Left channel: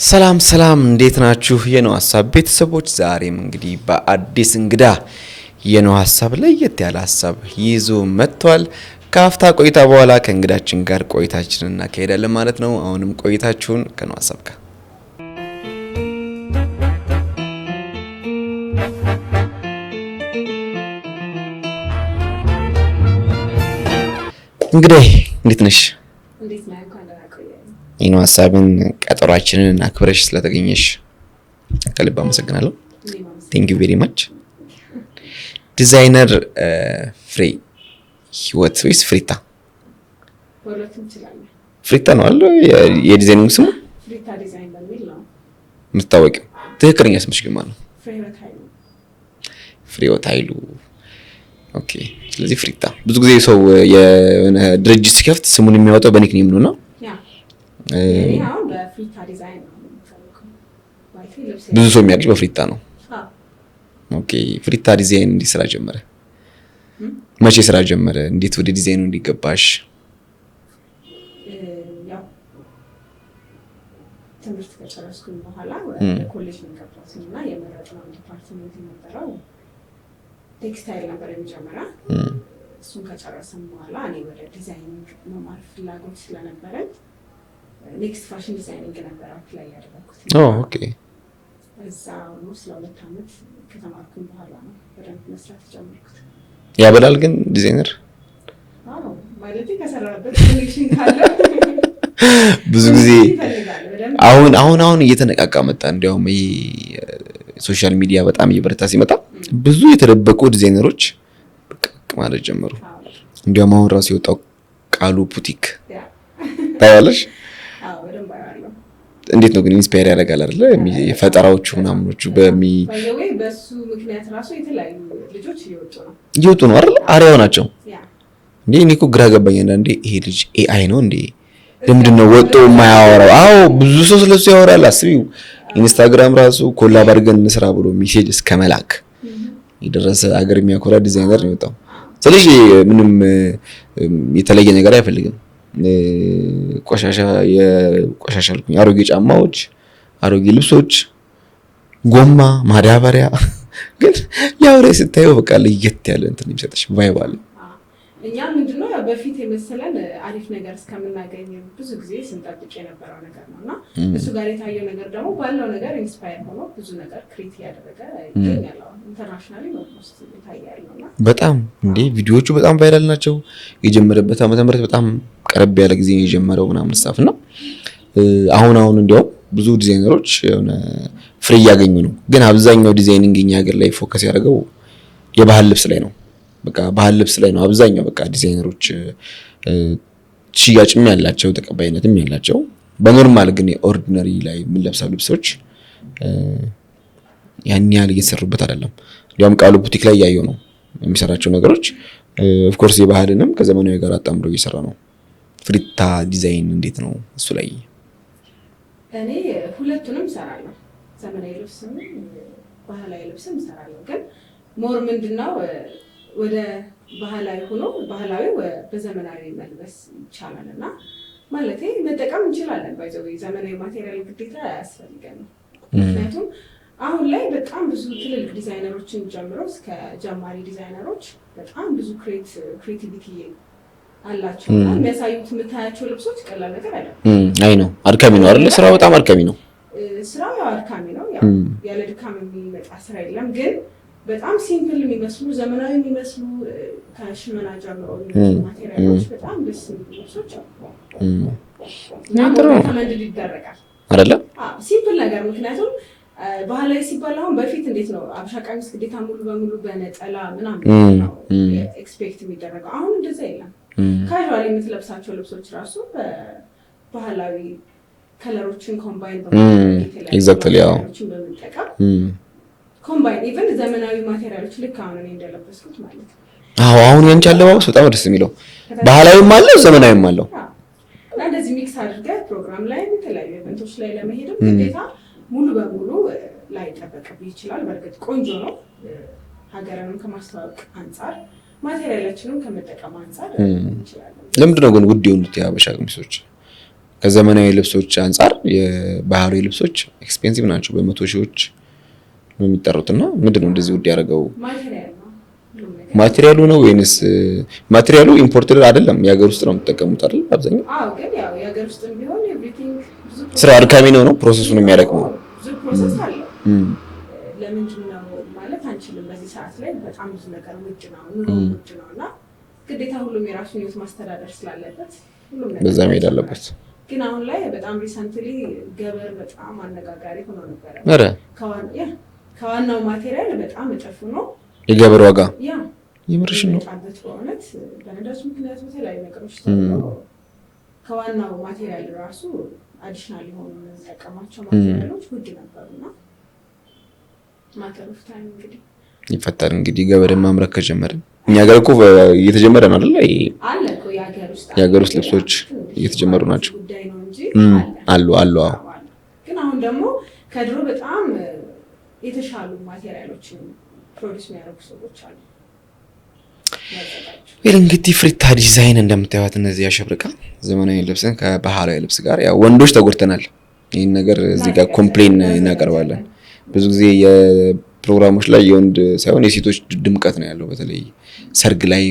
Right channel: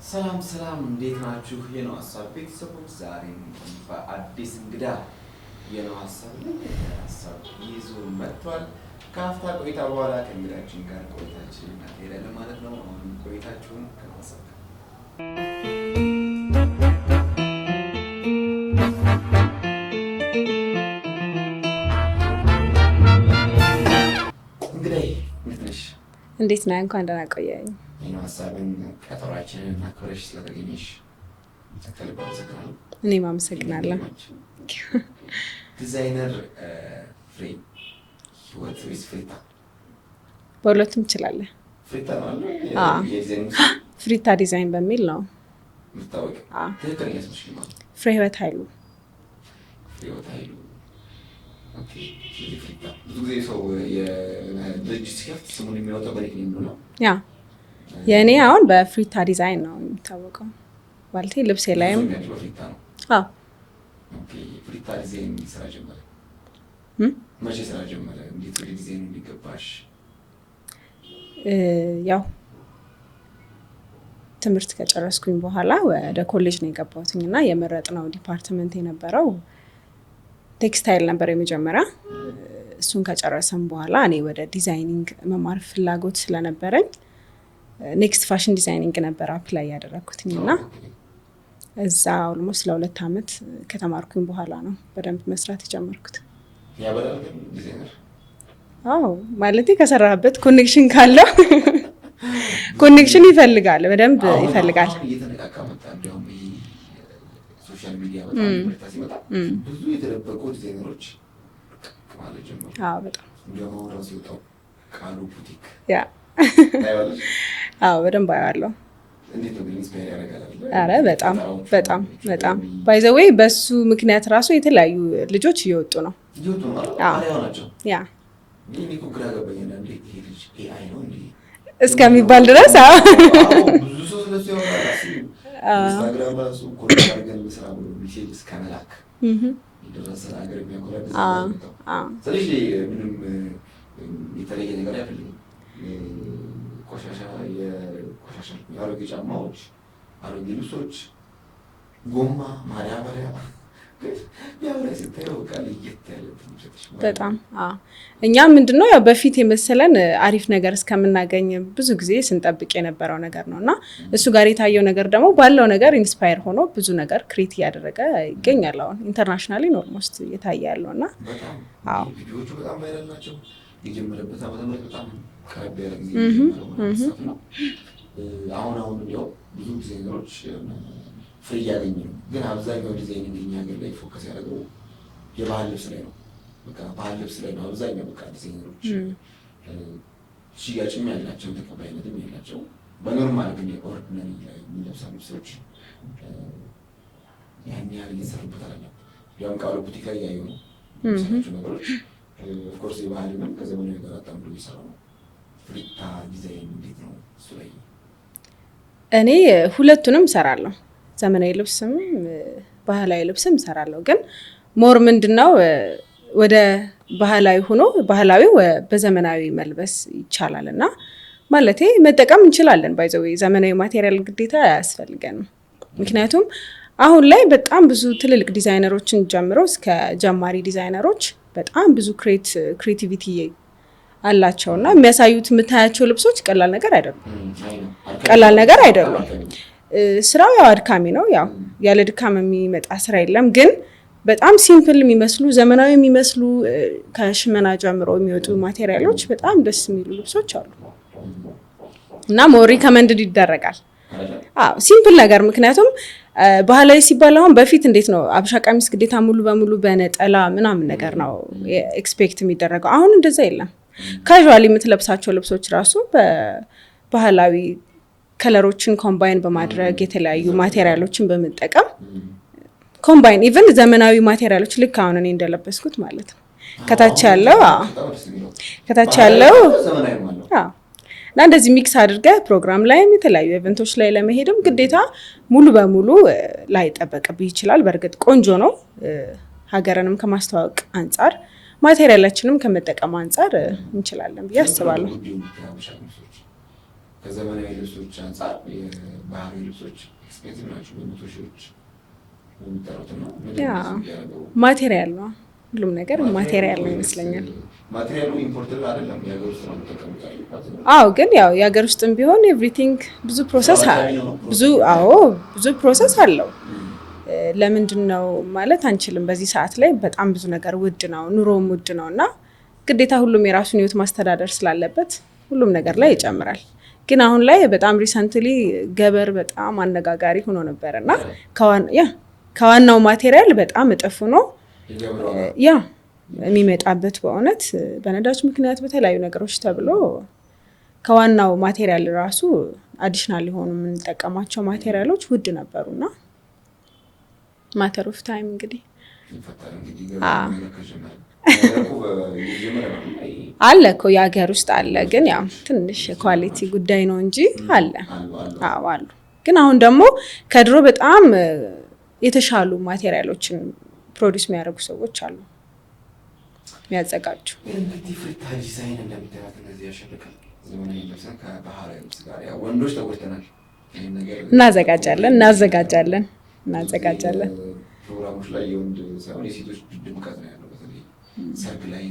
ሰላም ሰላም እንዴት ናችሁ? የነው ሐሳብ ቤተሰቦች ዛሬም እንግዲህ በአዲስ እንግዳ የነው ሐሳብ ለየት ያለ ሐሳብ ይዞ መጥቷል። ከአፍታ ቆይታ በኋላ ከእንግዳችን ጋር ቆይታችንን እናካሄዳለን ማለት ነው። አሁንም ቆይታችሁን ከነው ሐሳብ ጋር እንግዲህ እንዴት ነሽ? እንዴት ነህ? እንኳን ደህና ቆየኝ። የነው ሐሳብን ቀጠሯችንን አክብረሽ ስለተገኘሽ ከልብ አመሰግናለሁ። እኔም አመሰግናለሁ። ቴንክ ዩ ቬሪ ማች። ዲዛይነር ፍሬ ህይወት ወይስ ፍሪታ? በሁለቱም ትችላለህ። ፍሪታ ነው አለ የዲዛይኒንግ ስም? ፍሪታ ዲዛይን በሚል ነው የምትታወቂው። ትክክለኛ ስምሽ ግን ማለት ነው? ፍሬ ህይወት ኃይሉ። ፍሬ ህይወት ኃይሉ። ኦኬ። ስለዚህ ፍሪታ ብዙ ጊዜ ሰው የሆነ ድርጅት ሲከፍት ስሙን የሚያወጣው በኒክኔም ነውና ያ የኔ አሁን በፍሪታ ዲዛይን ነው የሚታወቀው። ማለት ልብስ ብዙ ሰው የሚያውቅሽ በፍሪታ ነው? አዎ። ኦኬ። ፍሪታ ዲዛይን እንዴት ስራ ጀመረ? መቼ ስራ ጀመረ? እንዴት ወደ ዲዛይኑ እንዲገባሽ? ያው ትምህርት ከጨረስኩኝ በኋላ ወደ ኮሌጅ ነው የገባሁትና የመረጥነው ዲፓርትመንት የነበረው ቴክስታይል ነበር የመጀመሪያ። እሱን ከጨረሰን በኋላ እኔ ወደ ዲዛይኒንግ መማር ፍላጎት ስለነበረኝ ኔክስት ፋሽን ዲዛይኒንግ ነበር አፕላይ ያደረኩትና ኦኬ። እዛ ኦልሞስት ለ2 አመት ከተማርኩኝ በኋላ ነው በደንብ መስራት የጀመርኩት። ያበላል ግን ዲዛይነር? አዎ ማለት ከሰራበት ኮኔክሽን ካለው ኮኔክሽን ይፈልጋል በደንብ። አሁን እየተነቃቃ መጣ። እንዲያውም ሶሻል ሚዲያ በጣም እየበረታ ሲመጣ ብዙ የተደበቁ ዲዛይነሮች ብቅ ማለት ጀመሩ። እንዲያውም አሁን ራሱ የወጣው ቃሉ ቡቲክ ታያለሽ? አዎ በደንብ አያለሁ። እንዴት ነው ግን ኢንስፓየር ያደርጋል አይደል? ፈጠራዎቹ ምናምኖቹ ባይ ዘ ዌይ በሱ ምክንያት ራሱ የተለያዩ ልጆች እየወጡ ነው አይደል? አሪያው ናቸው። ያ እንዴ እኔ እኮ ግራ ገባኝ አንዳንዴ ይሄ ልጅ ኤአይ ነው እንዴ እስከሚባል ድረስ። አዎ ብዙ ሰው ስለሱ ያወራል። አስቢው ኢንስታግራም ራሱ ኮላብ አድርገን እንስራ ብሎ ሜሴጅ እስከ መላክ የደረሰ አገር የሚያኮራ ዲዛይነር ነው የወጣው። ስለዚህ ምንም የተለየ ነገር አይፈልግም። ቆሻሻ አሮጌ ጫማዎች፣ አሮጌ ልብሶች፣ ጎማ፣ ማዳበሪያ ግን ያው ላይ ስታየው በቃ ለየት ያለ እንትን የሚሰጥሽ ቫይብ አለ። እኛ ምንድነው ያው በፊት የመሰለን አሪፍ ነገር እስከምናገኝ ብዙ ጊዜ ስንጠብቅ የነበረው ነገር ነውና እሱ ጋር የታየው ነገር ደግሞ ባለው ነገር ኢንስፓየር ሆኖ ብዙ ነገር ክሬት ያደረገ ይገኛል። አሁን ኢንተርናሽናሊ ኦልሞስት እየታየ ያለውና በጣም እንዴ ቪዲዮዎቹ በጣም ቫይራል ናቸው። የጀመረበት ዓመተ ምህረት በጣም ቀረብ ያለ ጊዜ ነው የጀመረው ምናምን ስታፍ ነው። አሁን እንዲያው ብዙ ዲዛይነሮች የሆነ ፍሪ ያገኙ ነው። ግን አብዛኛው ዲዛይኒንግ እኛ ሀገር ላይ ፎከስ ያደረገው የባህል ልብስ ላይ ነው። በቃ ባህል ልብስ ላይ ነው አብዛኛው በቃ ዲዛይነሮች ሽያጭም ያላቸው ተቀባይነትም ያላቸው። በኖርማል ግን ኦርዲነሪ ላይ የምንለብሰው ልብሶች ያን ያህል እየተሰሩበት አይደለም። እንዲያውም ቃሉ ቡቲክ ላይ ያየው ነው የሚሰራቸው ነገሮች ኦፍ ኮርስ የባህልንም ከዘመናዊ ጋር አጣምሮ እየሰራ ነው። ፍሪታ ዲዛይን እንዴት ነው እሱ ላይ? እኔ ሁለቱንም እሰራለሁ። ዘመናዊ ልብስም ባህላዊ ልብስም እሰራለሁ። ግን ሞር ምንድነው ወደ ባህላዊ ሆኖ ባህላዊ በዘመናዊ መልበስ ይቻላልና ማለቴ መጠቀም እንችላለን። ባይ ዘ ዌይ ዘመናዊ ማቴሪያል ግዴታ አያስፈልገንም። ምክንያቱም አሁን ላይ በጣም ብዙ ትልልቅ ዲዛይነሮችን ጀምሮ እስከ ጀማሪ ዲዛይነሮች በጣም ብዙ ክሬቲቪቲ አላቸውና የሚያሳዩት የምታያቸው ልብሶች ቀላል ነገር አይደሉም። አይ ነው አድካሚ ነው። ስራው በጣም አድካሚ ነው። ስራው ያው አድካሚ ነው። ያው ያለ ድካም የሚመጣ ስራ የለም። ግን በጣም ሲምፕል የሚመስሉ ዘመናዊ የሚመስሉ ከሽመና ጀምሮ የሚወጡ ማቴሪያሎች በጣም ደስ የሚሉ ልብሶች አሉ እና ሞር ሪከመንድድ ይደረጋል አይደለ? አዎ ሲምፕል ነገር። ምክንያቱም ባህላዊ ሲባል አሁን በፊት እንዴት ነው አብሻ ቀሚስ ግዴታ ሙሉ በሙሉ በነጠላ ምናምን ነገር ነው ኤክስፔክት የሚደረገው። አሁን እንደዛ የለም። ካዥዋሊ የምትለብሳቸው ልብሶች ራሱ በባህላዊ ከለሮችን ኮምባይን በማድረግ የተለያዩ ማቴሪያሎችን በመጠቀም ኮምባይን ኢቭን ዘመናዊ ማቴሪያሎች ልክ አሁን እኔ እንደለበስኩት ማለት ነው። አሁን እንቻለው በጣም ደስ የሚለው ባህላዊም አለ ዘመናዊም አለ እና እንደዚህ ሚክስ አድርገህ ፕሮግራም ላይም የተለያዩ ኢቨንቶች ላይ ለመሄድም ግዴታ ሙሉ በሙሉ ላይ ጠበቅብህ ይችላል። በእርግጥ ቆንጆ ነው። ሀገርንም ከማስተዋወቅ አንፃር ማቴሪያላችንም ከመጠቀም አንፃር እንችላለን። ለምንድን ነው ግን ውድ የሆኑት የሀበሻ ቀሚሶች? ከዘመናዊ ልብሶች አንፃር የባህላዊ ልብሶች ኤክስፔንሲቭ ናቸው። በመቶ ሺዎች ነው የሚጠሩትና ምንድነው እንደዚህ ውድ ያደረገው? ማቴሪያል ነው ሁሉም ነገር። ማቴሪያሉ ነው ወይንስ ማቴሪያሉ ኢምፖርትድ አይደለም? የሀገር ውስጥ ነው የምትጠቀሙት አይደል አብዛኛው? አዎ፣ ግን ያው የሀገር ውስጥም ቢሆን ኤቭሪቲንግ ብዙ ፕሮሰስ ስራ አድካሚ ነው ፕሮሰሱ ነው የሚያደርገው። ብዙ ፕሮሰስ አለው። ለምንድን ነው ማለት አንችልም። በዚህ ሰዓት ላይ በጣም ብዙ ነገር ውድ ነው፣ ኑሮም ውድ ነው እና ግዴታ ሁሉም የራሱን ህይወት ማስተዳደር ስላለበት ሁሉም ነገር ላይ ይጨምራል። ግን አሁን ላይ በጣም ሪሰንትሊ ገበር በጣም አነጋጋሪ ሆኖ ነበርና ከዋናው ማቴሪያል በጣም እጥፍ ነው የገበር ዋጋ የሚመጣበት። በእውነት በነዳጅ ምክንያት በተለያዩ ነገሮች ተብሎ ከዋናው ማቴሪያል ራሱ አዲሽናል የሆኑ የምንጠቀማቸው ማቴሪያሎች ውድ ነበሩና ማተር ኦፍ ታይም እንግዲህ ይፈታል። እንግዲህ ገበር ማምረት ከጀመረ እኛ ጋር እኮ እየተጀመረ ነው አይደል? አለ እኮ የሀገር ውስጥ አለ፣ ግን ያው ትንሽ ኳሊቲ ጉዳይ ነው እንጂ አሉ። ግን አሁን ደግሞ ከድሮ በጣም የተሻሉ ማቴሪያሎችን ፕሮዲስ የሚያደርጉ ሰዎች አሉ ያዘጋጁ። እንግዲህ ፍሪታ ዲዛይን እንደምታዩት እነዚህ ያሸብርቃ ዘመናዊ ልብስን ከባህላዊ ልብስ ጋር ያው ወንዶች ተጎድተናል። ይሄን ነገር ኮምፕሌን እናቀርባለን ብዙ ጊዜ የፕሮግራሞች ላይ የወንድ ሳይሆን የሴቶች ድምቀት ነው ያለው። በተለይ ሰርግ ላይ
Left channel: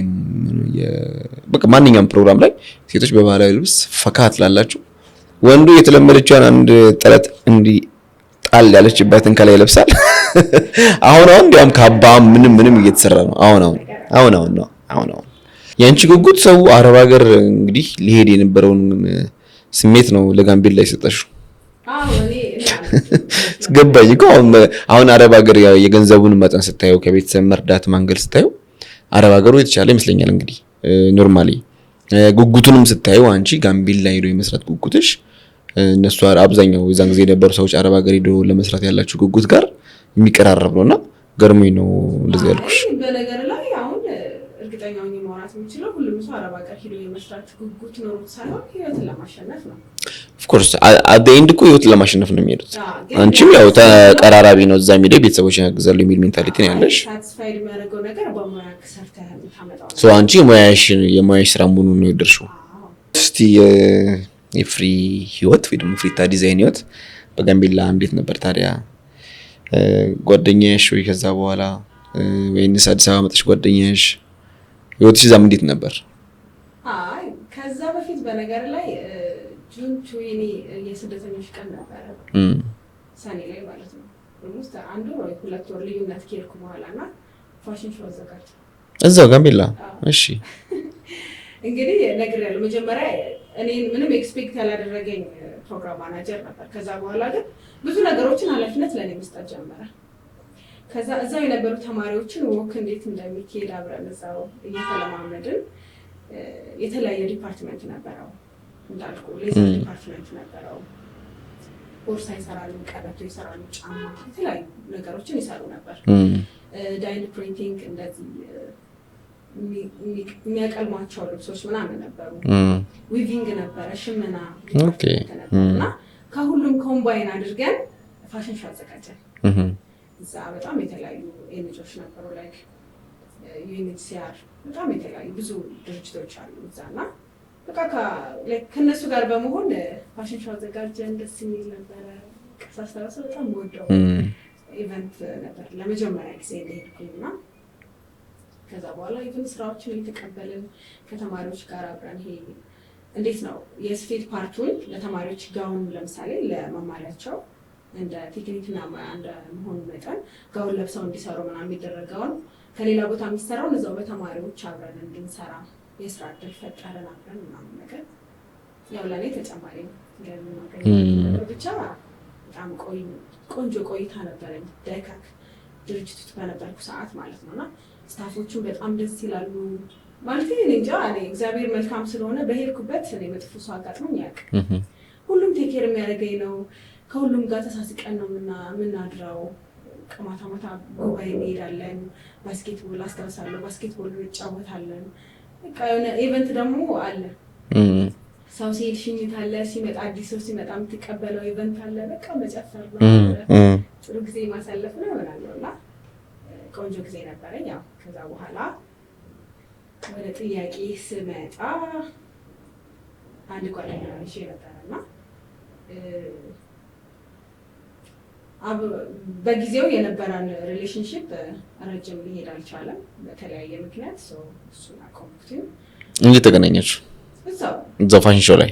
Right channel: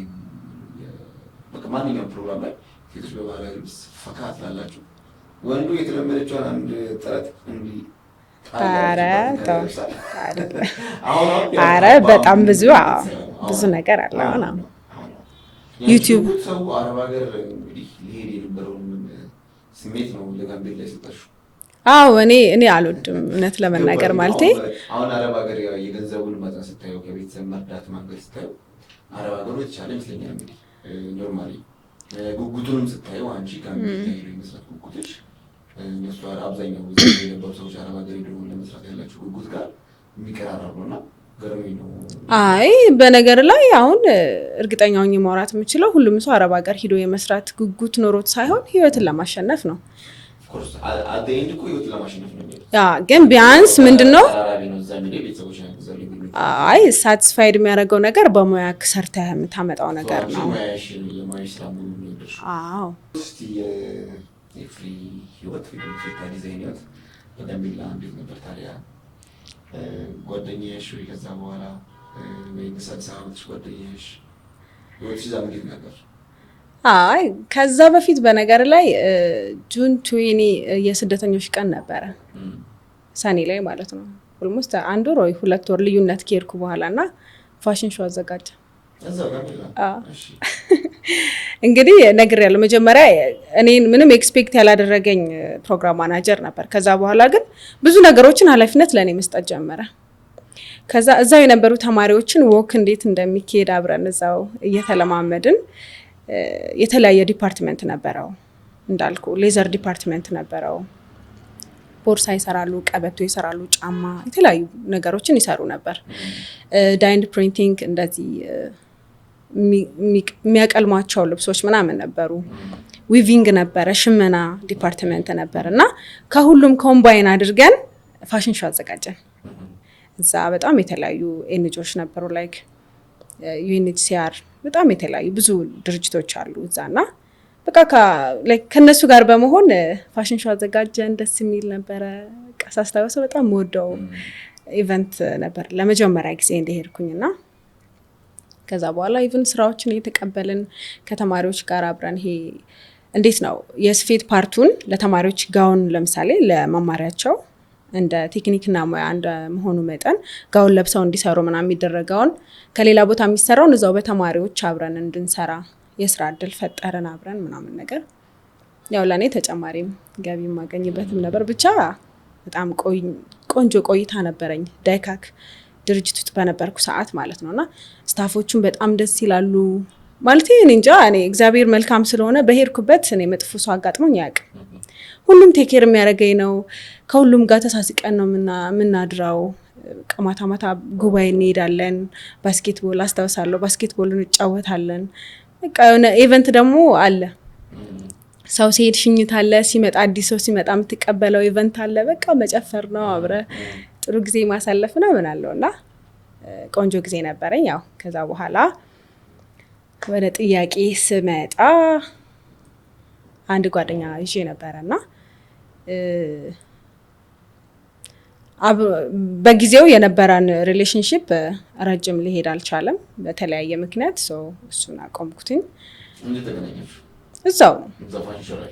በቃ ማንኛውም ፕሮግራም ላይ ሴቶች በባህላዊ ልብስ ፈካት ላላችሁ፣ ወንዱ የተለመደችውን አንድ ጥለት እንዲ ጣል ያለችበትን ከላይ ይለብሳል። አሁን እንዲያውም ካባ ምንም እየተሰራ ነው። አሁን የአንቺ ጉጉት ሰው አረብ ሀገር እንግዲህ ሊሄድ የነበረውን ስሜት ነው ለጋምቤላ ላይ ሰጠሽው። አዎ እኔ አልወድም ገባኝ እኮ አሁን አረብ ሀገር የገንዘቡን መጠን ስታየው ከቤተሰብ መርዳት ማንገል ስታየው አረብ ሀገሩ የተሻለ ይመስለኛል። እንግዲህ ኖርማሊ ጉጉቱንም ስታየው አንቺ ጋምቤላ ሄዶ የመስራት ጉጉትሽ እነሱ አብዛኛው የዛ ጊዜ የነበሩ ሰዎች አረብ ሀገር ሄዶ ለመስራት ያላችሁ ጉጉት ጋር የሚቀራረብ ነውና ገርሞኝ ነው። አይ በነገር ላይ አሁን እርግጠኛው ማውራት የምችለው ሁሉም ሰው አረብ ሀገር ሄዶ የመስራት ጉጉት ኖሮት ሳይሆን ህይወትን ለማሸነፍ ነው። ኦፍ ኮርስ አት ዘ ኤንድ እኮ ህይወትን ለማሸነፍ ነው የሚሄዱት። ግን ቢያንስ ተራራቢ ነው እዛ የሚሄድ ቤተሰቦችን ያግዛሉ የሚል ሜንታሊቲ ነው ያለው። አይ ሳቲስፋይድ የሚያደርገው ነገር በሙያ ሰርተህ የምታመጣው ነገር። አንቺ የሙያሽ ስራ ሙሉ ነው የደርሽው። እስቲ የፍሪ ህይወት ወይ ደግሞ ፍሪታ ዲዛይን ህይወት በጋምቤላ እንዴት ነበር ታዲያ? ጓደኛሽ ወይ ከዛ በኋላ ወይንስ አዲስ አበባ መጥተሽ ጓደኛሽ ህይወትሽ እዛም እንዴት ነበር? አይ ከዛ በፊት በነገር ላይ ጁን 20 የስደተኞች ቀን ነበረ ሰኔ ላይ ማለት ነው። ኦልሞስት አንድ ወር ወይ 2 ወር ልዩነት ከሄድኩ በኋላና ፋሽን ሾው አዘጋጀ እዛው ጋምቤላ። እሺ እንግዲህ ነግሬያለሁ። መጀመሪያ እኔን ምንም ኤክስፔክት ያላደረገኝ ፕሮግራም ማናጀር ነበር። ከዛ በኋላ ግን ብዙ ነገሮችን ኃላፊነት ለኔ መስጠት ጀመረ። ከዛ እዛው የነበሩ ተማሪዎችን ወክ እንዴት እንደሚካሄድ አብረን እዛው እየተለማመድን የተለያየ ዲፓርትመንት ነበረው እንዳልኩ ሌዘር ዲፓርትመንት ነበረው። ቦርሳ ይሰራሉ፣ ቀበቶ ይሰራሉ፣ ጫማ የተለያዩ ነገሮችን ይሰሩ ነበር። ዳይንድ ፕሪንቲንግ እንደዚህ የሚያቀልሟቸው ልብሶች ምናምን ነበሩ። ዊቪንግ ነበረ፣ ሽመና ዲፓርትመንት ነበር እና ከሁሉም ኮምባይን አድርገን ፋሽን ሾው አዘጋጀን። እዛ በጣም የተለያዩ ኤንጂኦዎች ነበሩ ላይክ ዩኤንኤችሲአር በጣም የተለያዩ ብዙ ድርጅቶች አሉ እዛና በቃ ከነሱ ጋር በመሆን ፋሽን ሾው አዘጋጀን። ደስ የሚል ነበረ። ሳስታውሰው በጣም የምወደው ኢቨንት ነበር ለመጀመሪያ ጊዜ እንደሄድኩኝና ከዛ በኋላ ኢቨን ስራዎችን እየተቀበልን ከተማሪዎች ጋር አብረን ይሄ እንዴት ነው የስፌት ፓርቱን ለተማሪዎች ጋውን ለምሳሌ ለመማሪያቸው እንደ ቴክኒክና ሙያ እንደ መሆኑ መጠን ጋውን ለብሰው እንዲሰሩ ምናምን የሚደረገውን ከሌላ ቦታ የሚሰራውን እዛው በተማሪዎች አብረን እንድንሰራ የስራ እድል ፈጠረን አብረን ምናምን ነገር። ያው ለኔ ተጨማሪም ገቢ ማገኝበት ነበር። ብቻ በጣም ቆንጆ ቆይታ ነበረኝ ዳይካክ ድርጅት ውስጥ በነበርኩ ሰዓት ማለት ነውና ስታፎቹን በጣም ደስ ይላሉ። ማለት እኔ እንጃ እኔ እግዚአብሔር መልካም ስለሆነ በሄድኩበት እኔ መጥፎ ሰው አጋጥሞኝ አያውቅም። ሁሉም ቴክ ኬር የሚያደርገኝ ነው። ከሁሉም ጋር ተሳስቀን ነው የምናድረው። ማታ ማታ ጉባኤ እንሄዳለን። ባስኬትቦል አስታውሳለሁ፣ ባስኬትቦል እንጫወታለን። በቃ የሆነ ኢቨንት ደግሞ አለ። ሰው ሲሄድ ሽኝት አለ፣ ሲመጣ አዲስ ሰው ሲመጣ የምትቀበለው ኢቨንት አለ። በቃ መጨፈር ነው አብረን ጥሩ ጊዜ ማሳለፍ ነው ምናለውና ቆንጆ ጊዜ ነበረኝ። ያው ከዛ በኋላ ወደ ጥያቄ ስመጣ አንድ ጓደኛ ይዤ ነበረና በጊዜው የነበረን ሪሌሽንሺፕ ረጅም ሊሄድ አልቻለም በተለያየ ምክንያት እሱን አቆምኩትኝ። እንዴት ተገናኛችሁ? እዛው ፋሽን ሾው ላይ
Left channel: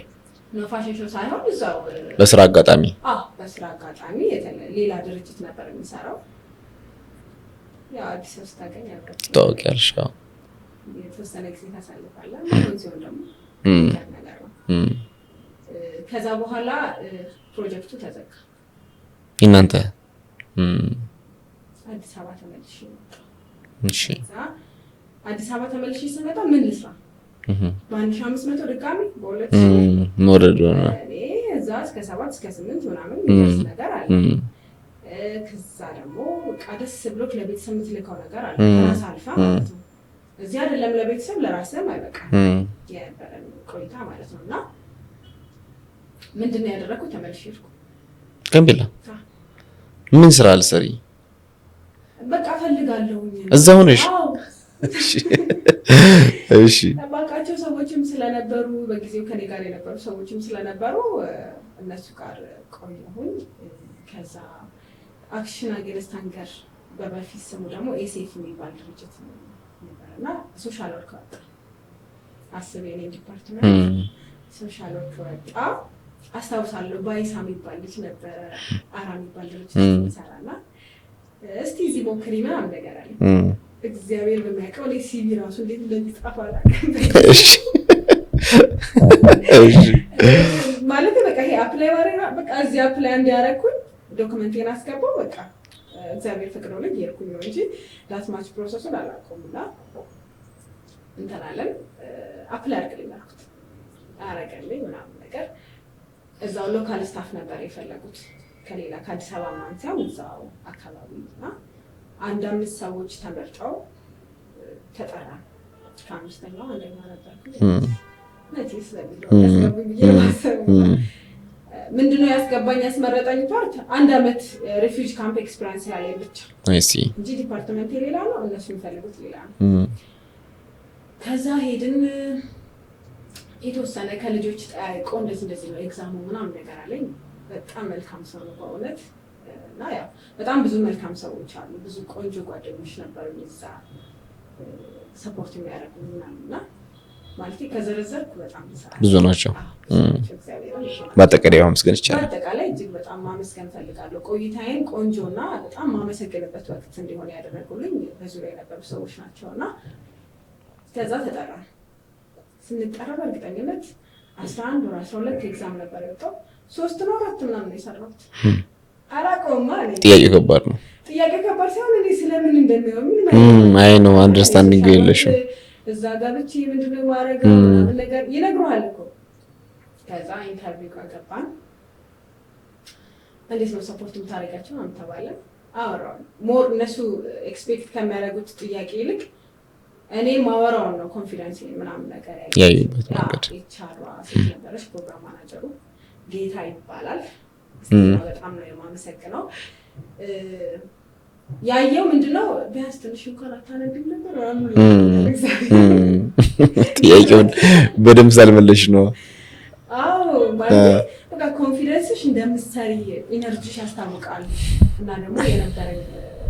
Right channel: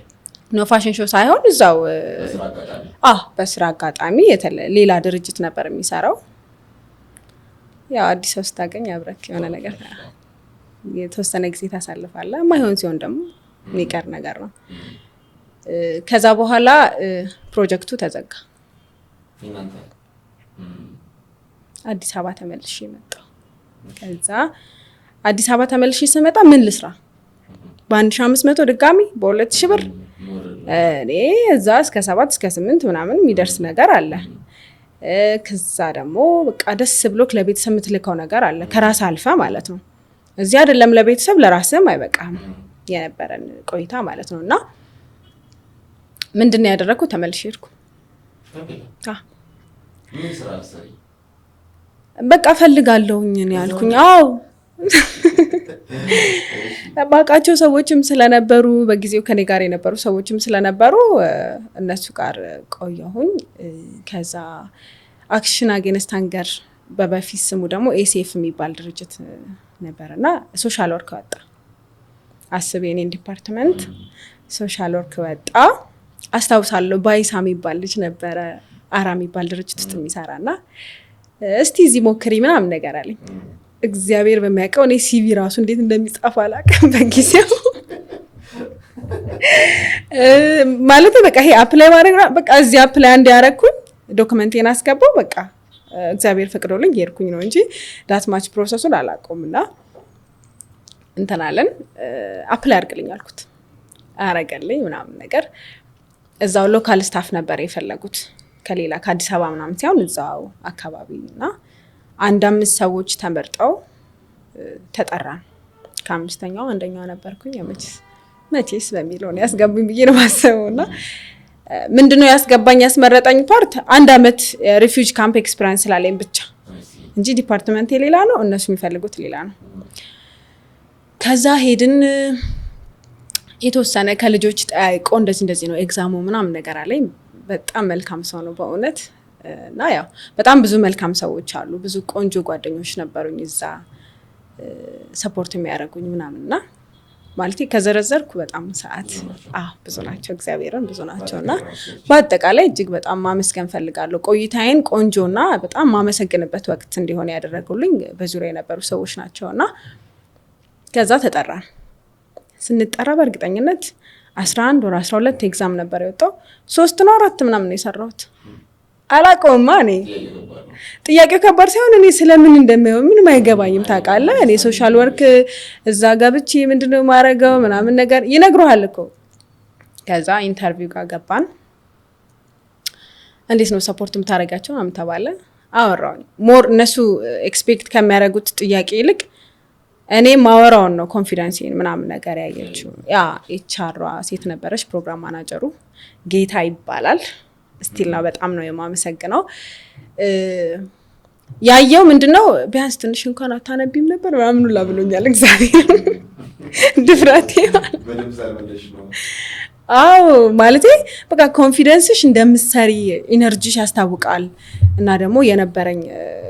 ነው? ፋሽን ሾው ሳይሆን እዛው በስራ አጋጣሚ። በስራ አጋጣሚ ሌላ ድርጅት ነበር የሚሰራው። ያው አዲስ ሰው ስታገኝ አብረክ ታውቂያለሽ፣ የተወሰነ ጊዜ ታሳልፋለህ። ማይሆን ሲሆን ደግሞ የሚቀር ነገር ነው። ከዛ በኋላ ፕሮጀክቱ ተዘጋ። እናንተ አዲስ አበባ ተመልሼ መጣሁ። ከዛ አዲስ አበባ ተመልሼ ስመጣ ምን ልስራ? በ1500 ድጋሚ በ2000 ብር እኔ እዛ እስከ 7 እስከ 8 ምናምን የሚደርስ ነገር አለ። ከዛ ደግሞ በቃ ደስ ብሎክ ለቤተሰብ የምትልከው ነገር አለ ከራስ አልፈ ማለት ነው። እዚህ አይደለም ለቤተሰብ ለራስም አይበቃም የነበረን ቆይታ ማለት ነውና ምንድነው ያደረኩት? ተመልሼ ሄድኩ ጋምቤላ። ምን ስራ ልሰሪ? በቃ ፈልጋለሁኝ ነው እዛው ነሽ? እሺ ባቃቸው ሰዎችም ስለነበሩ በጊዜው ከኔ ጋር የነበሩ ሰዎችም ስለነበሩ እነሱ ጋር ቆየሁኝ። ከዛ አክሽን አጌንስት ሃንገር በበፊት ስሙ ደግሞ ኤሲኤፍ የሚባል ድርጅት ነበርና ሶሻል ወርክ ወጣ። አስብ የኔን ዲፓርትመንት ሶሻል ወርክ ወጣ። አስታውሳለሁ ባይሳ የሚባል ልጅ ነበረ አራ የሚባል ድርጅት ውስጥ የሚሰራና እስቲ እዚህ ሞክሪ ምናምን ነገር አለኝ። እግዚአብሔር በሚያውቀው እኔ ሲቪ ራሱ እንዴት እንደሚጻፍ አላውቅም በጊዜው። ማለት በቃ ይሄ አፕላይ ማድረግ በቃ እዚህ አፕላይ አንድ ያደረኩኝ ዶክመንቴን አስገባው በቃ እግዚአብሔር ፈቅዶልኝ ሄድኩኝ ነው እንጂ ዳት ማች ፕሮሰሱን አላውቀውምና እንተናለን አፕላይ አድርግልኝ አልኩት። አረጋለኝ ምናምን ነገር እዛው ሎካል ስታፍ ነበር የፈለጉት ከሌላ ከአዲስ አበባ ምናምን ሳይሆን እዛው አካባቢና 5 ሰዎች ተመርጠው ተጠራን። ከ5ኛው አንደኛው ነበርኩኝ። መቼስ በሚለው ያስገቡኝ ብዬ ነው ማሰቡና ምንድነው ያስገባኝ ያስመረጠኝ ፓርት 1 አመት ሪፊውጂ ካምፕ ኤክስፒሪየንስ ስላለኝ ብቻ እንጂ ዲፓርትመንት ሌላ ነው እነሱ የሚፈልጉት ሌላ ነው። ከዛ ሄድን የተወሰነ ከልጆች ጠይቆ እንደዚህ ነው ኤግዛሙ ምናምን ነገር አለኝ። በጣም መልካም ሰው ነው በእውነት እና ያው በጣም ብዙ መልካም ሰዎች አሉ። ብዙ ቆንጆ ጓደኞች ነበሩኝ እዛ ሰፖርት የሚያደርጉኝ ምናምንና ማለት ከዘረዘርኩ በጣም ሰዓት ብዙ ናቸው። ብዙ ናቸው እግዚአብሔርን ብዙ ናቸው። በአጠቃላይ እጅግ በጣም ማመስገን ፈልጋለሁ። ቆይታዬን ቆንጆና በጣም ማመሰግንበት ወቅት እንዲሆን ያደረጉልኝ በዙሪያ የነበሩ ሰዎች ናቸውና ከዛ ተጠራን። ስንጠራ በእርግጠኝነት 11 ወር 12 ኤግዛም ነበር የወጣው። 3 ነው 4 ምናምን ነው የሰራሁት። አላውቀውማ እኔ ጥያቄው ከባድ ሳይሆን እኔ ስለምን እንደማየው ምንም አይገባኝም። ታውቃለህ እኔ ሶሻል ወርክ እዛ ጋብቼ ምንድነው ማረጋው ምናምን ነገር ይነግሩሃል እኮ። ከዛ ኢንተርቪው ጋር ገባን። እንዴት ነው ሰፖርት የምታረጋቸው ምናምን ተባለ። አወራን ሞር እነሱ ኤክስፔክት ከሚያደርጉት ጥያቄ ይልቅ እኔ ማወራውን ነው ኮንፊደንስን ምናምን ነገር ያየሁት። ኤችአር ሴት ነበረች ፕሮግራም ማናጀሩ ጌታ ይባላል። ስቲል ነው በጣም ነው የማመሰግነው። ያየው ምንድነው ቢያንስ ትንሽ እንኳን አታነቢም ነበር ምናምን ላምኛል እግዚአብሔር በደም ሳልመለሽ ነው። አዎ ማለት በቃ ኮንፊደንስሽ እንደምትሰሪ ኢነርጂሽ ያስታውቃል። እና ደግሞ የነበረኝ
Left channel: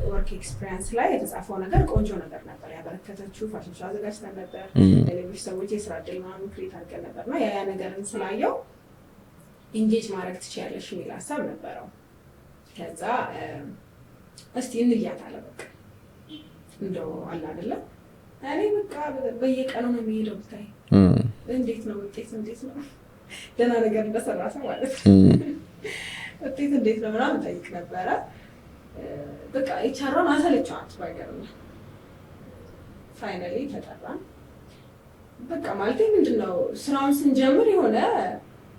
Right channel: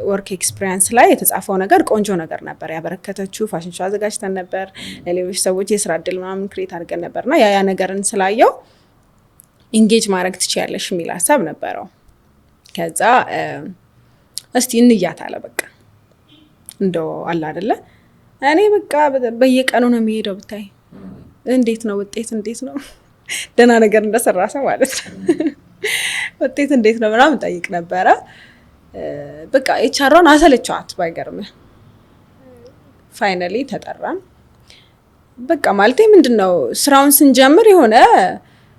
ወርክ ኤክስፒሪየንስ ላይ የተጻፈው ነገር ቆንጆ ነገር ነበር። ያበረከተችው ፋሽን ሾው አዘጋጅተን ነበር ለሌሎች ሰዎች የስራ እድል ምናምን ክሬት አድርገን ነበርና ያ ነገርን ስላየው ኢንጌጅ ማድረግ ትችያለሽ የሚል ሀሳብ ነበረው። ከዛ እስቲ እንያት አለ በቃ እንደው አለ አይደለ እኔ በቃ በየቀኑ ነው የሚሄደው ብታይ እንዴት ነው ውጤት እንዴት ነው ደህና ነገር እንደሰራ ሰው ማለት ነው ውጤት እንዴት ነው ምናምን ጠይቅ ነበረ። በቃ ኤችአርን አሰለቻት ባይገርም ፋይናሊ ተጠራን። በቃ ማለት ምንድነው ስራውን ስንጀምር የሆነ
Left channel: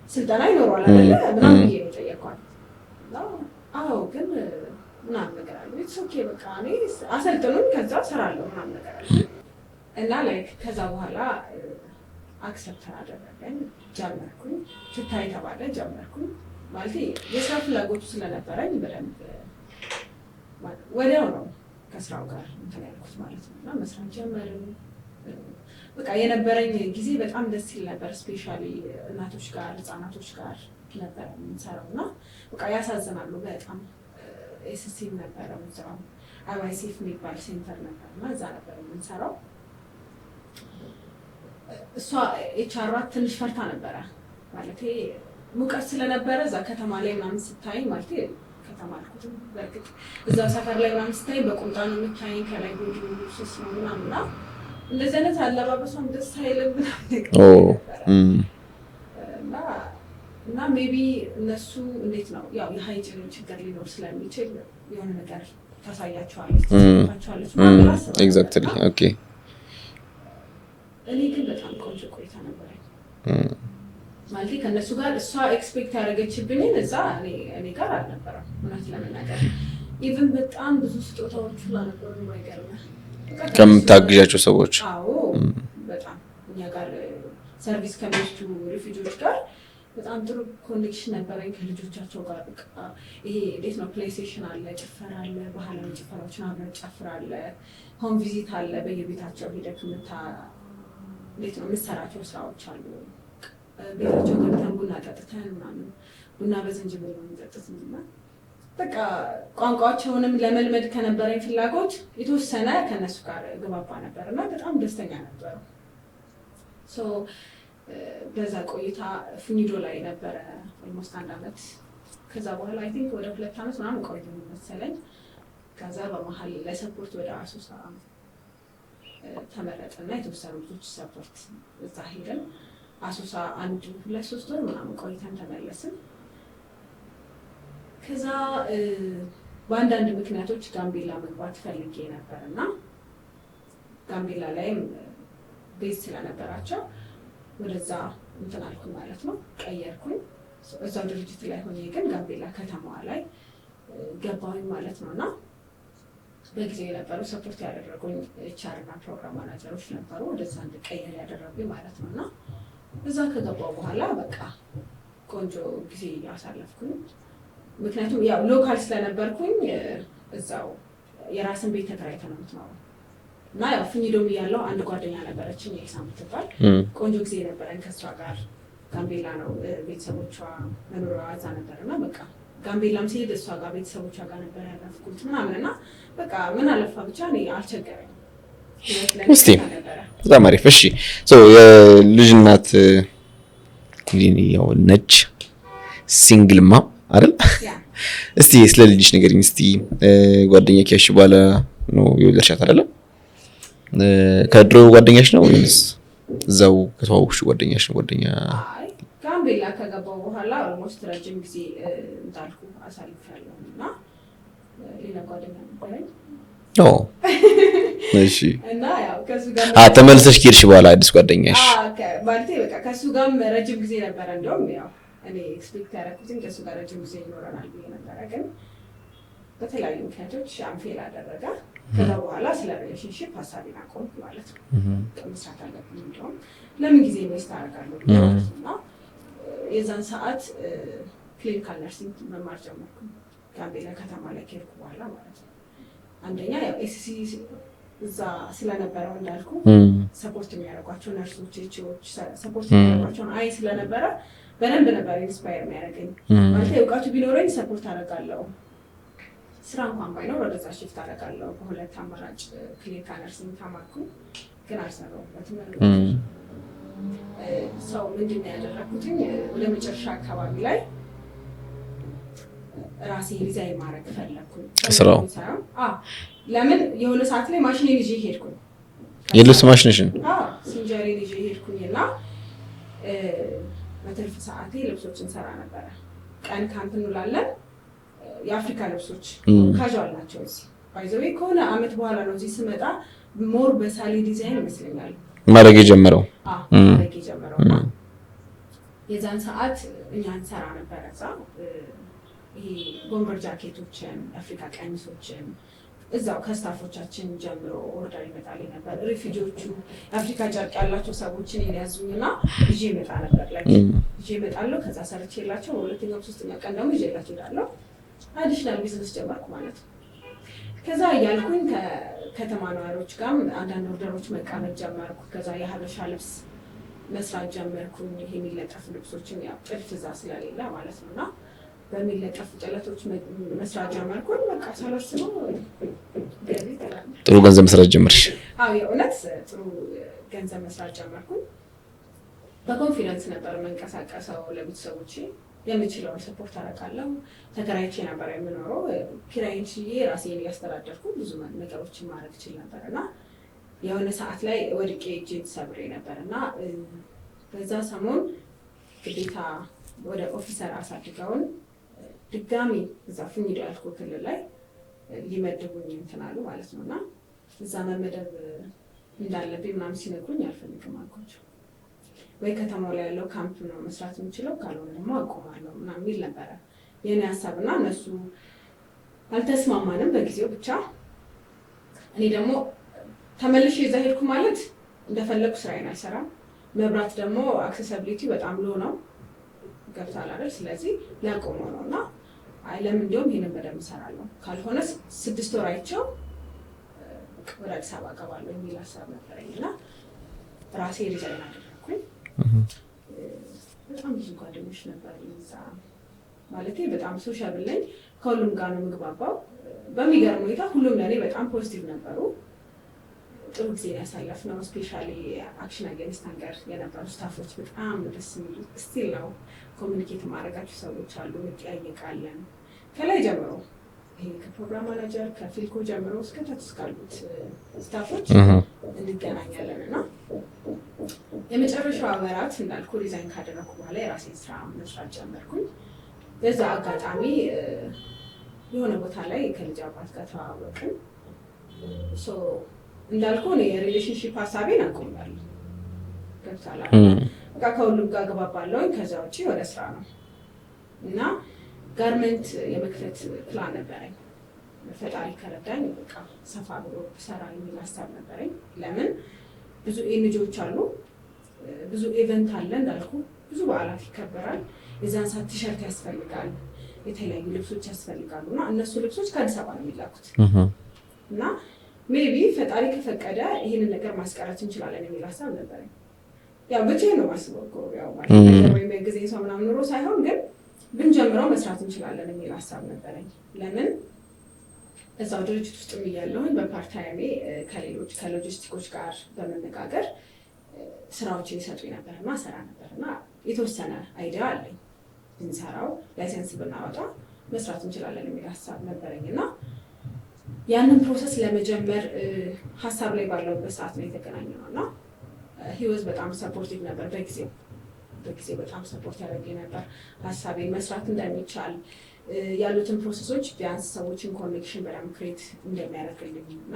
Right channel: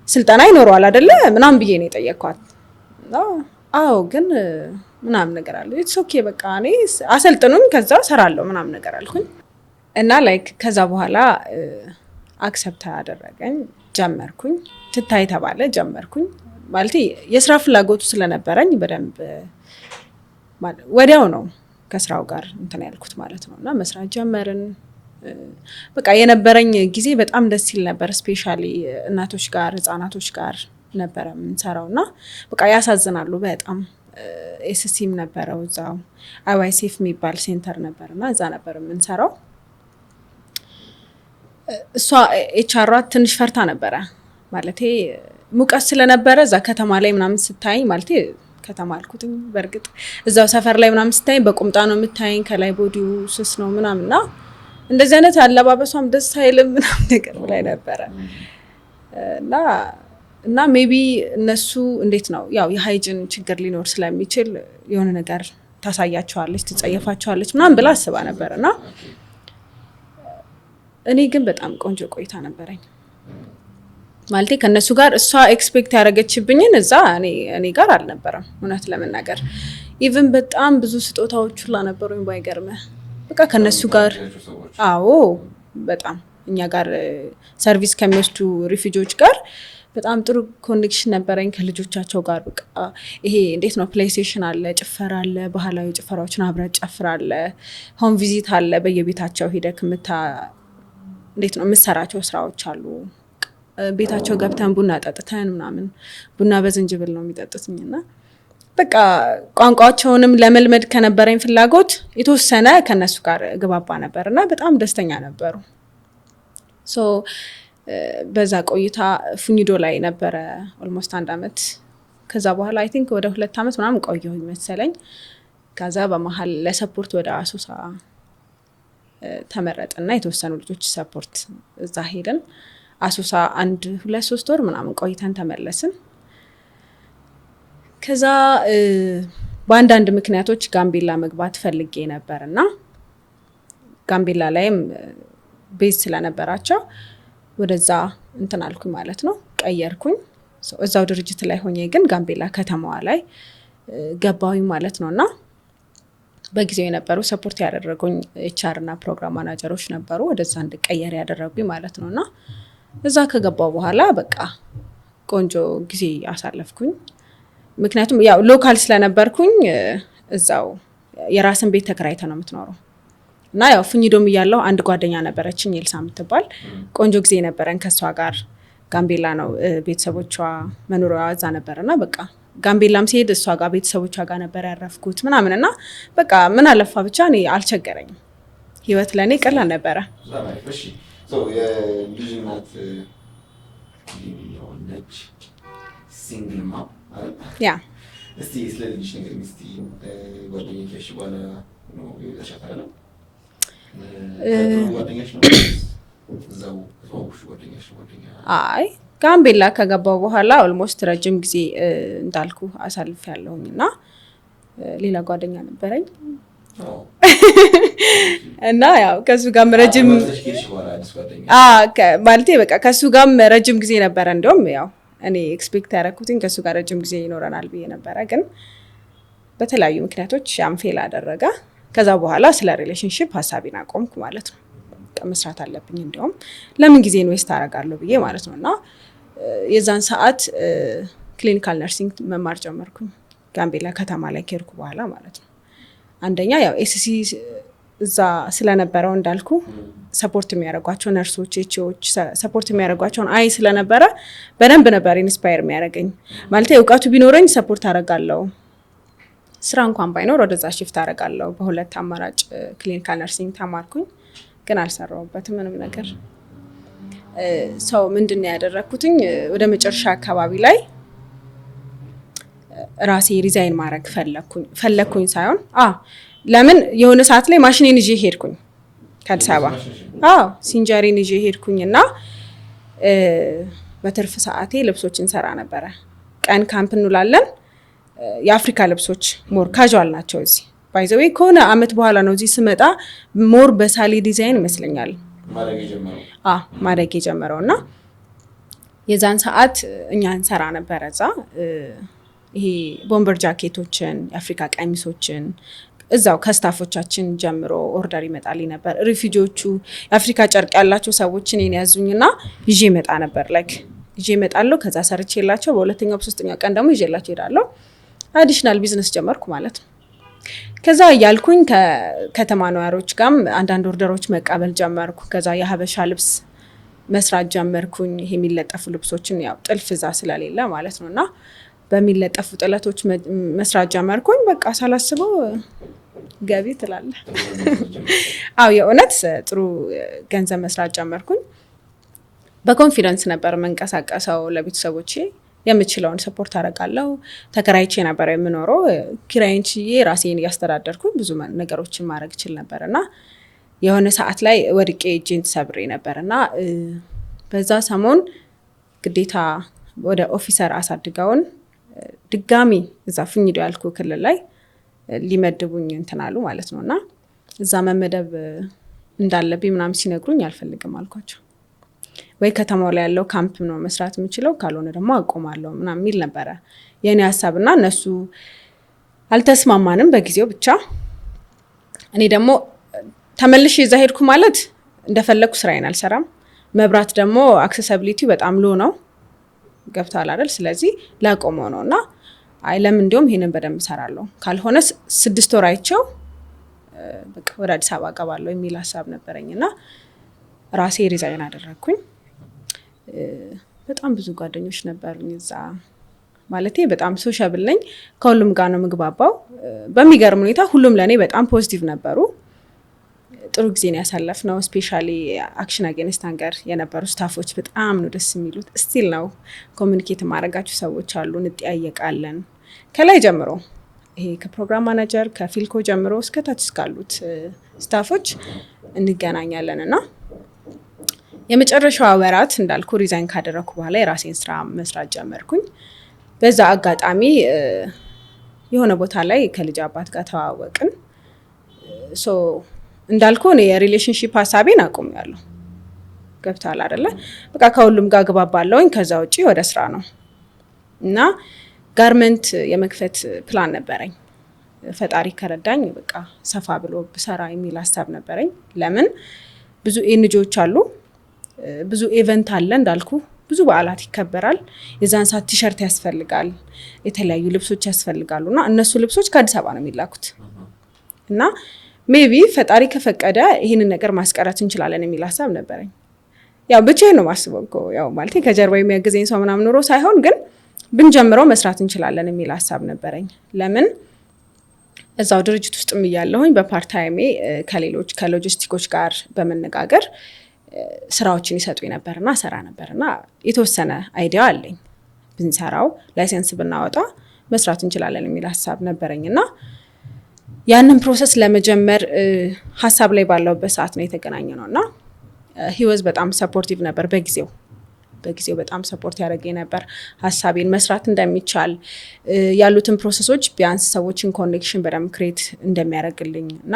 ስልጠና ይኖረዋል አይደለ ምናምን ብዬ ነው የጠየቅኳት። አዎ ግን ምናምን ነገር አለ ኢትስ ኦኬ በቃ እኔ አሰልጥኑኝ ከዛ ሰራለሁ ምናምን ነገር አልኩኝ እና ላይክ ከዛ በኋላ አክሰፕት አደረገኝ። ጀመርኩኝ ትታይ ተባለ ጀመርኩኝ ማለት የስራ ፍላጎቱ ስለነበረኝ በደንብ ወዲያው ነው ከስራው ጋር እንትን ያልኩት ማለት ነውና መስራት ጀመርን። በቃ የነበረኝ ጊዜ በጣም ደስ ይል ነበር። ስፔሻሊ እናቶች ጋር ህፃናቶች ጋር ነበረ የምንሰራው እና በቃ ያሳዝናሉ በጣም። ኤስሲም ነበረው እዛው አይዋይሴፍ የሚባል ሴንተር ነበር እና እዛ ነበር የምንሰራው። እሷ ኤችአሯ ትንሽ ፈርታ ነበረ ማለቴ ሙቀት ስለነበረ እዛ ከተማ ላይ ምናምን ስታይ ማለቴ ከተማ አልኩትም በእርግጥ እዛው ሰፈር ላይ ምናምን ስታይ በቁምጣ ነው የምታይኝ፣ ከላይ ቦዲው ስስ ነው ምናምንና እንደዚህ አይነት አለባበሷም ደስ አይልም ምናምን ነገር ላይ ነበረ እና ሜቢ እነሱ እንዴት ነው ያው የሃይጂን ችግር ሊኖር ስለሚችል የሆነ ነገር ታሳያቸዋለች፣ ትጸየፋቸዋለች ምናምን ብላ አስባ ነበርና እኔ ግን በጣም ቆንጆ ቆይታ ነበረኝ። ማለቴ ከነሱ ጋር እሷ ኤክስፔክት ያደረገችብኝን እዛ እኔ ጋር አልነበረም እውነት ለመናገር። ኢቭን በጣም ብዙ ስጦታዎች ሁላ ነበሩኝ ባይገርምህ። በቃ ከነሱ ጋር ታግዣቸው ሰዎች አዎ በጣም እኛ ጋር ሰርቪስ ከሚወስዱ ሪፊጂዎች ጋር በጣም ጥሩ ኮኔክሽን ነበረኝ ከልጆቻቸው ጋር። በቃ ይሄ እንዴት ነው ፕሌይስቴሽን አለ፣ ጭፈራ አለ፣ ባህላዊ ጭፈራዎችን አብረን ጨፍራለህ፣ ሆም ቪዚት አለ፣ በየቤታቸው ሄደክ እንዴት ነው የምትሰራቸው ስራዎች አሉ። ቤታቸው ገብተን ቡና ጠጥተን ምናምን ቡና በዝንጅብል ነው የሚጠጡትኝና በቃ ቋንቋቸውንም ለመልመድ ከነበረኝ ፍላጎት የተወሰነ ከነሱ ጋር ግባባ ነበርና በጣም ደስተኛ ነበሩ። ሶ በዛ ቆይታ ፉኒዶ ላይ ነበረ ኦልሞስት 1 አመት። ከዛ በኋላ አይ ቲንክ ወደ 2 አመት ምናምን ቆየሁኝ መሰለኝ። ከዛ በመሀል ለሰፖርት ወደ አሶሳ ተመረጥና የተወሰኑ ልጆች ሰፖርት እዛ ሄድን። አሶሳ 1-2-3 ወር ምናምን ቆይተን ተመለስን። ከዛ በአንዳንድ ምክንያቶች ጋምቤላ መግባት ፈልጌ ነበርና ጋምቤላ ላይም ቤዝ ስለነበራቸው ወደዛ እንትን አልኩኝ ማለት ነው፣ ቀየርኩኝ። እዛው ድርጅት ላይ ሆኜ ግን ጋምቤላ ከተማዋ ላይ ገባሁኝ ማለት ነውና በጊዜው የነበሩ ሰፖርት ያደረጉኝ ኤችአር እና ፕሮግራም ማናጀሮች ነበሩ ወደዛ እንድቀየር ያደረጉኝ ማለት ነውና እዛ ከገባው በኋላ በቃ ቆንጆ ጊዜ አሳለፍኩኝ። ምክንያቱም ያው ሎካል ስለነበርኩኝ እዛው የራስን ቤት ተከራይተ ነው የምትኖረው እና ያው ፉኒዶም እያለው አንድ ጓደኛ ነበረችኝ ኤልሳ የምትባል ቆንጆ ጊዜ ነበረን ከሷ ጋር። ጋምቤላ ነው ቤተሰቦቿ መኖሪያዋ እዛ ነበርና በቃ ጋምቤላም ሲሄድ እሷ ጋር ቤተሰቦቿ ጋር ነበር ያረፍኩት ምናምንና በቃ ምን አለፋ ብቻ እኔ አልቸገረኝም። ህይወት ለኔ ቀላል ነበረ። በጣም አሪፍ። እሺ የልጅ እናት ያው ነች ሲንግልማ አይደል? ያ እስቲ ስለ ልጅሽ ንገሪኝ እስቲ። ጓደኛ ከሽ በኋላ ነው የወለድሻት አይደል? ከድሮ ጓደኛሽ ነው ወይስ እዛው ከተዋወቅሽ ጓደኛሽ ነው? ጓደኛ አይ ጋምቤላ ከገባው በኋላ ኦልሞስት ረጅም ጊዜ እንዳልኩ አሳልፌያለሁኝና ሌላ ጓደኛ ነበረኝ። እሺ እና ያው ከሱ ጋር ረጅም ተመልሰሽ ኪርሽ በኋላ አዲስ ጓደኛ ማለቴ በቃ ከሱ ጋር ረጅም ጊዜ ነበረ። እንደውም ያው እኔ ኤክስፔክት ያደረኩትኝ ከሱ ጋር ረጅም ጊዜ ይኖረናል ብዬ ነበረ፣ ግን በተለያዩ ምክንያቶች ፌል አደረገ። ከዛ በኋላ ስለ ሪሌሽንሺፕ ሀሳቤን አቆምኩ ማለት ነው። መስራት አለብኝ እንደውም ለምን ጊዜ ኢንቨስት አደርጋለሁ ብዬ ማለት ነው። እና የዛን ሰዓት ክሊኒካል ነርሲንግ መማር ጀመርኩ ጋምቤላ ከተማ ላይ ከሄድኩ በኋላ ማለት ነው። አንደኛ ያው ኤስሲ እዛ ስለነበረው እንዳልኩ ሰፖርት የሚያደርጓቸው ነርሶች ኤችኦች ሰፖርት የሚያደርጓቸውን አይ ስለነበረ በደንብ ነበር ኢንስፓየር የሚያደርገኝ። ማለት እውቀቱ ቢኖረኝ ሰፖርት አደርጋለሁ፣ ስራ እንኳን ባይኖር ወደዛ ሽፍት አደርጋለሁ። በሁለት አማራጭ ክሊኒካል ነርሲንግ ተማርኩኝ፣ ግን አልሰራሁበትም ምንም ነገር። ሰው ምንድን ነው ያደረኩትኝ ወደ መጨረሻ አካባቢ ላይ ራሴ ሪዛይን ማድረግ ፈለኩኝ ሳይሆን ለምን የሆነ ሰዓት ላይ ማሽኔን ይዤ ሄድኩኝ። የልብስ ማሽንሽን? ሲንጀሪን ይዤ ሄድኩኝና በትርፍ ሰዓቴ ልብሶችን ሰራ ነበረ። ቀን ካምፕ እንውላለን። የአፍሪካ ልብሶች ሞር ካዥዋል ናቸው። እዚህ ባይዘዌ ከሆነ አመት በኋላ ነው እዚህ ስመጣ ሞር በሳሊ ዲዛይን ይመስለኛል ማድረግ የጀመረው እና የዛን ሰዓት እኛ እንሰራ ነበረ እዛ ይሄ ቦምበር ጃኬቶችን፣ የአፍሪካ ቀሚሶችን እዛው ከስታፎቻችን ጀምሮ ኦርደር ይመጣልኝ ነበር። ሪፊጂዎቹ የአፍሪካ ጨርቅ ያላቸው ሰዎች እኔን ያዙኝና ይዤ እመጣ ነበር። ላይክ ይዤ እመጣለሁ። ከዛ ሰርቼላቸው በሁለተኛው በሶስተኛው ቀን ደግሞ ይዤላቸው እሄዳለሁ። አዲሽናል ቢዝነስ ጀመርኩ ማለት ነው። ከዛ ያልኩኝ ከከተማ ነዋሪዎች ጋርም አንዳንድ ኦርደሮች መቀበል ጀመርኩ። ከዛ የሀበሻ ልብስ መስራት ጀመርኩኝ። ይሄ የሚለጠፉ ልብሶችን ያው ጥልፍ እዛ ስለሌለ ማለት ነው እና በሚለጠፉ ጥለቶች መስራት ጀመርኩኝ። በቃ ሳላስበው ገቢ ትላለህ። ጥሩ ገንዘብ መስራት ጀመርሽ? አዎ የእውነት ጥሩ ገንዘብ መስራት ጀመርኩኝ። በኮንፊደንስ ነበር መንቀሳቀሰው። ለቤተሰቦቼ የምችለውን ሰፖርት አደርጋለሁ። ተከራይቼ ነበር የምኖረው። ኪራይን ችዬ ራሴን እያስተዳደርኩኝ ብዙ ነገሮችን ማድረግ እችል ነበር እና የሆነ ሰዓት ላይ ወድቄ እጄን ሰብሬ ነበር እና በዛ ሰሞን ግዴታ ወደ ኦፊሰር አሳድገውን ድጋሚ እዛ ፍኝዶ ያልኩ ክልል ላይ ሊመድቡኝ እንትን አሉ ማለት ነው እና እዛ መመደብ እንዳለብኝ ምናምን ሲነግሩኝ አልፈልግም አልኳቸው። ወይ ከተማው ላይ ያለው ካምፕ ነው መስራት የምችለው፣ ካልሆነ ደግሞ አቆማለሁ ምናምን የሚል ነበረ የኔ ሀሳብ እና እነሱ አልተስማማንም በጊዜው። ብቻ እኔ ደግሞ ተመልሼ እዛ ሄድኩ ማለት እንደፈለግኩ ስራዬን አልሰራም። መብራት ደግሞ አክሰሲቢሊቲ በጣም ሎ ነው፣ ገብቷል አይደል? ስለዚህ ላቆመው ነው እና አይ ለምን እንዲሁም ይሄንን በደንብ እሰራለሁ፣ ካልሆነ 6 ወር አይቼው በቃ ወደ አዲስ አበባ እገባለሁ የሚል ሀሳብ ነበረኝ እና ራሴ ሪዛይን አደረግኩኝ። በጣም ብዙ ጓደኞች ነበሩኝ እዛ፣ ማለቴ በጣም ሶሻብል ነኝ፣ ከሁሉም ጋር ነው ምግባባው። በሚገርም ሁኔታ ሁሉም ለእኔ በጣም ፖዚቲቭ ነበሩ። ጥሩ ጊዜ ነው ያሳለፍነው። ስፔሻሊ አክሽን አጌንስት ሃንገር የነበሩ ስታፎች በጣም ነው ደስ የሚሉት። ስቲል ነው ኮሚኒኬት ማድረጋቸው ሰዎች አሉ፣ እንጠያየቃለን ከላይ ጀምሮ ይሄ ከፕሮግራም ማናጀር ከፊልኮ ጀምሮ እስከታች እስካሉት ስታፎች እንገናኛለን እና የመጨረሻዋ ወራት እንዳልኩ ሪዛይን ካደረኩ በኋላ የራሴን ስራ መስራት ጀመርኩኝ። በዛ አጋጣሚ የሆነ ቦታ ላይ ከልጅ አባት ጋር ተዋወቅን። እንዳልኩ እኔ የሪሌሽንሺፕ ሀሳቤን አቁሜያለሁ። ገብቷል አይደለ? በቃ ከሁሉም ጋር ግባባለሁኝ። ከዛ ውጪ ወደ ስራ ነው እና ጋርመንት የመክፈት ፕላን ነበረኝ። ፈጣሪ ከረዳኝ በቃ ሰፋ ብሎ ብሰራ የሚል ሀሳብ ነበረኝ። ለምን ብዙ ኤንጂኦዎች አሉ፣ ብዙ ኢቨንት አለ፣ እንዳልኩ ብዙ በዓላት ይከበራል። የዛን ሰዓት ቲሸርት ያስፈልጋል፣ የተለያዩ ልብሶች ያስፈልጋሉ እና እነሱ ልብሶች ከአዲስ አበባ ነው የሚላኩት እና ሜቢ ፈጣሪ ከፈቀደ ይህንን ነገር ማስቀረት እንችላለን የሚል ሀሳብ ነበረኝ። ያው ብቻዬን ነው ማስበው እኮ ያው ማለት ከጀርባ የሚያግዘኝ ሰው ምናምን ኖሮ ሳይሆን ግን ብንጀምረው መስራት እንችላለን የሚል ሀሳብ ነበረኝ። ለምን እዛው ድርጅት ውስጥም እያለሁኝ በፓርታይሜ ከሌሎች ከሎጂስቲኮች ጋር በመነጋገር ስራዎችን ይሰጡኝ ነበርና ሰራ ነበርና የተወሰነ አይዲያ አለኝ፣ ብንሰራው ላይሰንስ ብናወጣ መስራት እንችላለን የሚል ሀሳብ ነበረኝና ያንን ፕሮሰስ ለመጀመር ሀሳብ ላይ ባለውበት ሰዓት ነው የተገናኘነው እና ህይወት በጣም ሰፖርቲቭ ነበር። በጊዜው በጣም ሰፖርት ያደረገኝ ነበር። ሀሳቤን መስራት እንደሚቻል ያሉትን ፕሮሰሶች ቢያንስ ሰዎችን ኮኔክሽን በደንብ ክሬት እንደሚያደርግልኝ እና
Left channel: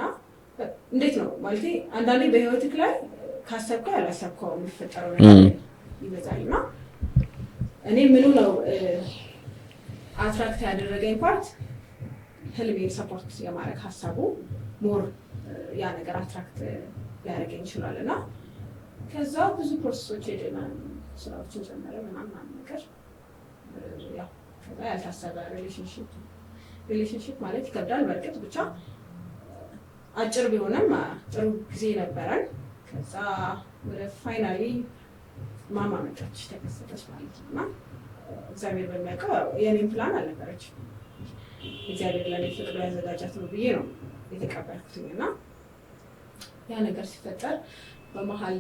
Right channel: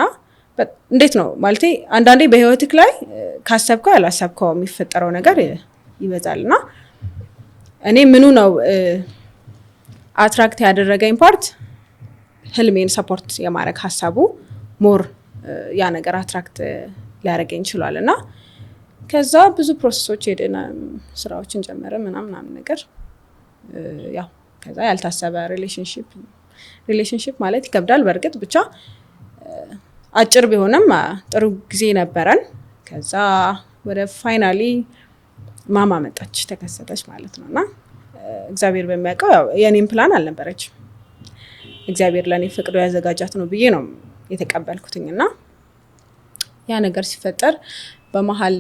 እንዴት ነው ማለቴ አንዳንዴ በህይወትክ ላይ ካሰብከው ያላሰብከው የሚፈጠረው ነገር ይበዛል እና እኔ ምኑ ነው አትራክት ያደረገኝ ፓርት ህልሜን ሰፖርት የማድረግ ሀሳቡ ሞር ያ ነገር አትራክት ሊያደርገኝ ይችላል እና ከዛ ብዙ ፕሮሰሶች ሄደን ስራዎችን ጀመረ ምናምን ነገር ያው ከዛ ያልታሰበ ሪሌሽንሺፕ ማለት ይከብዳል በእርግጥ ብቻ አጭር ቢሆንም ጥሩ ጊዜ ነበረን። ከዛ ወደ ፋይናሊ ማማ መጣች ተከሰተች ማለት ነው እና እግዚአብሔር በሚያውቀው ያው የኔም ፕላን አልነበረችም። እግዚአብሔር ለኔ ፍቅዶ ያዘጋጃት ነው ብዬ ነው የተቀበልኩትኝ እና ያ ነገር ሲፈጠር በመሃል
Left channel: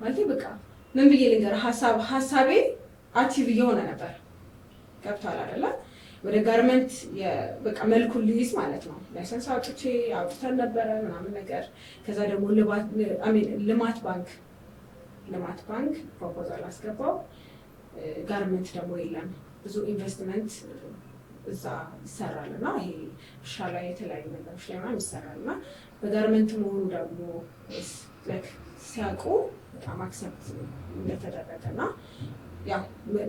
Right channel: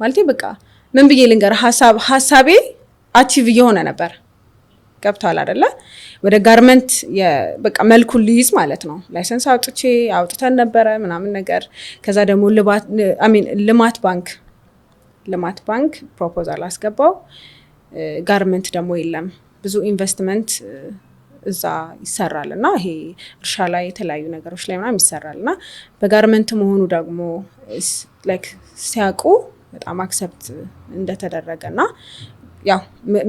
ማለቴ በቃ ምን ብዬ ልንገር ሀሳቤ አቺቭ እየሆነ ነበር። ገብቷል አይደለ? ወደ ጋርመንት በቃ መልኩን ልይዝ ማለት ነው። ላይሰንስ አውጥተን ነበረ ምናምን ነገር። ከዛ ደግሞ ልማት ባንክ ፕሮፖዛል አስገባው። ጋርመንት ደግሞ የለም ብዙ ኢንቨስትመንት እዛ ይሰራል እና ይሄ እርሻ ላይ የተለያዩ ነገሮች ላይ ምናምን ይሰራል እና በጋርመንት መሆኑ ደግሞ ሲያውቁ በጣም አክሰፕት እንደተደረገ እና ያው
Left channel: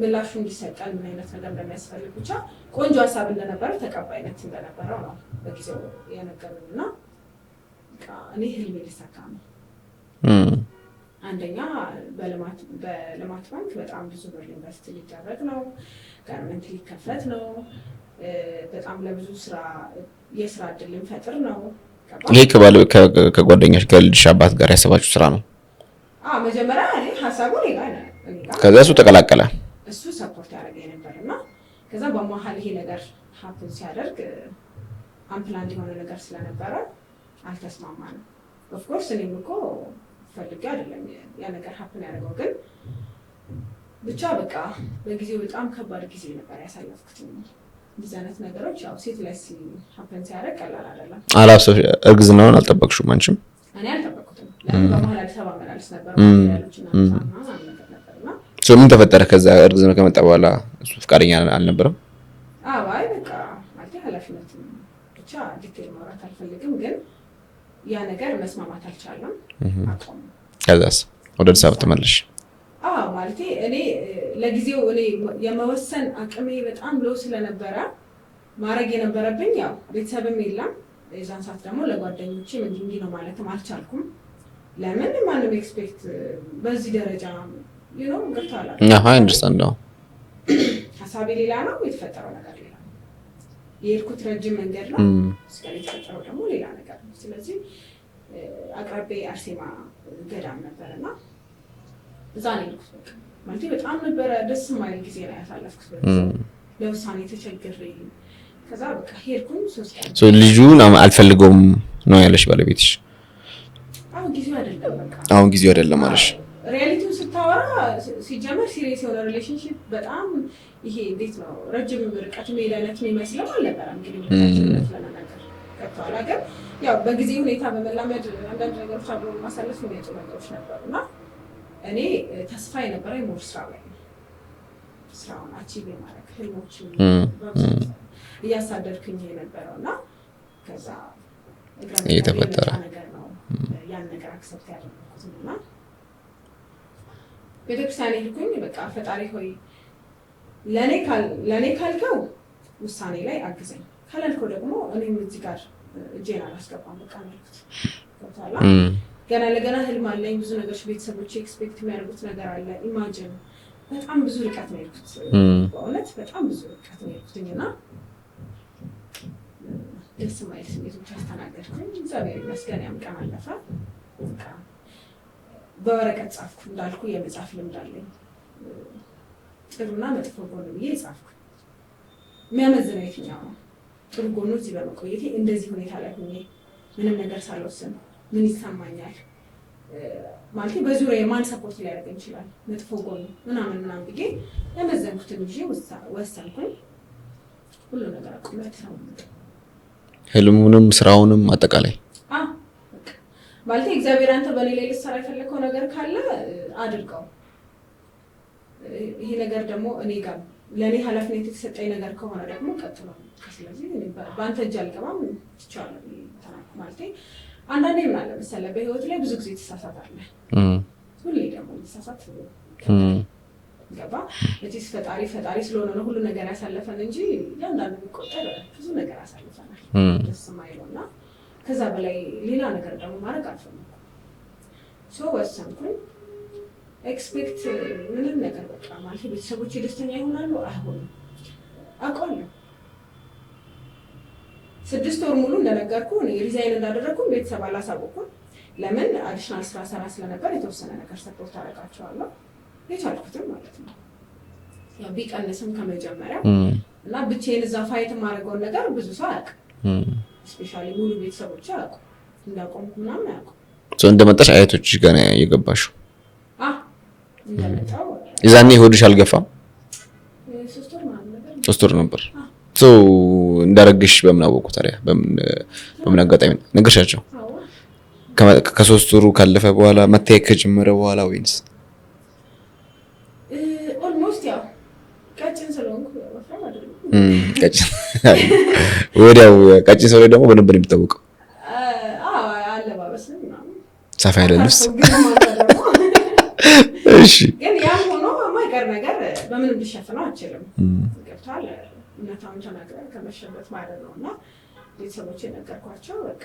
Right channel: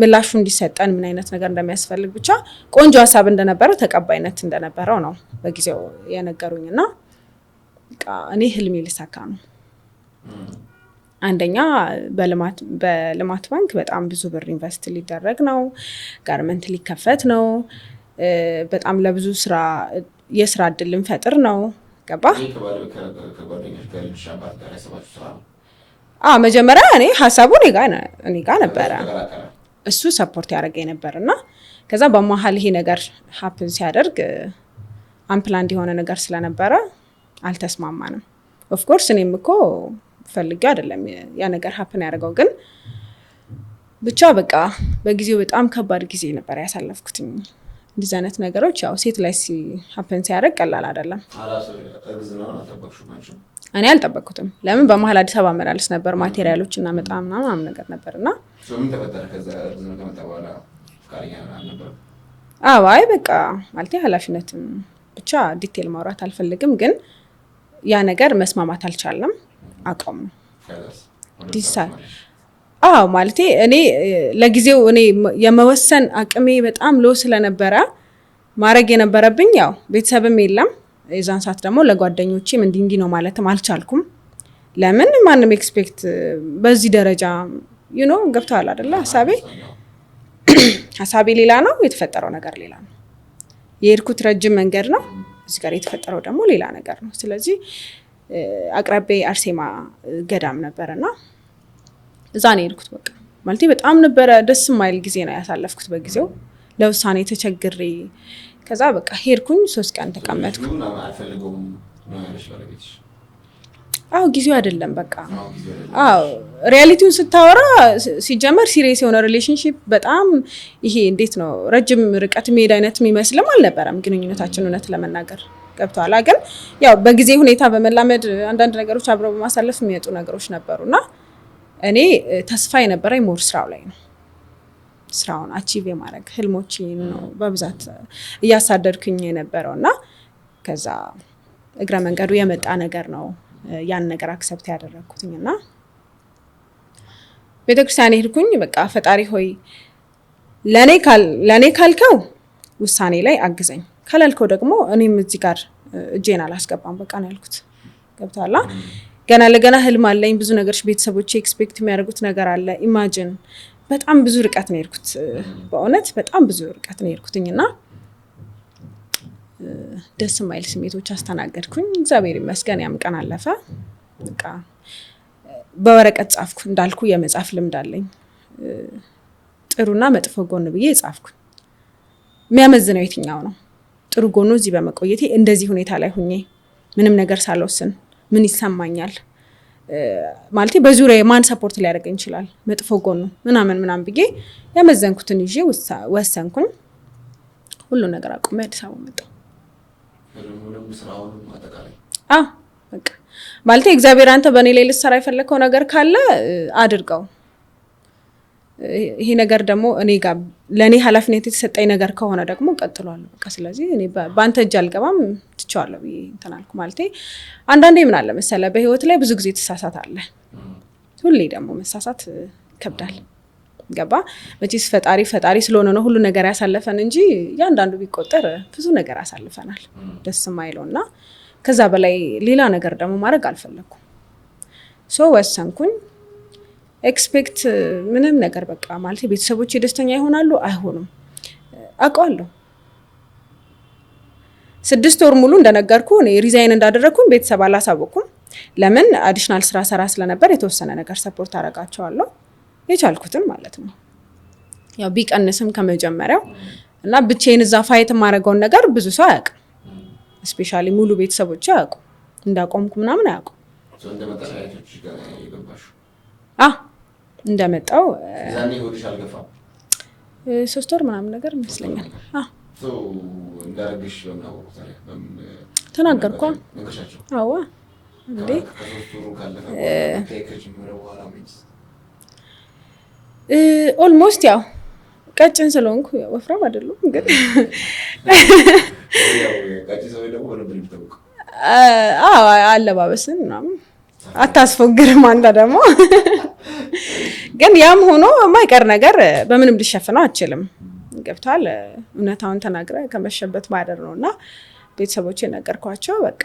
ምላሹ እንዲሰጠን ምን አይነት ነገር እንደሚያስፈልግ ብቻ ቆንጆ ሀሳብ እንደነበረ ተቀባይነት እንደነበረው ነው በጊዜው የነገሩኝ እና እኔ ህልሜ ሊሳካ ነው። አንደኛ በልማት ባንክ በጣም ብዙ ብር ኢንቨስት ሊደረግ ነው፣ ጋርመንት ሊከፈት ነው፣ በጣም ለብዙ ስራ የስራ እድል ልንፈጥር ነው። ገባ? ይሄ ከጓደኛሽ ከልጅሽ አባት ጋር ያሰባችሁ ስራ ነው? መጀመሪያ እኔ ሀሳቡ እኔ ጋር ከዛ እሱ ተቀላቀለ። እሱ ሰፖርት ያደርገኝ ነበርና ከዛ በመሀል ይሄ ነገር ሀፕን ሲያደርግ አንፕላንድ የሆነ ነገር ስለነበረ አልተስማማንም። ኦፍ ኮርስ እኔም እኮ ፈልጌው አይደለም ያ ነገር ሀፕን ያደርገው፣ ግን ብቻ በቃ በጊዜው በጣም ከባድ ጊዜ ነበር ያሳለፍኩት። እንደዚህ አይነት ነገሮች ያው ሴት ላይ ሀፕን ሲያደርግ ቀላል አይደለም። እርግዝናውን አልጠበቅሽም አንቺም? እኔ አልጠበቅኩትም። ለምን በመሀል አዲስ አበባ መላለስ ነበር፣ ማቴሪያሎች እና ምናምን ነገር ነበርና ምን ተፈጠረ? ከዛ እርግዝና ከመጣ በኋላ እሱ ፈቃደኛ አልነበረም? አይ በቃ ማለት ኃላፊነትም ብቻ ዲቴል ማውራት አልፈልግም፣ ግን ያ ነገር መስማማት አልቻለም፣ አቆም። ከዛስ ወደ አዲስ አበባ ተመለሽ? ማለት እኔ ለጊዜው እኔ የመወሰን አቅሜ በጣም ሎ ስለነበረ ማድረግ የነበረብኝ ያው ቤተሰብም የለም የዛን ሰዓት ደግሞ ለጓደኞቼም እንዲህ ነው ማለትም አልቻልኩም። ለምን ማንም ኤክስፔክት በዚህ ደረጃ ገብተዋል አይደል? ሀሳቤ ሌላ ነው፣ የተፈጠረው ነገር ሌላ ነው። የሄድኩት ረጅም መንገድ ነው፣ እዚህ ጋር የተፈጠረው ደግሞ ሌላ ነገር ነው። ስለዚህ አቅራቤ አርሴማ ገዳም ነበርና እዛ ነው የሄድኩት። በቃ ማለት በጣም ነበረ ደስ የማይል ጊዜ ነው ያሳለፍኩት በጊዜው፣ ለውሳኔ ተቸግሬ። ከዛ በቃ ሄድኩኝ 3 ቀን። ልጁን አልፈልገውም ነው ያለሽ ባለቤትሽ? ጊዜው አይደለም በቃ አሁን ጊዜው አይደለም ማለት ሪያሊቲውን ስታወራ ሲጀመር ሲሪየስ የሆነ ሪሌሽንሺፕ በጣም ይሄ እንዴት ነው ረጅም ርቀት መሄድ አይነት የሚመስልም አልነበረም ግንኙነታችን እውነት ለመናገር ገብቷል። ግን ያው በጊዜ ሁኔታ በመላመድ አንዳንድ ነገሮች አብረው በማሳለፍ የሚመጡ ነገሮች ነበሩና እኔ ተስፋ የነበረኝ ሞር ስራው ላይ ነው። ስራውን አቺቭ የማድረግ ህልሞችን በብዛት እያሳደድኩኝ የነበረውና ከዛ እግረ መንገዱ የመጣ ነገር ነው ያን ነገር አክሰፕት ያደረኩትኝና ቤተክርስቲያን ሄድኩኝ። በቃ ፈጣሪ ሆይ ለኔ ካልከው ውሳኔ ላይ አግዘኝ፣ ካላልከው ደግሞ እኔም እዚህ ጋር እጄን አላስገባም በቃ ነው ያልኩት። ገብቷላ? ገና ለገና ህልም አለኝ፣ ብዙ ነገሮች ቤተሰቦቼ ኤክስፔክት የሚያደርጉት ነገር አለ። ኢማጂን በጣም ብዙ ርቀት ነው የሄድኩት፣ በእውነት በጣም ብዙ ርቀት ነው የሄድኩትኝና ደስ የማይል ስሜቶች አስተናገድኩኝ። እግዚአብሔር ይመስገን ያም ቀን አለፈ። በቃ በወረቀት ጻፍኩ። እንዳልኩ የመጻፍ ልምድ አለኝ። ጥሩና መጥፎ ጎን ብዬ ጻፍኩኝ። የሚያመዝነው የትኛው ነው? ጥሩ ጎኑ እዚህ በመቆየቴ እንደዚህ ሁኔታ ላይ ሁኜ ምንም ነገር ሳልወስን ምን ይሰማኛል ማለት በዙሪያ ማን ሰፖርት ሊያደርገኝ ይችላል፣ መጥፎ ጎኑ ምናምን ብዬ ያመዘንኩትን ይዤ ወሰንኩኝ። ሁሉ ነገር አቁሜ አዲስ አበባ መጣሁ። ህልሙንም ስራውንም አጠቃላይ በቃ ማለት እግዚአብሔር አንተ በእኔ ላይ ልትሰራ የፈለከው ነገር ካለ አድርገው። ይሄ ነገር ደግሞ እኔ ጋር ለእኔ ኃላፊነት የተሰጠኝ ነገር ከሆነ ደግሞ ቀጥሏል። በቃ ስለዚህ እኔ በአንተ እጅ አልገባም ትቼዋለሁ ብዬ እንትን አልኩ። ማለት አንዳንዴ ምን አለ መሰለህ በህይወት ላይ ብዙ ጊዜ ትሳሳታለህ። ሁሌ ደግሞ መሳሳት ይከብዳል። ገባ? መቼስ ፈጣሪ ስለሆነ ነው ሁሉ ነገር ያሳለፈን እንጂ ያንዳንዱ ቢቆጠር ብዙ ነገር አሳልፈናል ደስ የማይለውና ከዛ በላይ ሌላ ነገር ደግሞ ማድረግ አልፈለኩም። ወሰንኩኝ። ኤክስፔክት ምንም ነገር በቃ ማለት ቤተሰቦቼ ደስተኛ ይሆናሉ አይሆኑም አውቀዋለሁ። 6 ወር ሙሉ እንደነገርኩ እኔ ሪዛይን እንዳደረግኩኝ ቤተሰብ አላሳወኩም። ለምን አዲሽናል ስራ ሰራ ስለነበር የተወሰነ ነገር ሰፖርት አደርጋቸዋለሁ የቻልኩትን ማለት ነው። ያው ቢቀንስም ከመጀመሪያው እና ብቻዬን እዛ ፋይት የማደርገውን ነገር ብዙ ሰው አያውቅም። ስፔሻሊ ሙሉ ቤተሰቦች አያውቁም እንዳቆምኩ ምናምን አያውቁም። እንደመጣሽ አያቶችሽ ጋር የገባሽው? እንደመጣው የዛኔ ሆድሽ አልገፋም? 3 ወር ምናምን ነገር 3 ወር ነበር። እንዳረግሽ በምን አወቁ ታዲያ? በምን አጋጣሚ ነገርሻቸው? ከ3 ወሩ ካለፈ በኋላ መታየት ከጀመረ በኋላ ወይንስ? ኦልሞስት ያው ቀጭን ስለሆንኩ ወፍራም አይደለም። ወዲያው ቀጭን ሰው ላይ ደግሞ በደንብ ነው የሚታወቀው። አለባበስን ምናምን አታስፎግርም አንተ ደግሞ። ግን ያም ሆኖ የማይቀር ነገር በምንም ልሸፍነው አልችልም። ገብቷል? እውነታውን ተናግረ ከመሸበት ባደር ነውና ቤተሰቦቼ ነገርኳቸው። በቃ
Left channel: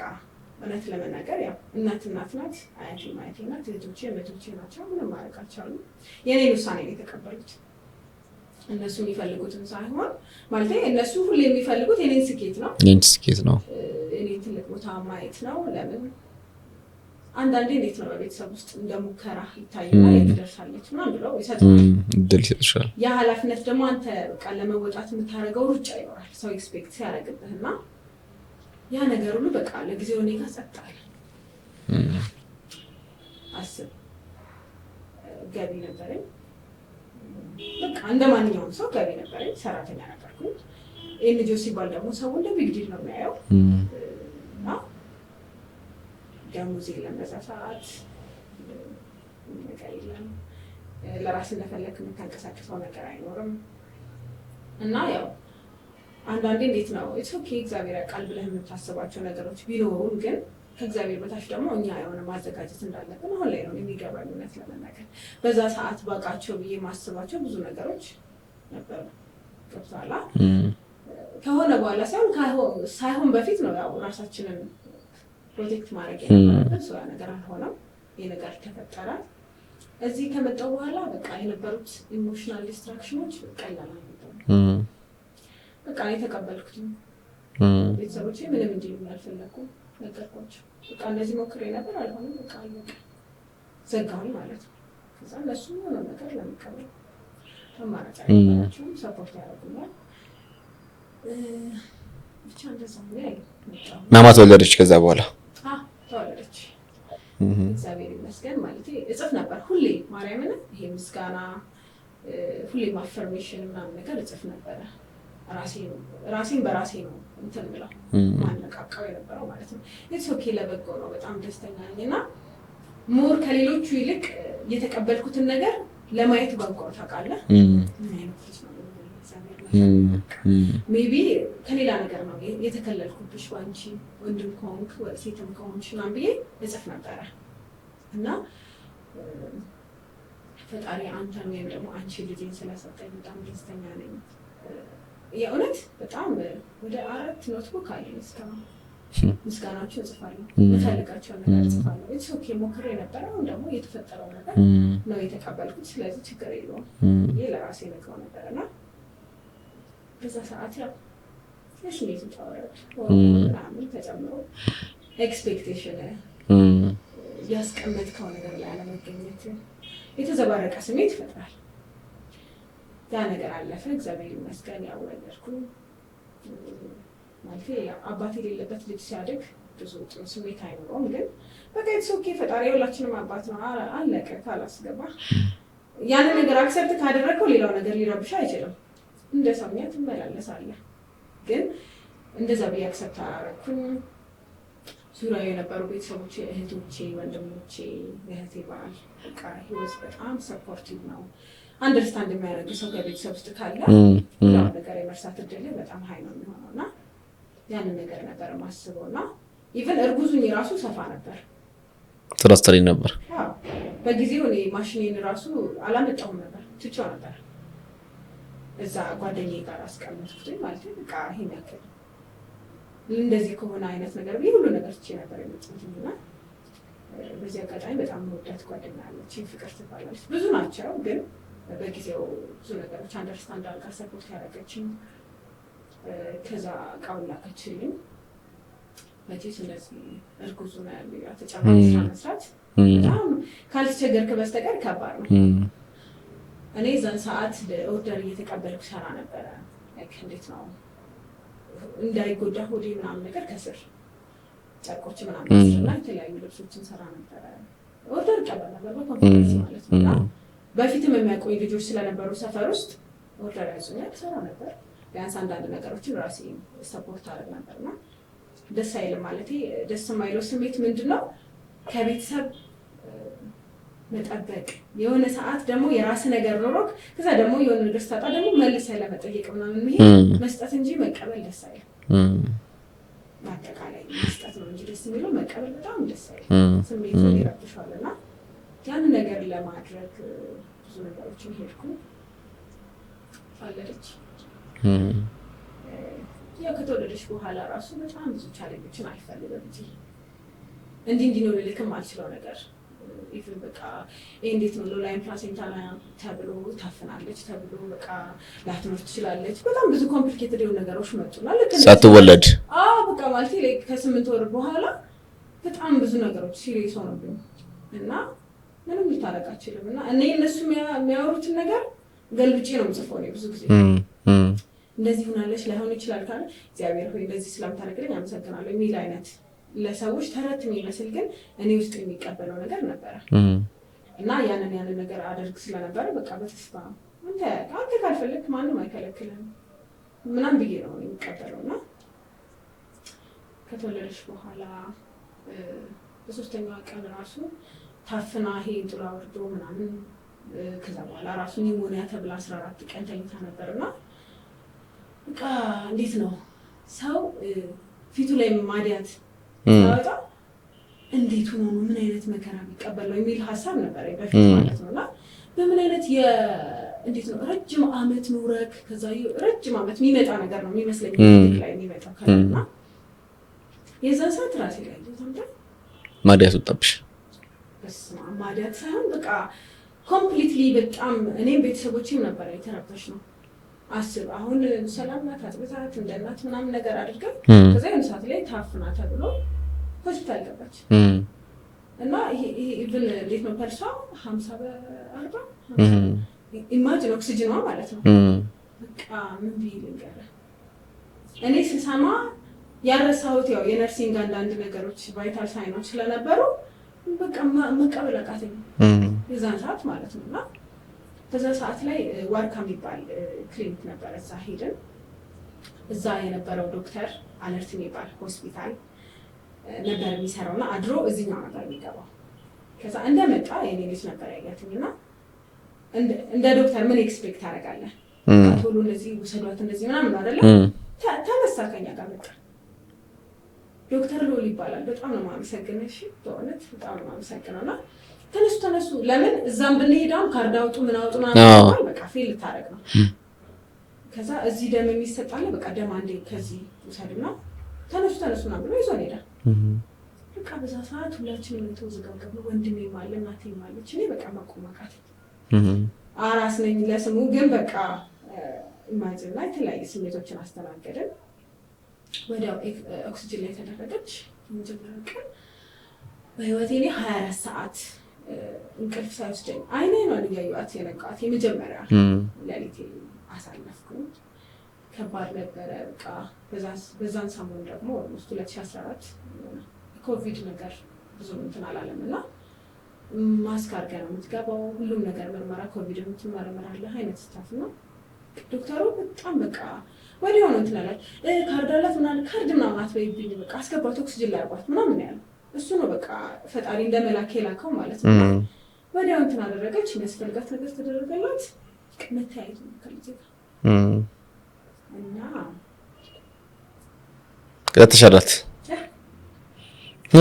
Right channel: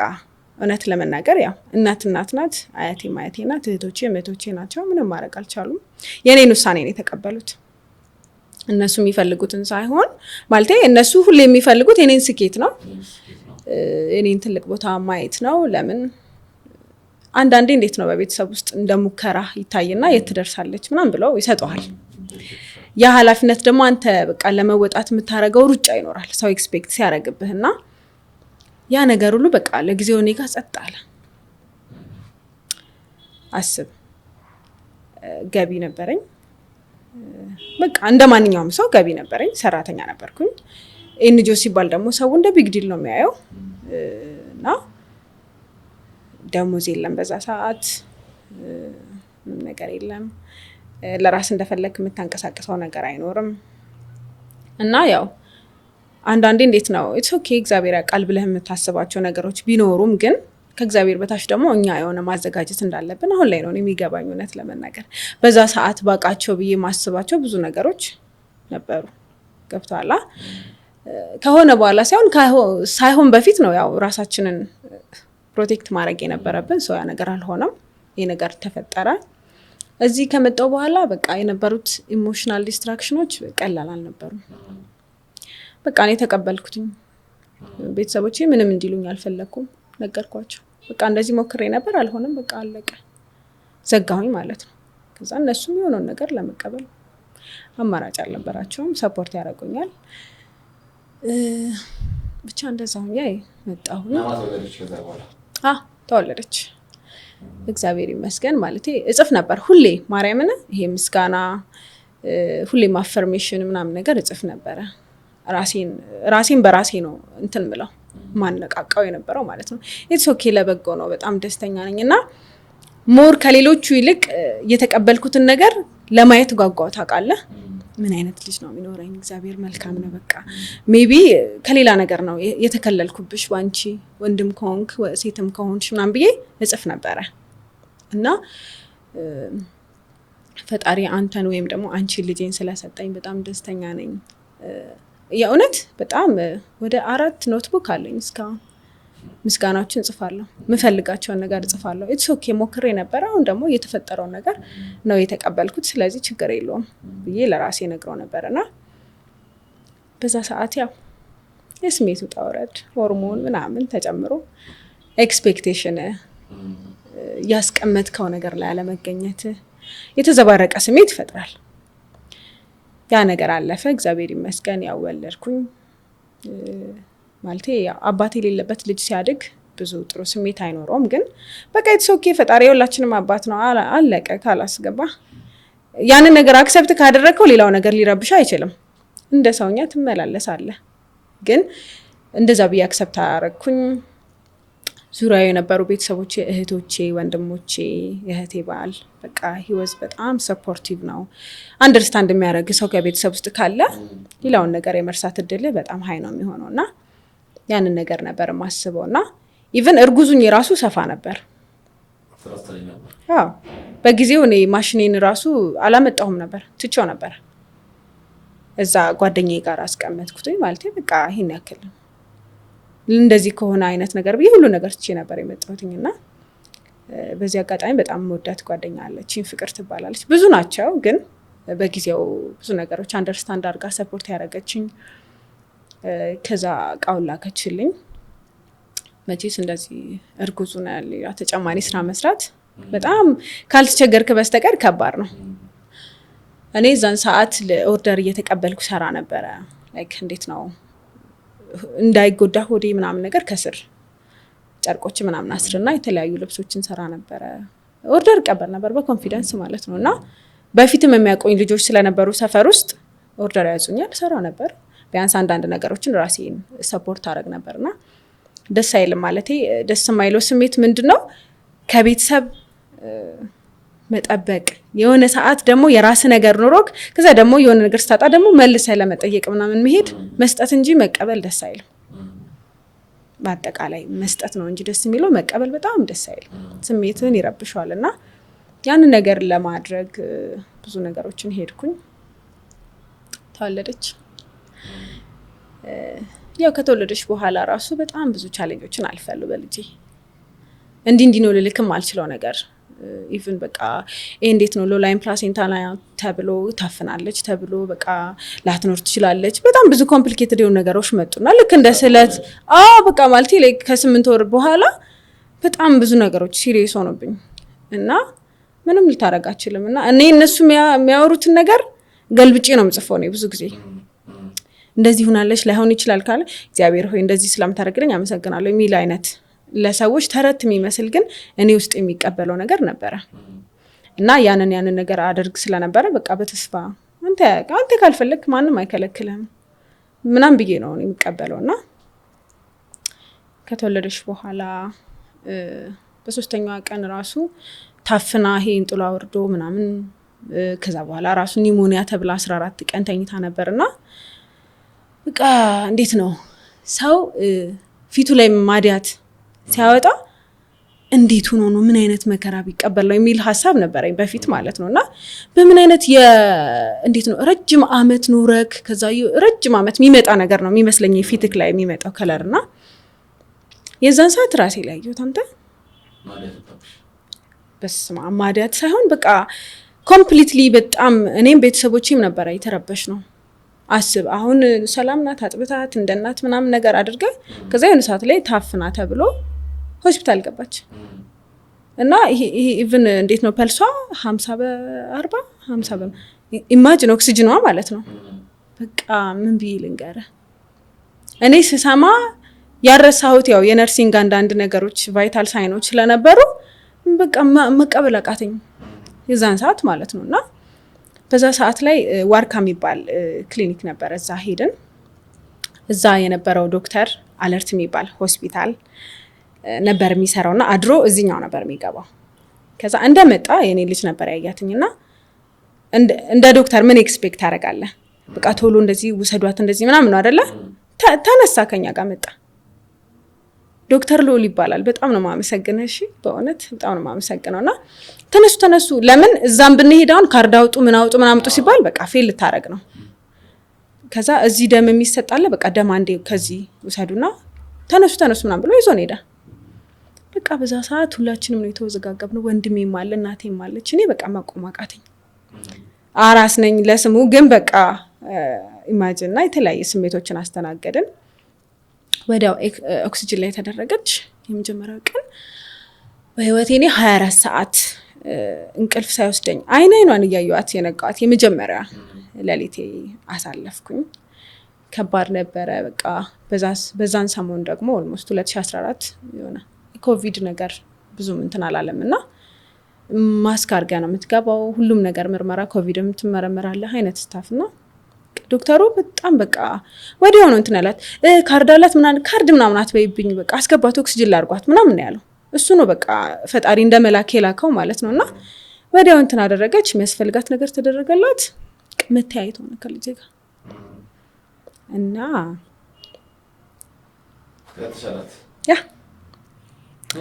እውነት ለመናገር ያው እናት ናት፣ አያቴ ናት፣ እህቶቼ ናቸው። ምንም ማድረግ አልቻሉም። የኔን ውሳኔ ነው የተቀበሉት። እነሱ የሚፈልጉትን ሳይሆን ማለት እነሱ ሁሌ የሚፈልጉት የኔን ስኬት ነው የኔን ትልቅ ቦታ ማየት ነው። ለምን አንዳንዴ እንዴት ነው በቤተሰብ ውስጥ እንደሙከራ ይታይና የት ትደርሳለች ምናምን ብለው ይሰጣዋል። ያ ኃላፊነት ደግሞ አንተ በቃ ለመወጣት የምታረገው ሩጫ ይኖራል ሰው ኤክስፔክት ሲያረግብህና ያ ነገር ሁሉ በቃ ለጊዜው እኔ ጋር ጸጥ አለ። አስብ ገቢ ነበረኝ በቃ እንደማንኛውም ሰው ገቢ ነበረኝ ሰራተኛ ነበርኩኝ። ኤንጂኦ ሲባል ደግሞ ሰው እንደ ቢግ ዲል ነው የሚያየው እና ደሞዝ የለም በዛ ሰዓት ነገር የለም ለራስ እንደፈለክ የምታንቀሳቀሰው ነገር አይኖርም። እና ያው አንዳንዴ እንዴት ነው ኢትስ ኦኬ እግዚአብሔር ያውቃል ብለህ የምታስባቸው ነገሮች ቢኖሩም ግን ከእግዚአብሔር በታች ደግሞ እኛ የሆነ ማዘጋጀት እንዳለብን አሁን ላይ ነው የሚገባኝ እውነት ለመናገር። በዛ ሰዓት ባቃቸው ብዬ ማስባቸው ብዙ ነገሮች ነበሩ ገብቷላ። ከሆነ በኋላ ሳይሆን በፊት ነው ያው ራሳችንን ፕሮቴክት ማድረግ የነበረብን። ሰው ያ ነገር አልሆነም ይሄ ነገር ተፈጠረ። እዚህ ከመጣው በኋላ በቃ የነበሩት ኢሞሽናል ዲስትራክሽኖች ቀላል አልነበሩም። በቃ እኔ ተቀበልኩትኝ። ቤተሰቦቼ ምንም እንዲሉኝ አልፈለኩም ነገርኳቸው። በቃ እንደዚህ ሞክሬ ነበር አልሆነም በቃ አለቀ ዘጋሁኝ ማለት ነው። ከዛ እነሱ የሆነውን ነገር ለመቀበል አማራጭ አልነበራቸውም። ሰፖርት ያደርጉኛል ብቻ እንደዛው ያይ መጣሁ። ማማ ተወለደች ከዛ በኋላ ተወለደች እግዚአብሔር ይመስገን። ማለቴ እጽፍ ነበር ሁሌ ማርያምን ይሄ ምስጋና ሁሌ አፈርሜሽን ምናምን ነገር እጽፍ ነበረ። ራሴን በራሴ ነው እንትን ብለው ማነቃቃው የነበረው ማለት ነው። ኢትስ ኦኬ ለበጎ ነው በጣም ደስተኛ ነኝና ሞር ከሌሎቹ ይልቅ የተቀበልኩትን ነገር ለማየት ጓጓው ታውቃለህ። ምን አይነት ልጅ ነው የሚኖረኝ እግዚአብሔር መልካም ነው በቃ ሜቢ ከሌላ ነገር ነው የተከለልኩብሽ ባንቺ ወንድም ከሆንክ ሴትም ከሆንሽ ምናምን ብዬ እጽፍ ነበረ። እና ፈጣሪ አንተን ወይም ደግሞ አንቺ ልጄን ስለሰጠኝ በጣም ደስተኛ ነኝ። የእውነት በጣም ወደ 4 ኖትቡክ አለኝ እስካሁን ምስጋናዎችን ጽፋለሁ ምፈልጋቸውን ነገር ጽፋለሁ። ኢትስ ኦኬ ሞክሬ ነበር አሁን ደግሞ የተፈጠረው ነገር ነው የተቀበልኩት ስለዚህ ችግር የለውም ብዬ ለራሴ ነግረው ነበርና በዛ ሰዓት ያው የስሜቱ ጣውረድ ሆርሞን ምናምን ተጨምሮ ኤክስፔክቴሽን ያስቀመጥከው ነገር ላይ አለመገኘት የተዘባረቀ ስሜት ይፈጥራል። ያ ነገር አለፈ እግዚአብሔር ይመስገን ያው ወለድኩኝ። ማለቴ ያው አባቴ የሌለበት ልጅ ሲያድግ ብዙ ጥሩ ስሜት አይኖረውም ግን በቃ ኢትስ ኦኬ ፈጣሪ ሁላችንም አባት ነው አለቀ ካላስገባ ያንን ነገር አክሰፕት ካደረግከው ሌላው ነገር ሊረብሽ አይችልም። እንደ ሰውኛ ትመላለሳለህ ግን እንደዛ ብዬ አክሰፕት አደረግኩኝ። ዙሪያው የነበሩ ቤተሰቦቼ እህቶቼ ወንድሞቼ የእህቴ ባል በቃ ህይወት በጣም ሰፖርቲቭ ነው። አንደርስታንድ የሚያደርግ ሰው ከቤተሰብ ውስጥ ካለ ሌላውን ነገር የመርሳት እድል በጣም ሀይ ነው የሚሆነውና ያንን ነገር ነበር ማስበውና ኢቭን እርጉዙኝ ራሱ ሰፋ ነበር ትራስተሪ ነበር። አዎ በጊዜው እኔ ማሽኔን ራሱ አላመጣሁም ነበር ትቼው ነበር እዛ ጓደኛዬ ጋር አስቀመጥኩትኝ ማለት በቃ ይሄን ያክል እንደዚህ ከሆነ አይነት ነገር ብዬ ሁሉ ነገር ትቼ ነበር የመጣሁትኝና በዚህ አጋጣሚ በጣም ወዳት ጓደኛ አለችኝ ፍቅር ትባላለች። ብዙ ናቸው ግን በጊዜው ብዙ ነገሮች አንደርስታንድ አድርጋ ሰፖርት ያደረገችኝ ከዛ ቃውላ ላከችልኝ። መቼስ እንደዚህ እርጉዙ ነው ያለ ተጨማሪ ስራ መስራት በጣም ካልተቸገርክ በስተቀር ከባድ ነው። እኔ ዛን ሰዓት ለኦርደር እየተቀበልኩ ሰራ ነበረ ላይክ እንዴት ነው እንዳይጎዳ ሆዴ ምናምን ነገር ከስር ጨርቆች ምናምን አስርና የተለያዩ ልብሶችን ሰራ ነበረ። ኦርደር ቀበል ነበር በኮንፊደንስ ማለት ነውና በፊትም የሚያቆኝ ልጆች ስለነበሩ ሰፈር ውስጥ ኦርደር ያዙኛል ሰራ ነበር። ቢያንስ አንዳንድ ነገሮችን ራሴን ሰፖርት አደረግ ነበርና ደስ አይልም ማለቴ ደስ የማይለው ስሜት ምንድነው ከቤተሰብ መጠበቅ የሆነ ሰዓት ደግሞ የራስ ነገር ኖሮክ ከዛ ደግሞ የሆነ ነገር ስታጣ ደግሞ መልሰህ ለመጠየቅ ምናምን መሄድ መስጠት እንጂ መቀበል ደስ አይልም። በአጠቃላይ መስጠት ነው እንጂ ደስ የሚለው መቀበል በጣም ደስ አይልም። ስሜትን ይረብሻልና ያንን ነገር ለማድረግ ብዙ ነገሮችን ሄድኩኝ። ተወለደች። ያው ከተወለደች በኋላ ራሱ በጣም ብዙ ቻሌንጆችን አልፈሉ በልጄ እንዲህ ነው ልልክም አልችለው ነገር ኢቭን በቃ እንዴት ነው ሎላይን ፕላሴንታ ተብሎ ታፍናለች ተብሎ በቃ ላትኖር ትችላለች በጣም ብዙ ኮምፕሊኬትድ የሆኑ ነገሮች መጡና ልክ እንደ ስለድ በቃ ማለት ከ8 ወር በኋላ በጣም ብዙ ነገሮች ሲሪየስ ሆነብኝ እና ምንም ልታረጋ አችልም እና እኔ እነሱ የሚያወሩትን ነገር ገልብጬ ነው የምጽፈው ነው ብዙ ጊዜ እንደዚህ ሆናለች ላይሆን ይችላል ካለ እግዚአብሔር ሆይ እንደዚህ ስለምታደርግልኝ አመሰግናለሁ የሚል አይነት ለሰዎች ተረት የሚመስል ግን እኔ ውስጥ የሚቀበለው ነገር ነበረ እና ያንን ነገር አድርግ ስለነበረ በቃ በተስፋ አንተ ካልፈለክ ማንም አይከለክልህም ምናም ብዬ ነው የሚቀበለውና ከተወለደች በኋላ በሶስተኛው ቀን ራሱ ታፍና እንጥሏ ወርዶ ምናምን ከዛ በኋላ ራሱ ኒሞኒያ ተብላ 14 ቀን ተኝታ ነበርና በቃ እንዴት ነው ሰው ፊቱ ላይ ማዲያት ሲያወጣ እንዴት ሆኖ ነው ምን አይነት መከራ ቢቀበለው የሚል ሐሳብ ነበረኝ በፊት ማለት ነውና በምን አይነት እንዴት ነው ረጅም አመት ኖረክ ከዛ ረጅም አመት የሚመጣ ነገር ነው የሚመስለኝ ፊትክ ላይ የሚመጣው ከለርና የዛን ሰዓት ራሴ ላይ አንተ ማዲያት ወጣብሽ በስማ ማዲያት ሳይሆን በቃ ኮምፕሊትሊ በጣም እኔም ቤተሰቦቼም ነበር የተረበሽ ነው አስብ አሁን ሰላም ናት አጥብታት እንደናት ምናምን ነገር አድርጋ ከዛ የሆነ ሰዓት ላይ ታፍና ተብሎ ሆስፒታል ገባች እና ይሄ ኢቭን እንዴት ነው ፐልሷ 50 በ40 50 ኢማጂን ኦክሲጅኗ ማለት ነው በቃ ምን ቢልንገረ እኔ ስሰማ ያረሳሁት ያው የነርሲንግ አንዳንድ ነገሮች ቫይታል ሳይኖች ስለነበሩ በቃ መቀበል አቃተኝ የዛን ሰዓት ማለት ነውና በዛ ሰዓት ላይ ዋርካ የሚባል ክሊኒክ ነበር እዛ ሄድን እዛ የነበረው ዶክተር አለርት የሚባል ሆስፒታል ነበር የሚሰራውና አድሮ እዚህኛው ነበር የሚገባው ከዛ እንደመጣ የኔ ልጅ ነበር ያያትኝና እንደ ዶክተር ምን ኤክስፔክት አደርጋለህ በቃ ቶሎ እንደዚህ ውሰዷት እንደዚህ ምናምን ነው አይደለ ተነሳ ከኛ ጋር መጣ ዶክተር ሎል ይባላል በጣም ነው ማመሰግነው እሺ በእውነት በጣም ነው ማመሰግነውና ተነሱ ለምን እዛም ብንሄድ አሁን ካርድ አውጡ ምን አውጡ ምናምን ሲባል በቃ ፌል ልታረግ ነው ከዛ እዚህ ደም የሚሰጣለ በቃ ደም አንዴ ከዚህ ውሰዱና ተነሱ ምናምን ብሎ ይዞን ሄዳ በቃ በዛ ሰዓት ሁላችንም ነው የተወዘጋገብነው ወንድሜም አለ እናቴም አለች እኔ በቃ ማቆማቃተኝ አራስ ነኝ ለስሙ ግን በቃ ኢማጂን እና የተለያየ ስሜቶችን አስተናገድን ወዲያው ኦክሲጅን ላይ ተደረገች የመጀመሪያው ቀን በህይወቴ እኔ 24 ሰዓት እንቅልፍ ሳይወስደኝ አይኗን እያየኋት የነቃት የመጀመሪያ ለሊቴ አሳለፍኩኝ ከባድ ነበረ በቃ በዛን ሰሞን ደግሞ ኦልሞስት 2014 የሆነ ኮቪድ ነገር ብዙም እንትን አላለምና ማስክ አድርጋ ነው የምትገባው ሁሉም ነገር ምርመራ ኮቪድም ትመረመራለህ አይነት ስታፍና ዶክተሩ በጣም በቃ ወዲያው ነው እንትን ያላት ካርድ አላት ካርድ ምናምን አትበይብኝ በቃ አስገባት ኦክሲጅን ላርጓት ምናምን ነው ያለው እሱ ነው በቃ ፈጣሪ እንደመላክ የላከው ማለት ነውና ወዲያው እንትን አደረገች የሚያስፈልጋት ነገር ተደረገላት መተያየት ሆነ ከልጄ ጋር እና ከተሻላት ያ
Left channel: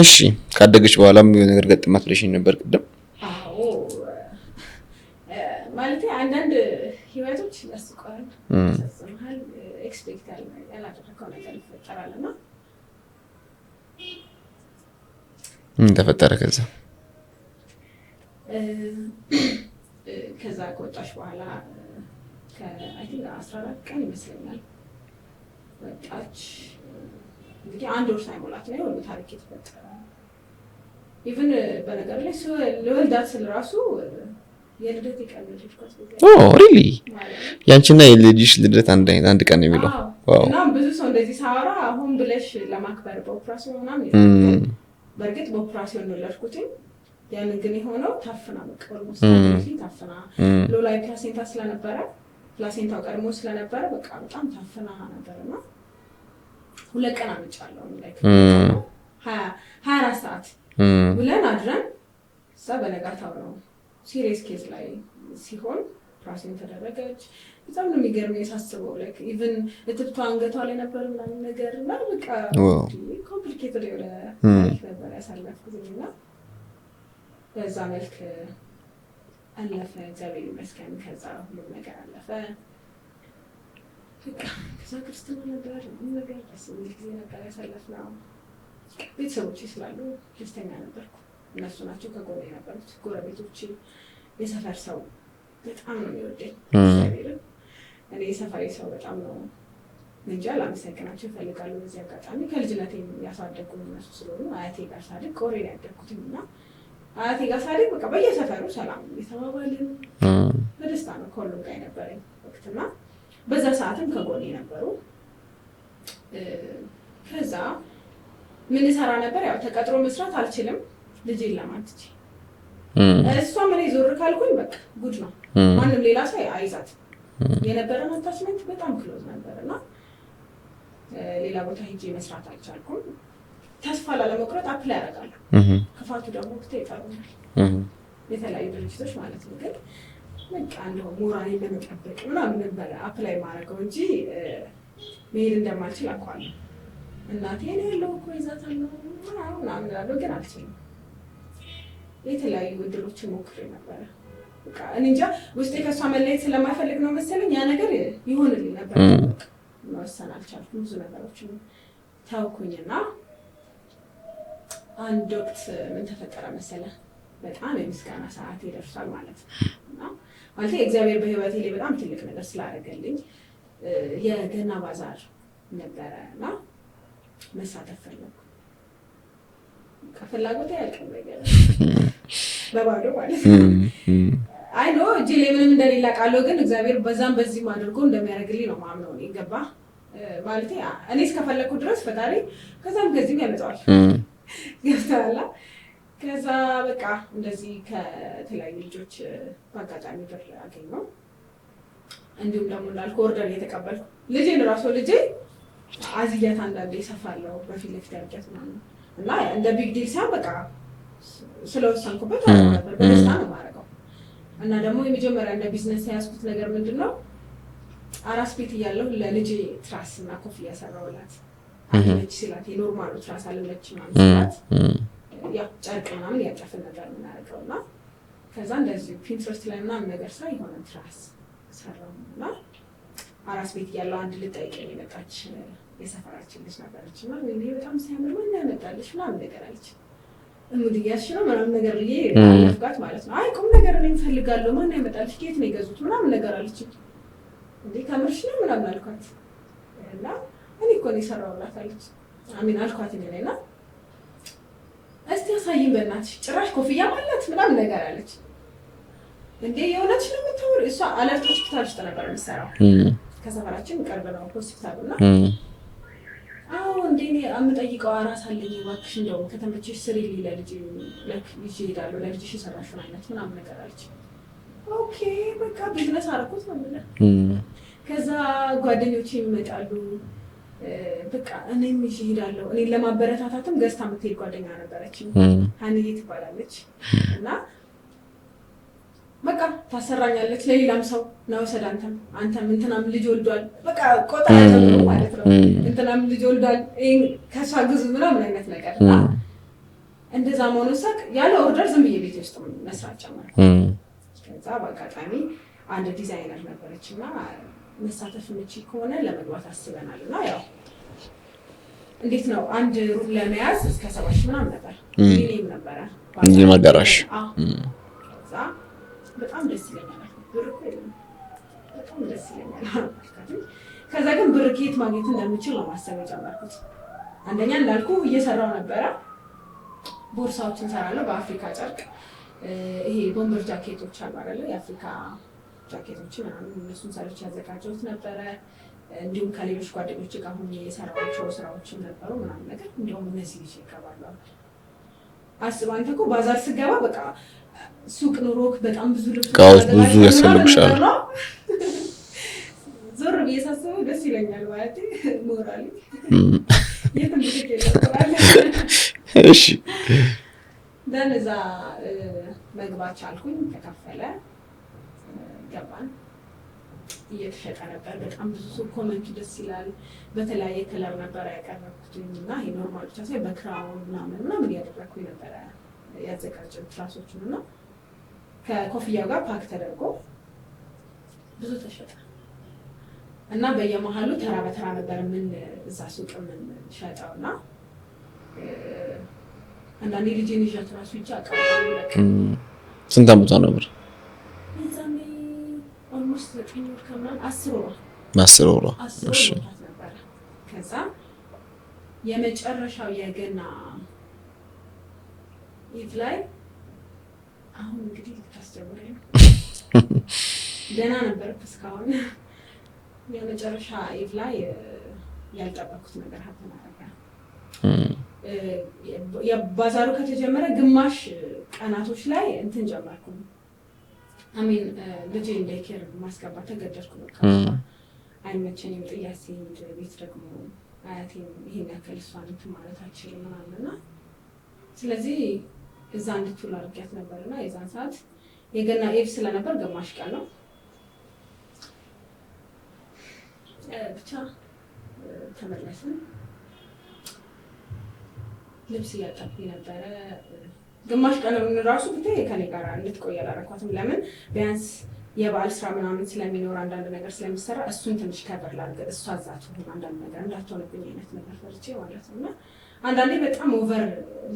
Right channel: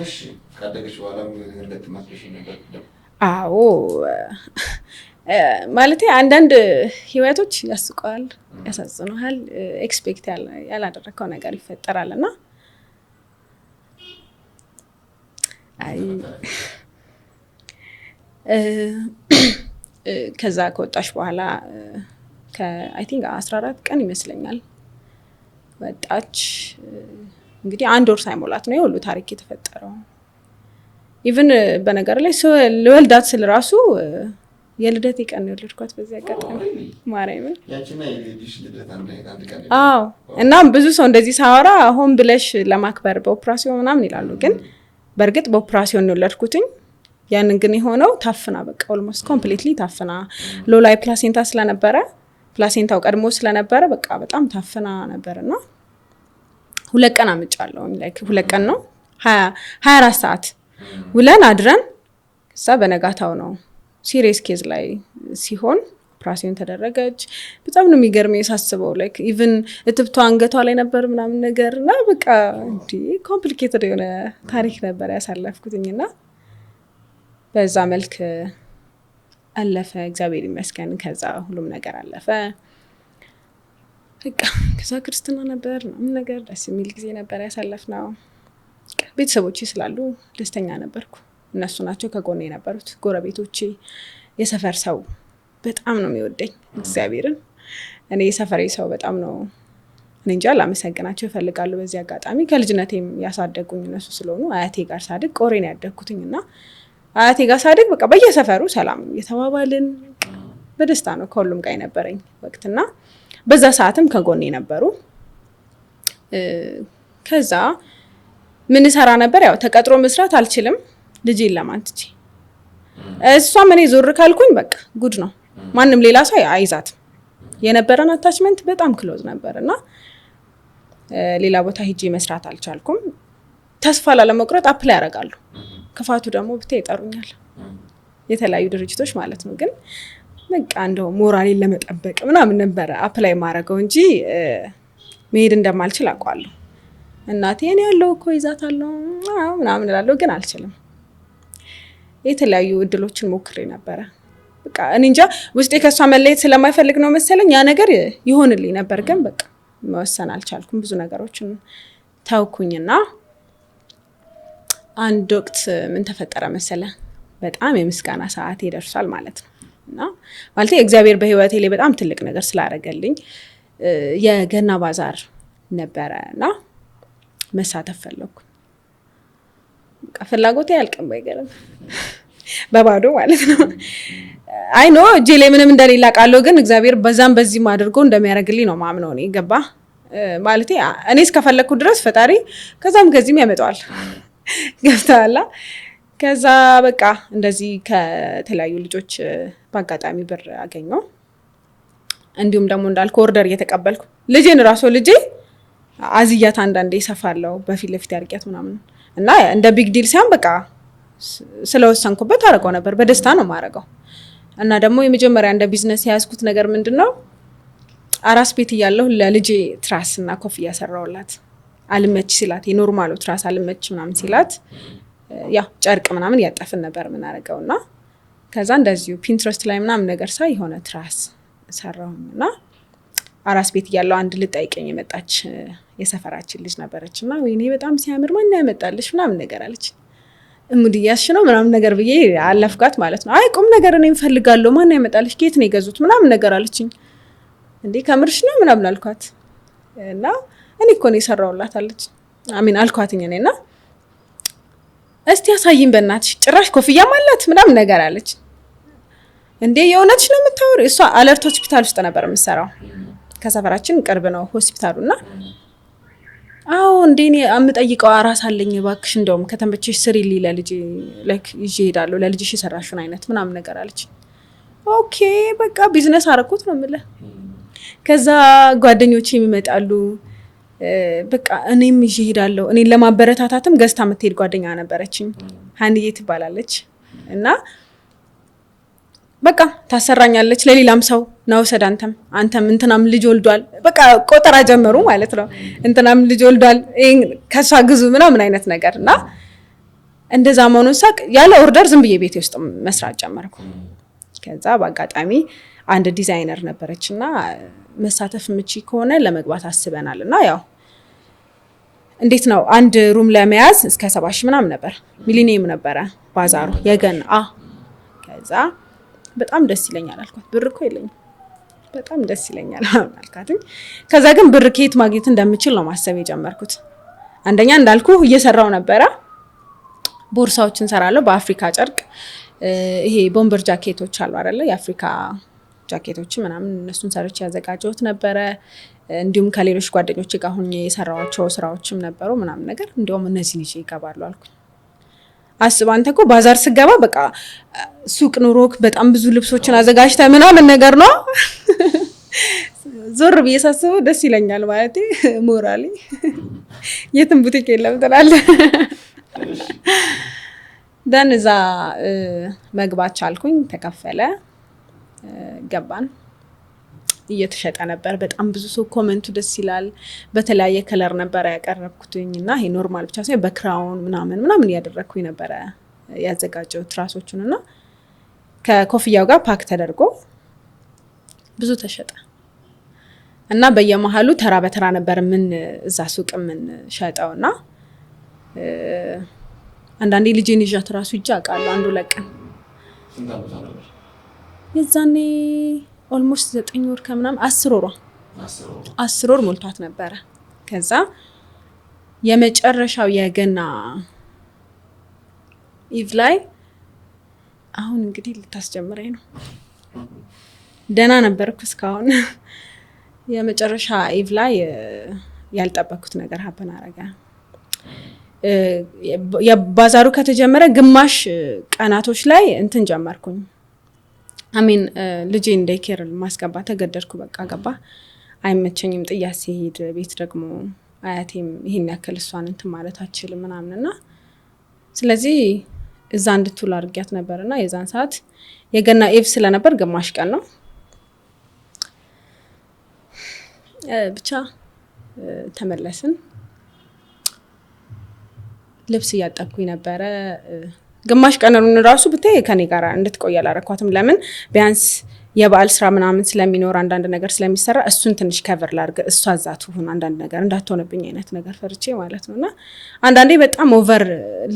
እሺ ካደገች በኋላም የሆነ ነገር ገጥማት ብለሽኝ ነበር ቅድም አዎ ማለት አንዳንድ ህይወቶች ያስቀዋል ያሳዝኑሃል ኤክስፔክት ያላደረከው ነገር ይፈጠራልና ተፈጠረ ከዛ ከወጣሽ በኋላ አይ ቲንክ 14 ቀን ይመስለኛል ወጣች እንግዲህ 1 ወር ሳይሞላት ነው የሁሉ ታሪክ የተፈጠረው ኢቭን በነገር ላይ ለወልዳት ስለራሱ የልደት ቀን ነው የወለድኳት በዛ ሪሊ ያንቺና የልጅሽ ልደት አንድ ቀን ነው የሚለው እና ብዙ ሰው እንደዚህ ሳወራ ሆን ብለሽ ለማክበር በኦፕራሲዮን ምናምን ይላል ግን በርግጥ በኦፕራሲዮን ነው የወለድኩትኝ ያንን ግን የሆነው ታፍና በቃ ኦልሞስት ኮምፕሊትሊ ታፍና ሎላይ ፕላሴንታ ስለነበረ ፕላሴንታው ቀድሞ ስለነበረ በቃ በጣም ታፍና ነበርና 2 ቀን አምጫለሁ ላይክ 2 ቀን ነው 24 ሰዓት ውለን አድረን እዛ በነጋታው ነው ሲሪየስ ኬዝ ላይ ሲሆን ኦፕራሲዮን ተደረገች በጣም ነው የሚገርመኝ ሳስበው ላይክ ኢቭን እትብቷ አንገቷ ላይ ነበር ምናምን ነገርና በቃ ኮምፕሊኬትድ የሆነ ታሪክ ነበር ያሳለፍኩትኝና በዛ መልክ አለፈ እግዚአብሔር ይመስገን ከዛ ሁሉም ነገር አለፈ በቃ ከዛ ክርስትና ነበር ምን ነገር ደስ የሚል ጊዜ ነበር ያሳለፍነው ቤተሰቦቼ ስላሉ ደስተኛ ነበርኩ እነሱ ናቸው ከጎኔ የነበሩት። ጎረቤቶቼ፣ የሰፈር ሰው በጣም ነው የሚወደኝ እግዚአብሔርን። እኔ የሰፈሬ ሰው በጣም ነው እኔ እንጃ ላመሰግናቸው ይፈልጋሉ በዚህ አጋጣሚ። ከልጅነቴም ያሳደጉኝ እነሱ ስለሆኑ አያቴ ጋር ሳድግ ቆሬን ያደግኩትኝ እና አያቴ ጋር ሳድግ በቃ በየሰፈሩ ሰላም የተባባልን በደስታ ነው ከሁሉም ጋር የነበረኝ ወቅትና በዛ ሰዓትም ከጎኔ ነበሩ። ከዛ ምን ሰራ ነበር? ያው ተቀጥሮ መስራት አልችልም ልጄን ለማንትጂ እሷም እኔ ዞር ካልኩኝ በቃ ጉድ ነው። ማንም ሌላ ሰው አይዛትም። የነበረን አታችመንት በጣም ክሎዝ ነበርና ሌላ ቦታ ሄጄ መስራት አልቻልኩም። ተስፋ ላለመቁረጥ አፕላይ ያደርጋሉ። ክፋቱ ደግሞ ብታይ ይጠሩኛል የተለያዩ ድርጅቶች ማለት ነው። ግን በቃ እንደው ሞራሌን ለመጠበቅ ምናምን ነበር አፕላይ ማድረገው እንጂ መሄድ እንደማልችል አውቃለሁ። እናቴ እኔ ያለው እኮ ይዛታለሁ ምናምን እላለሁ ግን አልችልም። የተለያዩ እድሎችን ሞክሬ ነበረ። በቃ እኔ እንጃ ውስጤ ከሷ መለየት ስለማይፈልግ ነው መሰለኝ ያ ነገር ይሆንልኝ ነበር። ግን በቃ መወሰን አልቻልኩም። ብዙ ነገሮችን ታውኩኝና አንድ ወቅት ምን ተፈጠረ መሰለ? በጣም የምስጋና ሰዓት ይደርሳል ማለት ነው። እና ማለት እግዚአብሔር በህይወቴ ላይ በጣም ትልቅ ነገር ስላደረገልኝ የገና ባዛር ነበረ እና መሳተፍ ፈለኩ። ፍላጎቴ ያልቅም ባይገርም በባዶ ማለት ነው። አይ ኖ እጄ ላይ ምንም እንደሌላ ቃለው ግን እግዚአብሔር በዛም በዚህም አድርጎ እንደሚያደርግልኝ ነው ማምነው እኔ ገባ ማለት እኔ እስከፈለኩ ድረስ ፈጣሪ ከዛም ከዚህም ያመጣዋል። ገብተዋላ። ከዛ በቃ እንደዚህ ከተለያዩ ልጆች በአጋጣሚ ብር አገኘው። እንዲሁም ደግሞ እንዳልኩ ኦርደር እየተቀበልኩ ልጄን ራሱ ልጄ አዝያት አንዳንዴ ይሰፋለው በፊት ለፊት ያርቂያት ምናምን እና እንደ ቢግ ዲል ሳይሆን በቃ ስለወሰንኩበት አደረገው ነበር። በደስታ ነው ማረገው። እና ደግሞ የመጀመሪያ እንደ ቢዝነስ ያስኩት ነገር ምንድነው አራስ ቤት እያለሁ ለልጄ ትራስ እና ኮፍያ ሰራውላት። አልመች ሲላት የኖርማሉ ትራስ አልመች ምናምን ሲላት ያው ጨርቅ ምናምን ያጠፍን ነበር ምን አደረገውና ከዛ እንደዚሁ ፒንትረስት ላይ ምናምን ነገር ሳይ የሆነ ትራስ ሰራውና አራስ ቤት እያለሁ አንድ ልጠይቀኝ የመጣች የሰፈራችን ልጅ ነበረችና ወይኔ በጣም ሲያምር ማን ያመጣልሽ ምናምን ነገር አለች። እሙዲያሽ ነው ምናምን ነገር ብዬ አለፍጋት ማለት ነው። አይ ቁም ነገር እኔ እንፈልጋለሁ ማን ያመጣልሽ ከየት ነው የገዙት ምናምን ነገር አለችኝ። እንዴ ከምርሽ ነው ምናምን አልኳት እና እኔ እኮ ነው የሰራውላት አለች። አሚን አልኳትኝ እኔና እስቲ ያሳይኝ በእናትሽ ጭራሽ ኮፍያ ማለት ምናምን ነገር አለች። እንዴ የእውነትሽ ነው የምታወሪው? እሷ አለርት ሆስፒታል ውስጥ ነበር የምትሰራው። ከሰፈራችን ቅርብ ነው ሆስፒታሉና አዎ እንዴ እኔ አምጠይቀው አራስ አለኝ እባክሽ እንደውም ከተመቸሽ ስሪልኝ ለልጄ ላይክ ይዤ እሄዳለሁ ለልጅሽ የሰራሽውን አይነት ምናምን ነገር አለች። ኦኬ በቃ ቢዝነስ አረኩት ነው የምልህ። ከዛ ጓደኞቼ ይመጣሉ በቃ እኔም ይዤ እሄዳለሁ። እኔን ለማበረታታትም ገዝታ የምትሄድ ጓደኛ ነበረችኝ ሀንዬ ትባላለች እና በቃ ታሰራኛለች ለሌላም ሰው ነው ወሰድ አንተም እንትናም ልጅ ወልዷል በቃ ቆጠራ ጀመሩ ማለት ነው። እንትናም ልጅ ወልዷል ከሷ ግዙ ምናምን አይነት ነገር እና እንደዛ መሆኑን ሳቅ ያለ ኦርደር ዝም ብዬ ቤቴ ውስጥ መስራት ጀመርኩ። ከዛ በአጋጣሚ አንድ ዲዛይነር ነበረችና መሳተፍ ምቺ ከሆነ ለመግባት አስበናል እና ያው እንዴት ነው አንድ ሩም ለመያዝ እስከ 70,000 ምናምን ነበር ሚሊኒየም ነበረ ባዛር ገና ከዛ በጣም ደስ ይለኛል አልኳት። ብር እኮ የለኝም በጣም ደስ ይለኛል አልኳት። ከዛ ግን ብር ከየት ማግኘት እንደምችል ነው ማሰብ የጀመርኩት። አንደኛ እንዳልኩ እየሰራው ነበረ ቦርሳዎችን ሰራለሁ በአፍሪካ ጨርቅ ይሄ ቦምበር ጃኬቶች አሉ አይደለ የአፍሪካ ጃኬቶች ምናምን እነሱን ሰርቼ ያዘጋጀሁት ነበረ። እንዲሁም ከሌሎች ጓደኞች ጋር ሆኜ የሰራኋቸው ስራዎችም ነበሩ ምናምን ነገር እንደውም እነዚህ ልጅ ይገባሉ አልኩ። አስብ አንተ እኮ ባዛር ስገባ በቃ ሱቅ ኑሮክ በጣም ብዙ ልብሶችን አዘጋጅተህ ምናምን ነገር ነው። ዞር ብዬ ሳስበው ደስ ይለኛል ማለት ሞራሊ የትም ቡቲክ የለም ትላለህ። እሺ ደን እዛ መግባት ቻልኩኝ። ተከፈለ ገባን። እየተሸጠ ነበር በጣም ብዙ ሰው ኮሜንቱ ደስ ይላል። በተለያየ ከለር ነበር ያቀረብኩትኝ እና ይሄ ኖርማል ብቻ ሳይሆን በክራውን ምናምን ያደረኩኝ ነበር ያዘጋጀው ትራሶቹን እና ከኮፍያው ጋር ፓክ ተደርጎ ብዙ ተሸጠ እና በየመሃሉ ተራ በተራ ነበር ምን እዛ ሱቅ ምን ሸጠውና አንዳንዴ ልጄን ይዣት ራሱ ይጫቃሉ አንዱ ለቀ ስንት አመቷ ነበር የዛኔ ኦልሞስት 9 ወር ከምናምን 10 ወር 10 ወር ሞልቷት ነበረ። ከዛ የመጨረሻው የገና ኢቭ ላይ አሁን እንግዲህ ልታስጀምረኝ ነው ደህና ነበርኩ እስካሁን የመጨረሻ ኢቭ ላይ ያልጠበኩት ነገር ሀበን አረጋ። የባዛሩ ከተጀመረ ግማሽ ቀናቶች ላይ እንትን ጀመርኩኝ አሜን ልጄን ዴይኬር ማስገባት ተገደድኩ። በቃ ገባ አይመቸኝም ጥያት ሲሄድ ቤት ደግሞ አያቴም ይሄን ያክል እሷን እንትን ማለት አትችልም ምናምንና ስለዚህ እዛ እንድትውል አድርጊያት ነበርና የዛን ሰዓት የገና ኢቭ ስለነበር ግማሽ ቀን ነው ብቻ ተመለስን። ልብስ እያጠብኩኝ ነበረ ግማሽ ቀኑን ራሱ ብታይ ከኔ ጋር እንድትቆይ አላረኳትም። ለምን ቢያንስ የበዓል ስራ ምናምን ስለሚኖር አንዳንድ ነገር ስለሚሰራ እሱን ትንሽ ከቨር ላድርግ እሷ እዛት ሆነ አንዳንድ ነገር እንዳትሆንብኝ አይነት ነገር ፈርቼ ማለት ነውና አንዳንዴ በጣም ኦቨር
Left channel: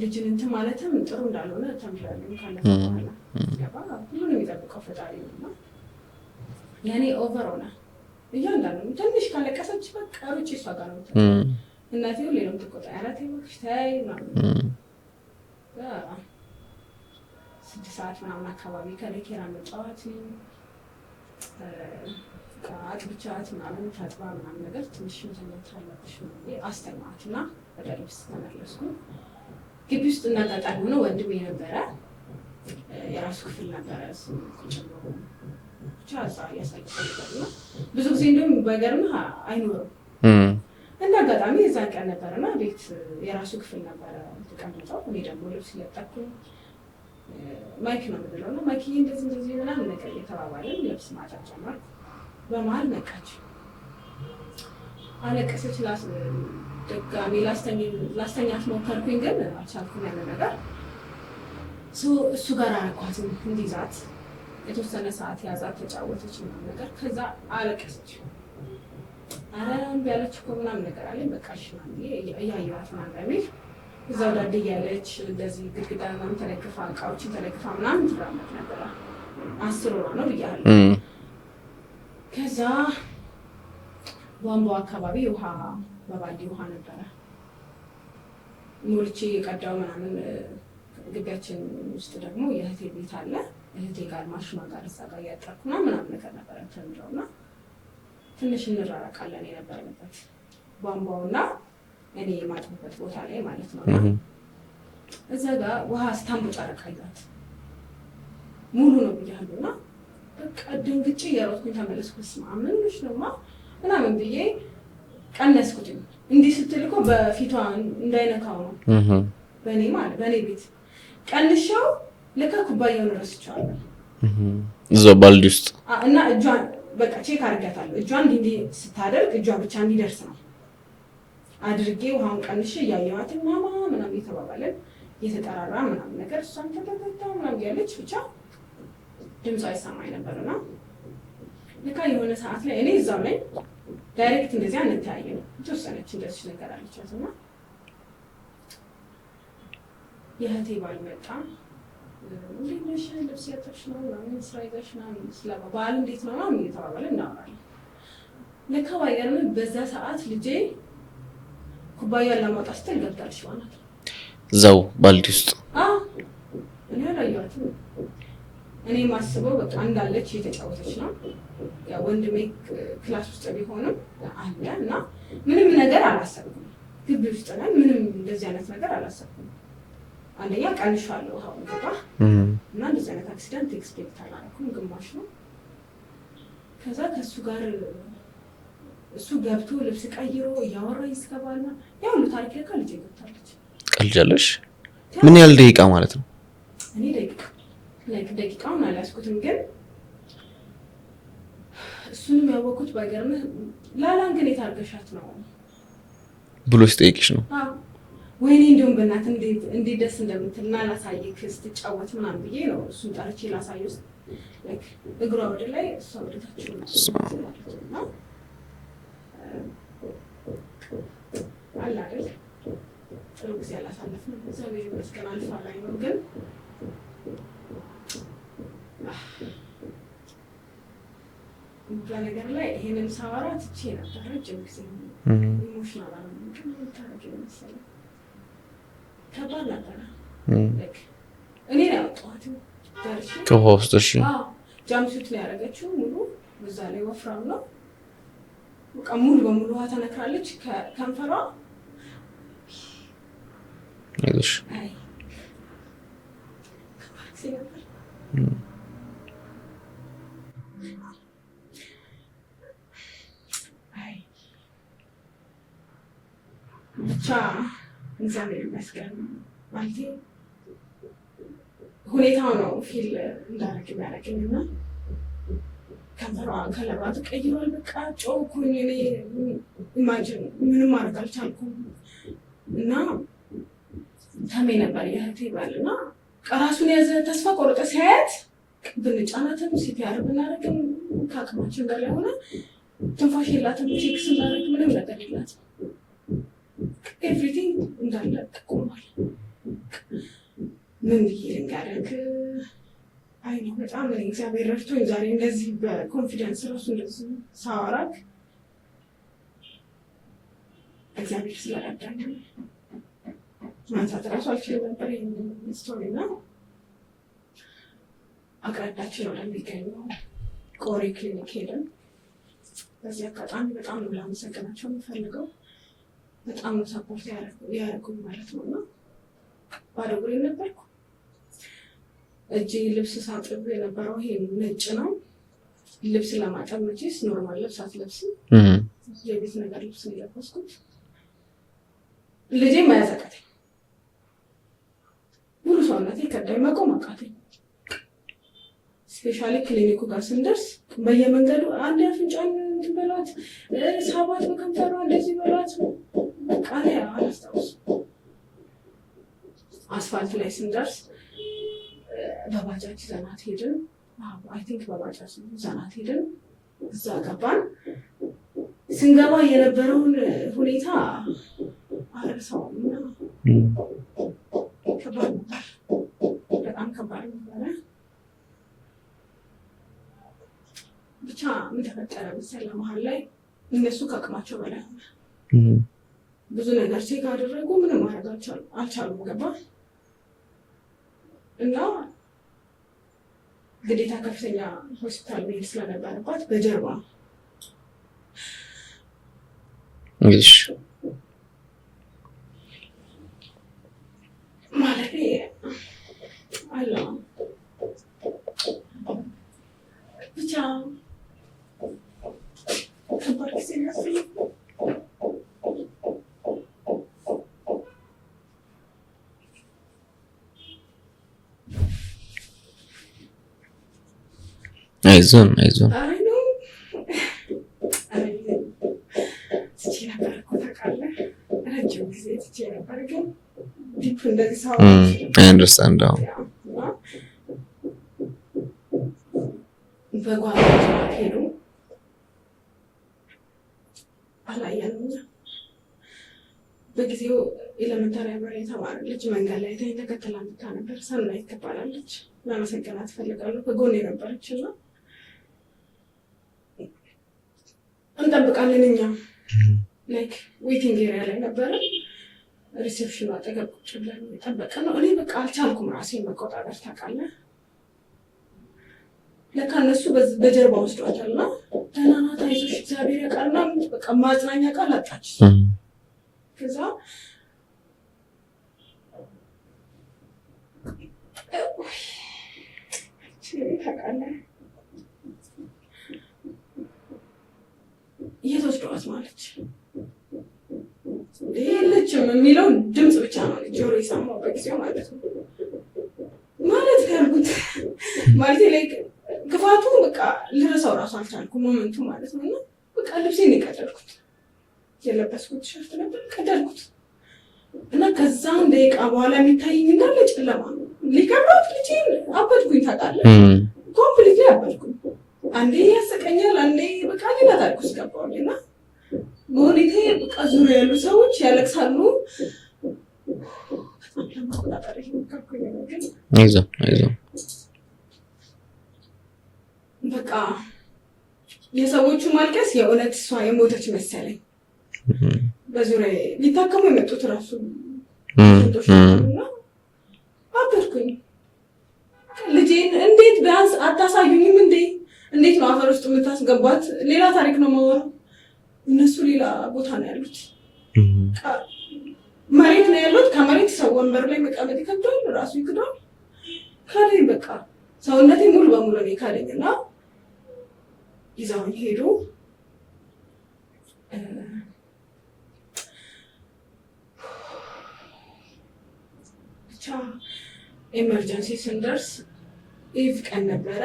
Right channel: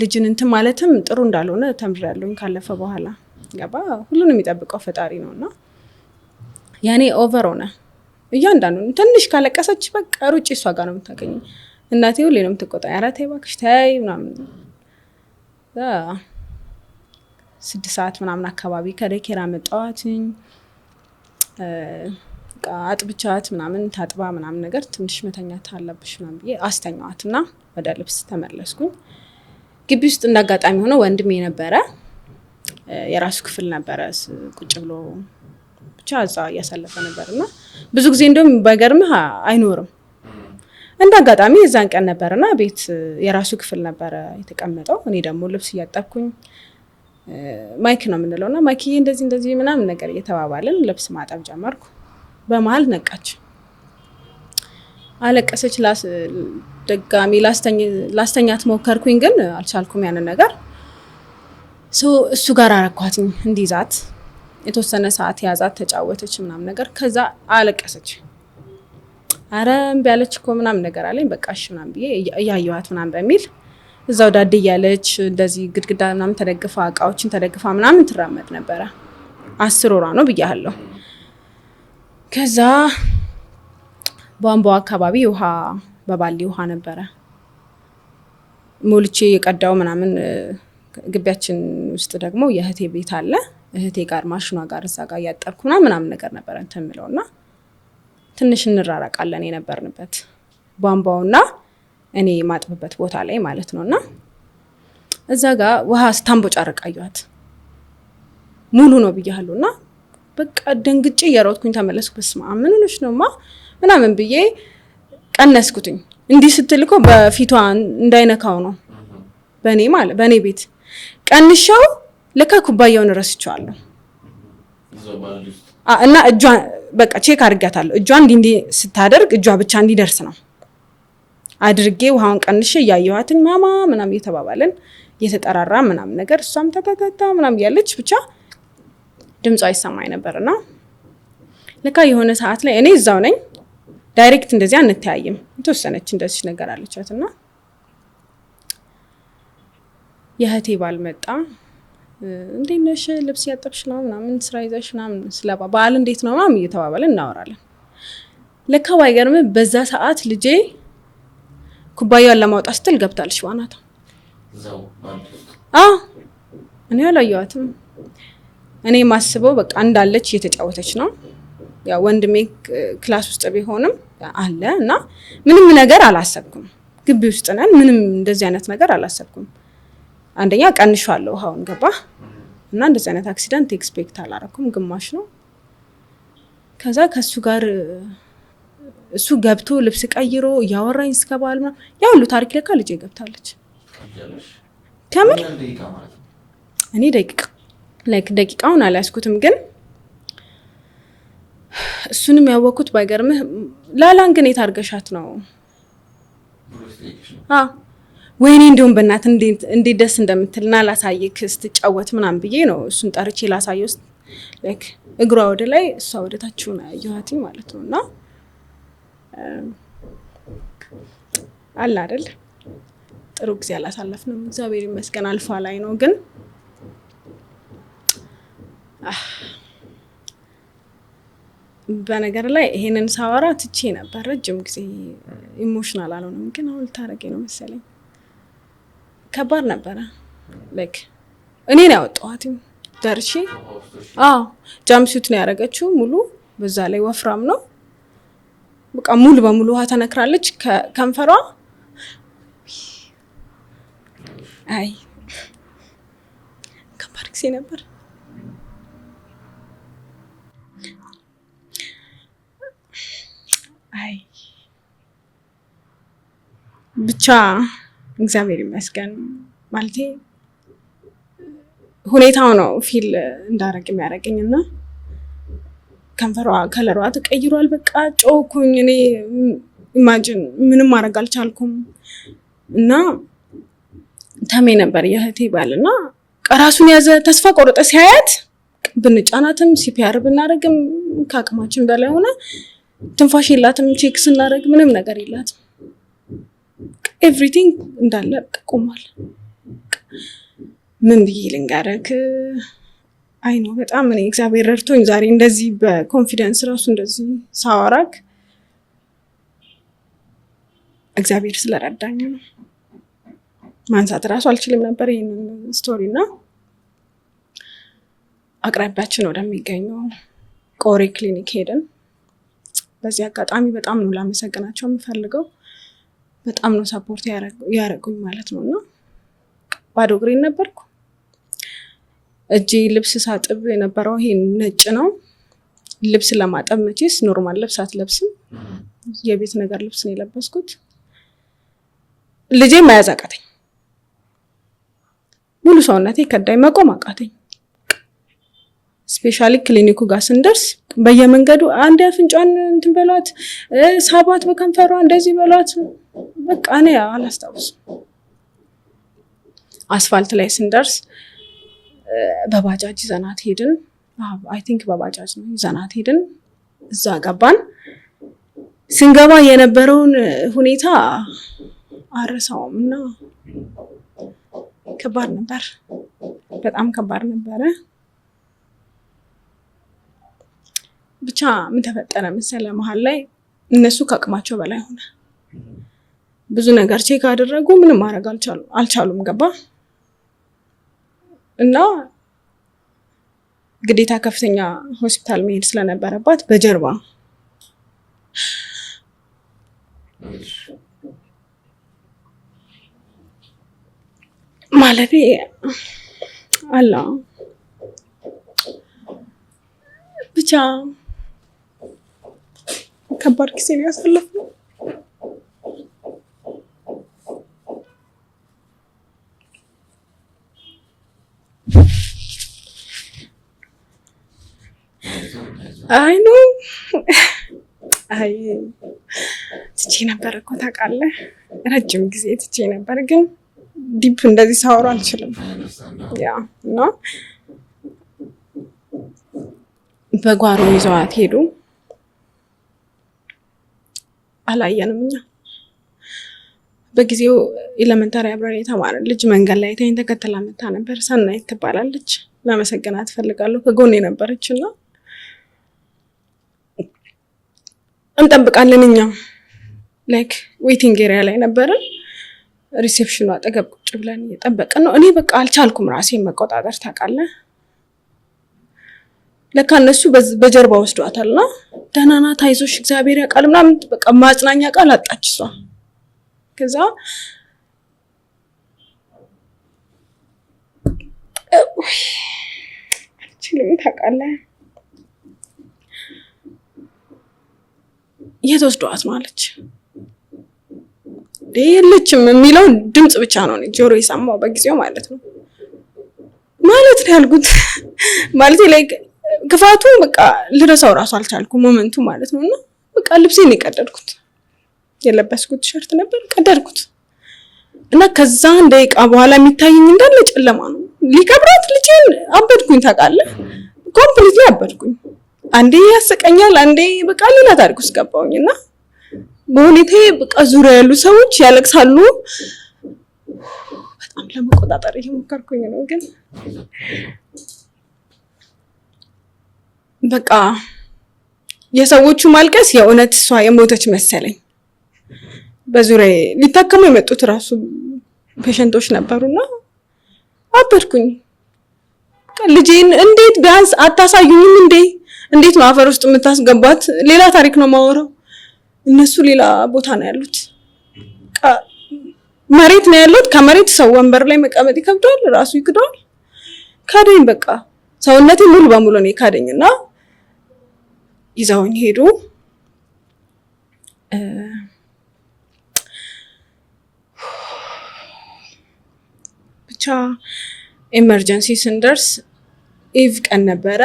ልጅን እንትን ማለትም ጥሩ እንዳልሆነ ተምሬያለሁኝ ካለፈ በኋላ ገባ። ሁሉንም የሚጠብቀው ፈጣሪ ነውና ያኔ ኦቨር ሆነ። እያንዳንዱ ትንሽ ካለቀሰች በቃ ሩጭ እሷ ጋር ነው የምታገኘው። እናቴ ሁሌ ነው የምትቆጣ። ኧረ ተይ እባክሽ ተይ ምናምን 6 ሰዓት ምናምን አካባቢ ከዴይኬር አመጣኋትኝ። አጥብቻት ምናምን ታጥባ ምናምን ነገር ትንሽ መተኛት አለብሽ ምናምን ብዬ አስተኛዋትና ወደ ልብስ ተመለስኩኝ። ግቢ ውስጥ እንዳጋጣሚ ሆነ ወንድሜ ነበረ የራሱ ክፍል ነበረ ቁጭ ብሎ ብቻ እዛ እያሳለፈ ነበርና ብዙ ጊዜ እንደውም ባይገርምህ አይኖርም። እንዳጋጣሚ የዛን ቀን ነበርና ቤት የራሱ ክፍል ነበረ የተቀመጠው። እኔ ደግሞ ልብስ እያጠብኩኝ ማይክ ነው የምንለውና ማይክዬ እንደዚህ ምናምን ነገር እየተባባልን ልብስ ማጠብ ጀመርኩ። በመሀል ነቃች፣ አለቀሰች። ደጋሚ ላስተኛት ሞከርኩኝ ግን አልቻልኩም ያንን ነገር። እሱ ጋር አረኳትኝ እንዲዛት የተወሰነ ሰዓት ያዛት፣ ተጫወተች ምናምን ነገር። ከዛ አለቀሰች። አረ እምቢ አለች እኮ ምናምን ነገር አለኝ። በቃ እሺ ምናምን ብዬ እያየኋት ምናምን በሚል እዛው ዳድ እያለች እንደዚህ ግድግዳ ምናምን ተደግፋ እቃዎችን ተደግፋ ምናምን ትራመድ ነበረ። 10 ወሯ ነው ብያለሁ። ከዛ ቧንቧ አካባቢ ውሃ በባሊ ውሃ ነበረ ሞልቼ የቀዳው ምናምን። ግቢያችን ውስጥ ደግሞ የእህቴ ቤት አለ። እህቴ ጋር ማሽኗ ጋር እዛ ጋር እያጠብኩ ምናምን ነገር ነበረ እንትን የምለውና ትንሽ እንራራቃለን የነበርንበት ቧንቧውና እኔ ማጥብበት ቦታ ላይ ማለት ነውና እዛ ጋር ውሃ ስታንቦጫረቅ አየኋት። ሙሉ ነው ብያለሁና በቃ ደንግጬ እየሮጥኩኝ ተመለስኩ። በስመ አብ ምን ሆነሽ ነውማ ምናምን ብዬ ቀነስኩትኝ። እንዲህ ስትልኮ በፊቷ እንዳይነካው ነው በእኔ ቤት ቀንሻው። ለካ ኩባያውን ረስቼዋለሁ እዛው ባልዲ ውስጥ እና እጇን በቃ ቼክ አድርጋታለሁ። እጇን እንዲህ ስታደርግ እጇ ብቻ እንዲደርስ ነው አድርጌ ውሃውን ቀንሼ እያየኋትኝ ማማ ምናምን እየተባባልን እየተጠራራ ምናምን ነገር እሷም ተተተታ ምናምን ያለች ብቻ ድምጿ ይሰማኝ ነበርና ለካ የሆነ ሰዓት ላይ እኔ እዛው ነኝ። ዳይሬክት እንደዚህ አንተያይም። የተወሰነች እንደዚህ ነገር አለቻትና የእህቴ ባል መጣ። እንዴት ነሽ ልብስ ያጠብሽ ነው ምናምን ስራ ይዘሽ ምናምን ስለ በዓል እንዴት ነው ምናምን እየተባባልን እናወራለን። ለካ ባይገርም በዛ ሰዓት ልጄ ኩባያውን ለማውጣት ስትል ገብታለች ዋናታ እዛው ባልዲ ውስጥ። እኔ አላየኋትም። እኔ ማስበው በቃ እንዳለች እየተጫወተች ነው። ያው ወንድሜ ክላስ ውስጥ ቢሆንም አለ እና ምንም ነገር አላሰብኩም። ግቢ ውስጥ ነን። ምንም እንደዚህ አይነት ነገር አላሰብኩም። አንደኛ ቀንሻለሁ ውሃውን ገባ እና እንደዚህ አይነት አክሲደንት ኤክስፔክት አላረኩም። ግማሽ ነው። ከዛ ከሱ ጋር እሱ ገብቶ ልብስ ቀይሮ እያወራኝ እስከባል ነው ያ ሁሉ ታሪክ ለካ ልጄ ገብታለች። ቀልጃለሽ? ምን ያህል ደቂቃ ማለት ነው? እኔ ደቂቃውን አልያዝኩትም ግን እሱንም ያወኩት ባይገርምህ ላላን ግን የታርገሻት ነው ብሎ ሲጠይቅሽ ነው? ወይኔ እንደውም በእናት እንዴት ደስ እንደምትልና ላሳይክ ስትጫወት ምናምን ብዬ ነው እሱን ጠርቼ ላሳየው። ላይክ እግሯ ወደ ላይ እሷ ወደ ታች ሆና ያያት ማለት ነውና አለ አይደል ጥሩ ጊዜ አላሳለፍንም እግዚአብሔር ይመስገን አልፋ ላይ ነው ግን በነገር ላይ ይሄንን ሳወራ ትቼ ነበር ረጅም ጊዜ ኢሞሽናል አልሆነም ግን አሁን ታረቀኝ ነው መሰለኝ ከባድ ነበር ላይክ እኔ ነው ያወጣኋት ደርሼ ከሆስተሽ ጃምሱት ነው ያደረገችው ሙሉ በዛ ላይ ወፍራም ነው በቃ ሙሉ በሙሉ ውሃ ተነክራለች ከንፈሯ አይ ከባድ ጊዜ ነበር አይ ብቻ እግዚአብሔር ይመስገን ማለቴ ሁኔታው ነው ፊል እንዳረግ የሚያረገኝና ከንፈሯ ከለሯ ተቀይሯል በቃ ጮኩኝ እኔ ኢማጂን ምንም ማድረግ አልቻልኩም እና ተሜ ነበር የህቴ ባልና ቀራሱን ያዘ ተስፋ ቆረጠ ሲያያት ብንጫናትም ሲፒአር ብናረግም ካቅማችን በላይ ሆነ ትንፋሽ የላትም ቼክ ስናረግ ምንም ነገር የላትም ኤቭሪቲንግ እንዳለ ቆሟል ምን ብዬ ልንገርህ አይ ነው በጣም እኔ እግዚአብሔር ረድቶኝ ዛሬ እንደዚህ በኮንፊደንስ ራሱ እንደዚህ ሳወራክ እግዚአብሔር ስለረዳኝ ነው ማንሳት ራሱ አልችልም ነበር ይሄንን ስቶሪና አቅራቢያችን ወደሚገኘው ቆሬ ክሊኒክ ሄደን በዚህ አጋጣሚ በጣም ነው ላመሰግናቸው የምፈልገው በጣም ነው ሰፖርት ያረጉኝ ማለት ነውና ባዶ እግሬን ነበርኩ እጄ ልብስ ሳጥብ የነበረው ይሄ ነጭ ነው ልብስ ለማጠብ መቼስ ኖርማል ልብስ አትለብስም የቤት ነገር ልብስ ነው የለበስኩት ልጄ መያዝ አቃተኝ ሙሉ ሰውነቴ ከዳይ መቆም አቃተኝ ስፔሻሊ ክሊኒኩ ጋር ስንደርስ በየመንገዱ አንድ አፍንጫን እንትን በሏት ሳባት በከንፈሯ እንደዚህ በሏት በቃ እኔ አላስታውስም አስፋልት ላይ ስንደርስ በባጃጅ ዘናት ሄድን አይ ቲንክ በባጃጅ ነው ዘናት ሄድን እዛ ገባን ስንገባ የነበረውን ሁኔታ አረሳውም እና ከባድ ነበር በጣም ከባድ ነበር ብቻ ምን ተፈጠረ መሰለ መሃል ላይ እነሱ ከአቅማቸው በላይ ሆነ ብዙ ነገር ቼክ አደረጉ ምንም ማድረግ አልቻሉም ገባ እና ግዴታ ከፍተኛ ሆስፒታል መሄድ ስለነበረባት በጀርባ እሺ ማለቴ አላ ብቻ ከባድ ጊዜ ያሳለፍነው አይዞን አይ ነው አይ ትቼ ነበር እኮ ታውቃለህ ረጅም ጊዜ ትቼ ነበር ግን ዲፕ እንደዚህ ሳወራ አልችልም I understand now ያ ነው በጓሮ ይዘዋት ሄዱ አላየንም እኛ በጊዜው ኤሌመንታሪ አብረን የተማረን ልጅ መንገድ ላይ ተከተላ መጣ ነበር ሰናይት ትባላለች ለመሰገናት ፈልጋለሁ ከጎኔ ነበረችና እንጠብቃለን እኛ ላይክ ዌቲንግ ኤሪያ ላይ ነበር ሪሴፕሽኑ አጠገብ ቁጭ ብለን እየጠበቅን ነው እኔ በቃ አልቻልኩም ራሴን መቆጣጠር ታውቃለህ ለካ እነሱ በጀርባ ወስዷታልና ደህና ናት አይዞሽ እግዚአብሔር ያውቃል ምናምን በቃ ማጽናኛ ቃል አጣች እሷ ከዛ አልችልም ታውቃለህ የተወስዷት ማለች የለችም የሚለው ድምጽ ብቻ ነው ጆሮ የሰማው በጊዜው ማለት ነው ማለት ነው ያልኩት ማለት ላይ ክፋቱ በቃ ልረሳው ራሱ አልቻልኩም ሞመንቱ ማለት ነውና በቃ ልብሴን የቀደድኩት የለበስኩት ቲሸርት ነበር ቀደድኩት እና ከዛ ደቂቃ በኋላ የሚታየኝ እንዳለ ጨለማ ነው ሊከብራት ልጄን አበድኩኝ ታውቃለህ ኮምፕሊትሊ አበድኩኝ አንዴ ያስቀኛል አንዴ በቃ ሌላ ታሪክ ውስጥ ገባሁኝና በሁኔታዬ በቃ ዙሪያ ያሉ ሰዎች ያለቅሳሉ በጣም ለመቆጣጠር እየሞከርኩኝ ነው ግን አይዞህ በቃ የሰዎቹ ማልቀስ የእውነት እሷ የሞተች መሰለኝ። በዙሪያ ሊታከሙ የመጡት ራሱ ፔሸንቶች ነበሩና አበድኩኝ። ልጄን እንዴት ቢያንስ አታሳዩኝም እንዴ? እንዴት ነው አፈር ውስጥ የምታስገባት? ሌላ ታሪክ ነው ማወራው። እነሱ ሌላ ቦታ ነው ያሉት። መሬት ነው ያሉት። ከመሬት ሰው ወንበር ላይ መቀመጥ ይከብዳል፣ ራሱ ይክዳል። ካደኝ በቃ ሰውነቴ ሙሉ በሙሉ ነው ካደኝና ይዘውኝ ሄዱ። ብቻ ኤመርጀንሲ ስንደርስ ኢቭ ቀን ነበረ።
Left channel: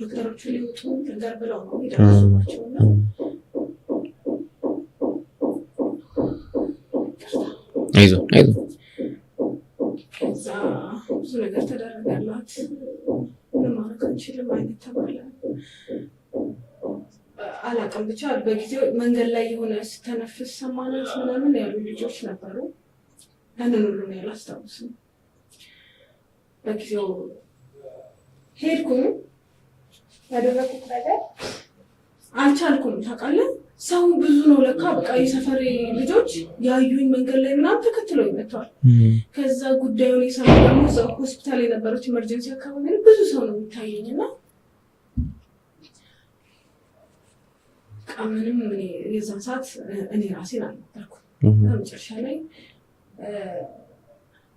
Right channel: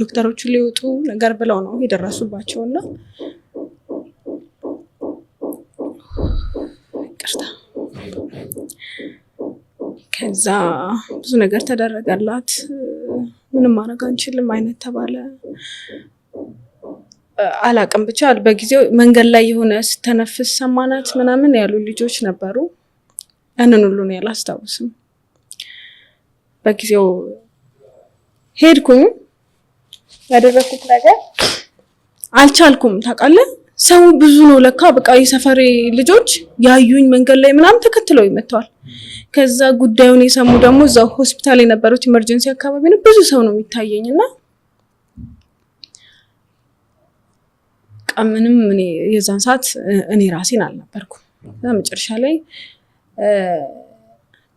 ዶክተሮቹ ሊወጡ ነገር ብለው ነው የደረሱባቸውና አይዞህ ከዛ ብዙ ነገር ተደረገላት። ምንም ማድረግ አንችልም አይነት ተባለ። አላቅም ብቻ በጊዜው መንገድ ላይ የሆነ ስተነፍስ ሰማናት ምናምን ያሉ ልጆች ነበሩ። ያንን ሁሉ ነው ያላስታውስም። በጊዜው ሄድኩኝ። ያደረኩት ነገር አልቻልኩም። ታውቃለህ ሰው ብዙ ነው ለካ። በቃ የሰፈሬ ልጆች ያዩኝ መንገድ ላይ ምናምን ተከትለው ይመጣዋል። ከዛ ጉዳዩን የሰሙ ደግሞ እዛው ሆስፒታል የነበሩት ኢመርጀንሲ አካባቢ ነው ብዙ ሰው ነው የሚታየኝና ምንም እኔ የዛን ሰዓት እኔ ራሴን አልነበርኩም። መጨረሻ ላይ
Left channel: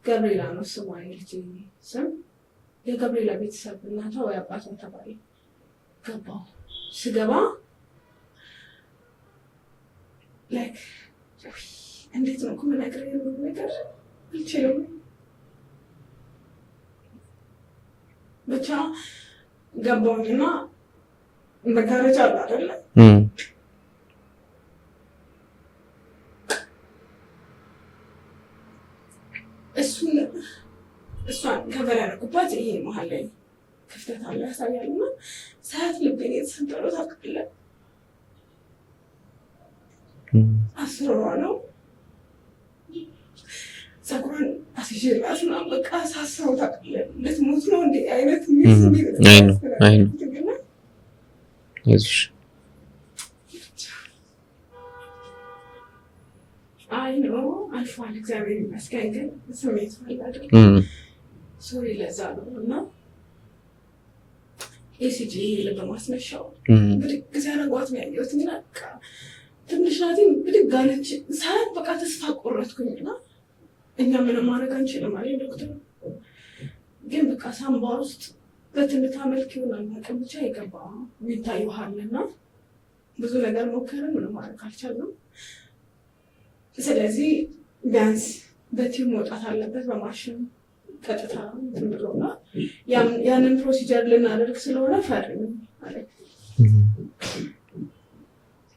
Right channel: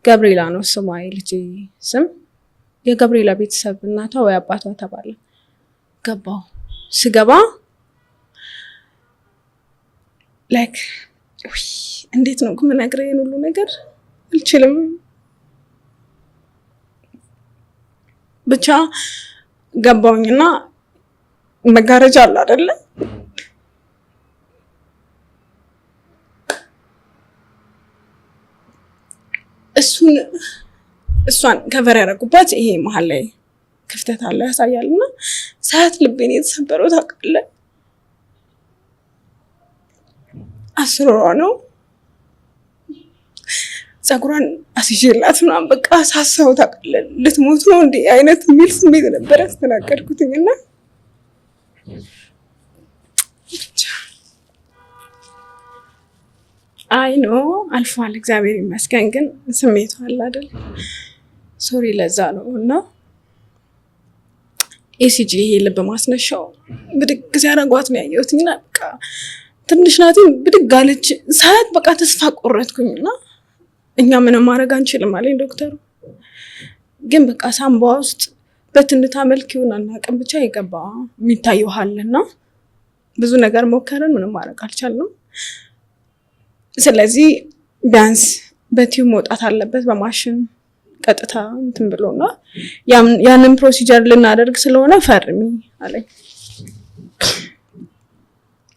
ገብርኤላ ነው ስሟ የልጄ ስም። የገብርኤላ ቤተሰብ እናቷ ወይ አባቷ ተባለ። ገባው ስገባ ላይክ እንዴት ነው የምነግርህ ይሄን ሁሉ ነገር አልችልም። ብቻ ገባውኝና መጋረጃ አለ አይደለ? እሷን ከቨር ያደረጉባት ይሄ መሀል ላይ ክፍተት አለ ያሳያልና ሰዓት ልቤን የተሰበረው ታውቃለህ። 10 ወሯ ነው። ፀጉሯን አስይዤላት ምናምን በቃ ሳሳው ታውቃለህ ልትሞት ነው እንዴ አይነት የሚል ስሜት ነበር ያስተናገድኩትና አይዞሽ አይ ነው አልፏል፣ እግዚአብሔር ይመስገን። ግን ስሜቱ አለ አይደል? ሶሪ ለዛ ነው። እና ኤሲጂ ይሄ ልብ ማስነሻው ብድግ ሲያደርጓት ነው ያየሁትና በቃ ትንሽ ናት ብድግ አለች። ሰዓት በቃ ተስፋ ቆረጥኩኝና እኛ ምንም ማድረግ አንችልም አለኝ ዶክተሩ። ግን በቃ ሳምባ ውስጥ በትንታ መልክ ይሆናል አናውቅም፣ ብቻ የገባ የሚታየው አለና ብዙ ነገር ሞከረን፣ ምንም ማድረግ አልቻልንም። ስለዚህ ቢያንስ በቲዩብ መውጣት አለበት በማሽን ቀጥታ እንትን ብሎና ያንን ፕሮሲጀር ልናደርግ ስለሆነ ፈርሚ አለኝ።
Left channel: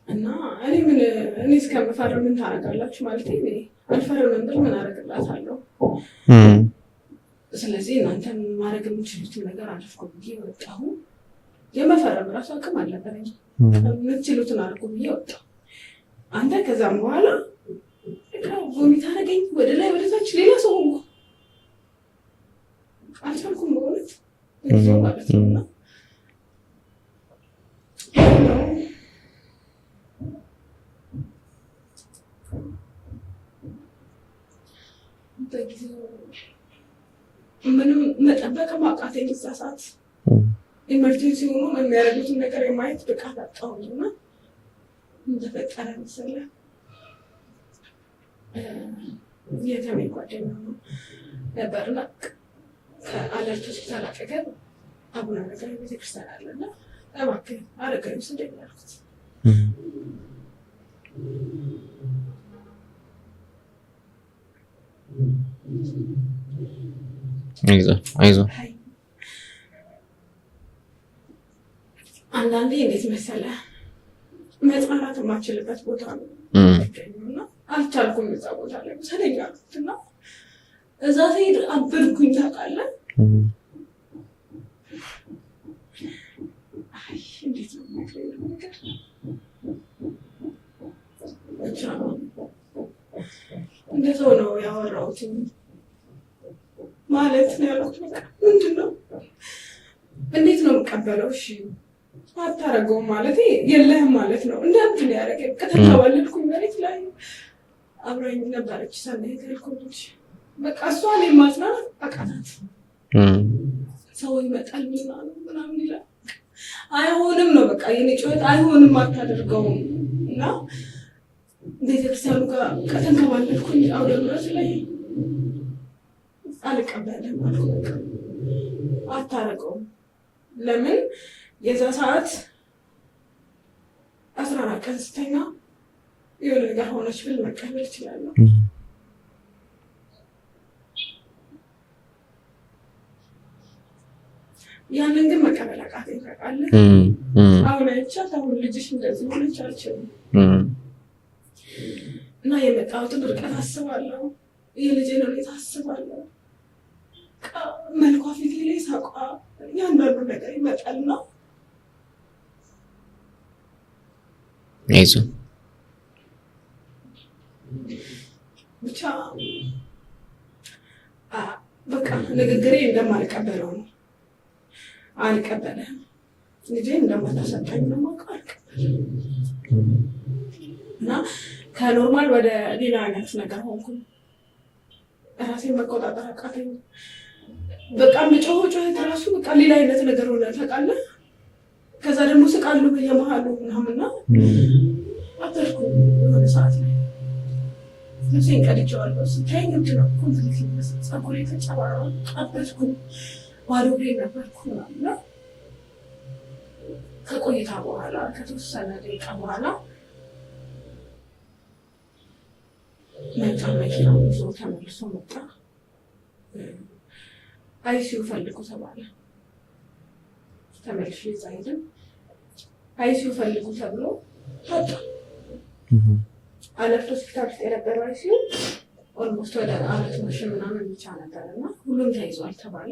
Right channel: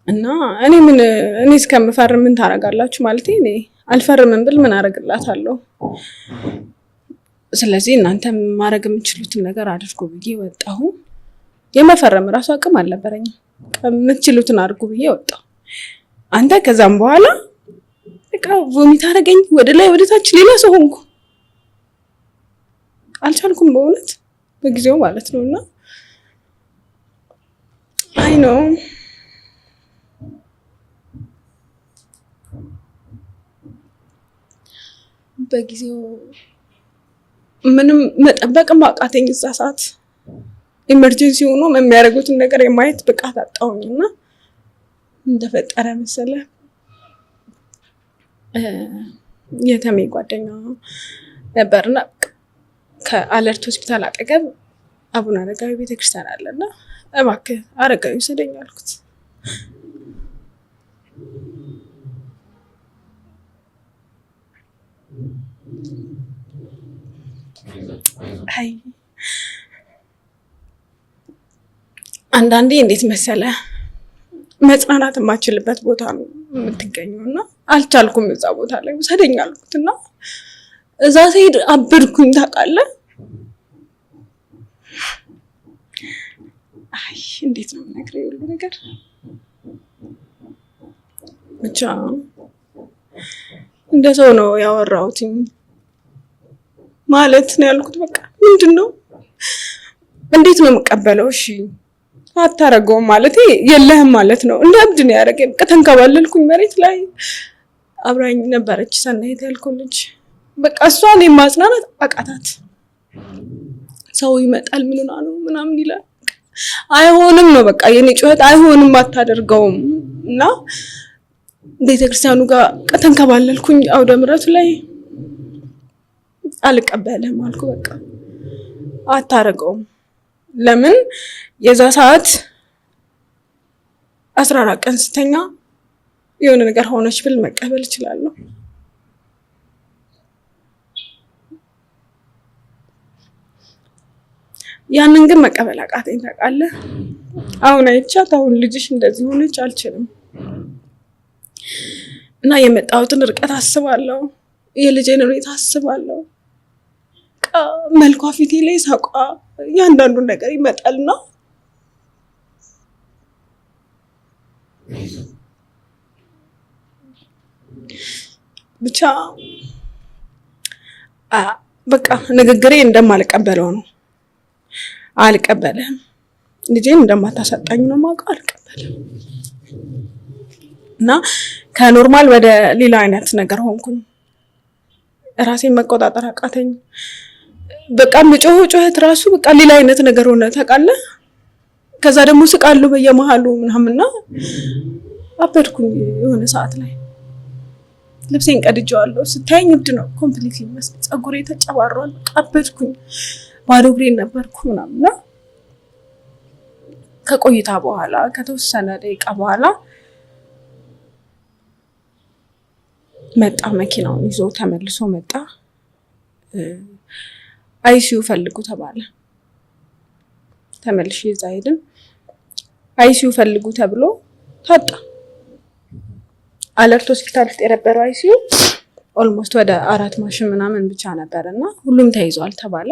እና እኔ እስከምፈርም ምን ታደርጋላችሁ ማለት እኔ አልፈርምም ብል ምን አደርግላታለሁ? ስለዚህ እናንተ ማድረግ የምትችሉትን ነገር አድርጉ ብዬ ወጣሁ። የመፈረም ራሱ አቅም አልነበረኝም። የምትችሉትን አድርጉ ብዬ ወጣሁ። አንተ ከዛም በኋላ በቃ ቮሚት አደረገኝ፣ ወደ ላይ ወደ ታች ሌላ ሰው ሆንኩ። አልቻልኩም በእውነት በጊዜው ማለት ነውና አይ ነው በጊዜው ምንም መጠበቅም አቃተኝ። እዛ ሰዓት ኢመርጀንሲ ሆኖ የሚያደርጉትን ነገር የማየት ብቃት አጣሁኝና እንደፈጠረ መሰለ የተሜ ጓደኛ ነበርና ከአለርት ሆስፒታል አጠገብ አቡነ አረጋዊ ቤተክርስቲያን አለና እባክህ አረጋዊ ውሰደኝ አልኩት። አይዞህ አንዳንዴ እንዴት መሰለ መጽናናት የማችልበት ቦታ ነው የምትገኘውና አልቻልኩም። እዛ ቦታ ላይ ውሰደኝ አልኩትና እዛ ስሄድ አበድኩኝ ታውቃለህ። አይ እንዴት ነው የምነግርህ ሁሉ ነገር ብቻ እንደ ሰው ነው ያወራሁት ማለት ነው ያልኩት። በቃ ምንድነው እንዴት ነው የምቀበለው? እሺ አታረገውም ማለት የለህም ማለት ነው። እንደ እብድ ነው ያደረገኝ። በቃ ተንከባለልኩኝ መሬት ላይ። አብራኝ ነበረች ሰናይት ያልኩልሽ። በቃ እሷን የማጽናናት አቃታት። ሰው ይመጣል ምንና ነው ምናምን ይላል። አይሆንም ነው በቃ የኔ ጩኸት፣ አይሆንም አታደርገውም። እና ቤተክርስቲያኑ ጋር ተንከባለልኩኝ አውደ ምሕረቱ ላይ። አልቀበልም አልኩ። በቃ አታረገውም። ለምን የዛ ሰዓት 14 ቀን ስተኛ የሆነ ነገር ሆነች ብል መቀበል እችላለሁ። ያንን ግን መቀበል አቃተኝ ታውቃለህ። አሁን አይቻት አሁን ልጅሽ እንደዚህ ሆነች አልችልም። እና የመጣሁትን ርቀት አስባለሁ፣ የልጄን ሁኔታ አስባለሁ። መልኳ ፊቴ ላይ ሳቋ እያንዳንዱ ነገር ይመጣልና ብቻ በቃ ንግግሬ እንደማልቀበለው ነው። አልቀበልም። ልጄን እንደማታሳጣኝ ነው የማውቀው። አልቀበልም። እና ከኖርማል ወደ ሌላ አይነት ነገር ሆንኩኝ። ራሴን መቆጣጠር አቃተኝ። በቃ ጩኸት ራሱ በቃ ሌላ አይነት ነገር ሆነ ታውቃለህ። ከዛ ደግሞ ስቃለሁ በየመሃሉ ምናምንና አበድኩኝ። የሆነ ሰዓት ላይ ልብሴን ቀድጄዋለሁ። ስታየኝ እብድ ነው ኮምፕሊትሊ መስል ፀጉሬ ተጨባሯል። አበድኩኝ። ባዶ እግሬን ነበርኩ ምናምንና ከቆይታ በኋላ ከተወሰነ ደቂቃ በኋላ መጣ። መኪናውን ይዞ ተመልሶ መጣ። አይሲዩ ፈልጉ ተባለ። ተመልሼ እዛ ሄድን። አይሲዩ ፈልጉ ተብሎ ታጣ። አለርት ሆስፒታል ውስጥ የነበረው አይሲዩ ኦልሞስት ወደ 4 ማሽን ምናምን ብቻ ነበርና ሁሉም ተይዟል ተባለ።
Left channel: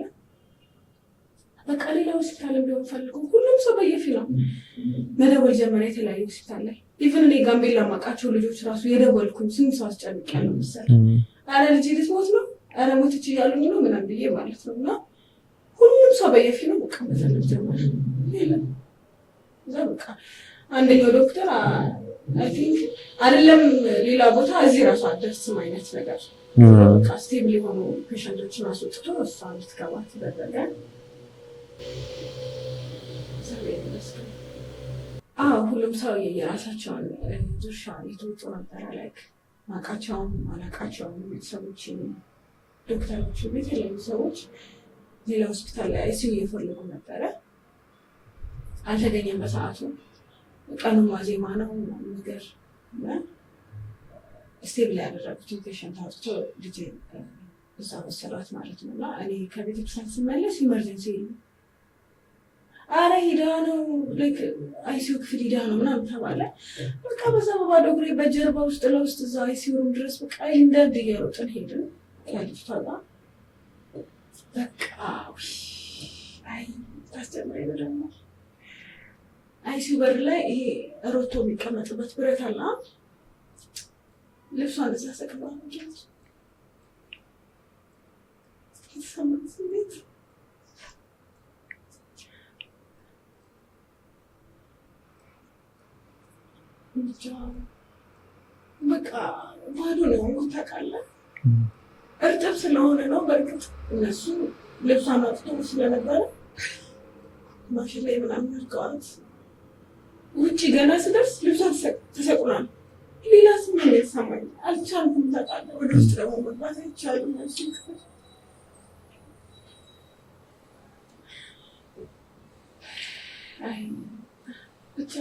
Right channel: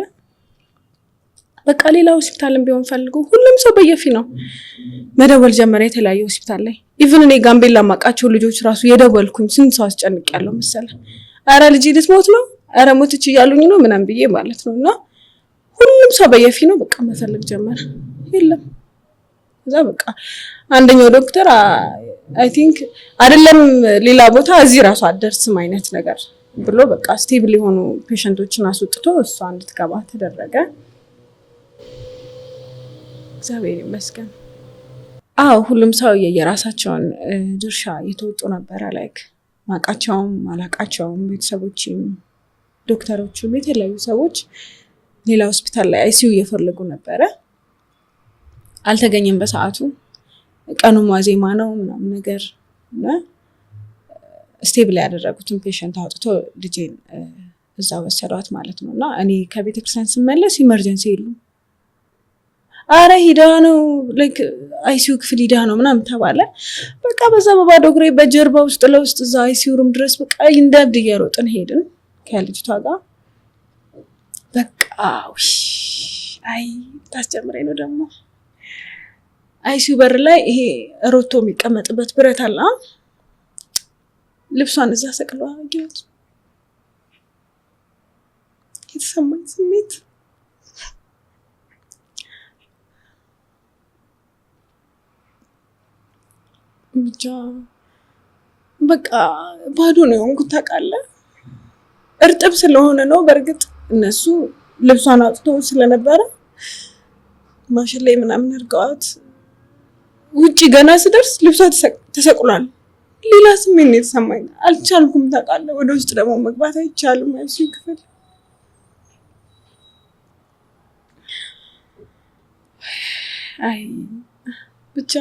በቃ ሌላ ሆስፒታልም ቢሆን ፈልጉ። ሁሉም ሰው በየፊ ነው መደወል ጀመረ። የተለያየ ሆስፒታል ላይ ኢቭን እኔ ጋምቤላ ማቃቸው ልጆች ራሱ የደወልኩኝ ስንት ሰው አስጨንቄያለሁ መሰለህ። አረ ልጅ ልትሞት ነው፣ አረ ሞትች እያሉኝ ነው ምናምን ብዬ ማለት ነው። እና ሁሉም ሰው በየፊ ነው በቃ መፈልግ ጀመረ። የለም እዛ በቃ አንደኛው ዶክተር አይ ቲንክ አይደለም ሌላ ቦታ እዚህ ራሱ አደርስም አይነት ነገር ብሎ በቃ ስቴብል የሆኑ ፔሸንቶችን አስወጥቶ እሷ እንድትገባ ተደረገ። እግዚአብሔር ይመስገን። ሁሉም ሰው የየራሳቸውን ድርሻ የተወጡ ነበረ። ላይክ ማቃቸውም አላቃቸውም ቤተሰቦችም ዶክተሮችም የተለያዩ ሰዎች ሌላ ሆስፒታል ላይ አይሲዩ እየፈለጉ ነበረ። አልተገኘም በሰዓቱ። ቀኑ ዋዜማ ነው ምናምን ነገር እና ስቴብል ያደረጉትን ፔሸንት አውጥቶ ልጄን እዛ ወሰዷት ማለት ነው። እና እኔ ከቤተክርስቲያን ስመለስ ኢመርጀንሲ የሉ አረ ሂዳ ነው ላይክ አይሲዩ ክፍል ሂዳ ነው ምናምን ተባለ። በቃ በዛ በባዶ እግሬ በጀርባ ውስጥ ለውስጥ እዛ አይሲዩ ሩም ድረስ በቃ እንደ እብድ እየሮጥን ሄድን ከልጅቷ ጋር። በቃ አይ ታስጀምረኝ ነው ደግሞ አይሲዩ በር ላይ ይሄ ሮቶ የሚቀመጥበት ብረት አለ። ልብሷን እዛ ሰቅለዋ አገኘሁት። የተሰማኝ ስሜት ብቻ በቃ ባዶ ነው የሆንኩት ታውቃለህ። እርጥብ ስለሆነ ነው። በእርግጥ እነሱ ልብሷን አውጥቶ ስለነበረ ማሽን ላይ ምናምን አድርገዋት ውጪ ገና ስደርስ ልብሷ ተሰቅሏል። ሌላ ስሜት ነው የተሰማኝ። አልቻልኩም ታውቃለህ። ወደ ውስጥ ደግሞ መግባት አይቻልም አይሲዩ ክፍል። አይ ብቻ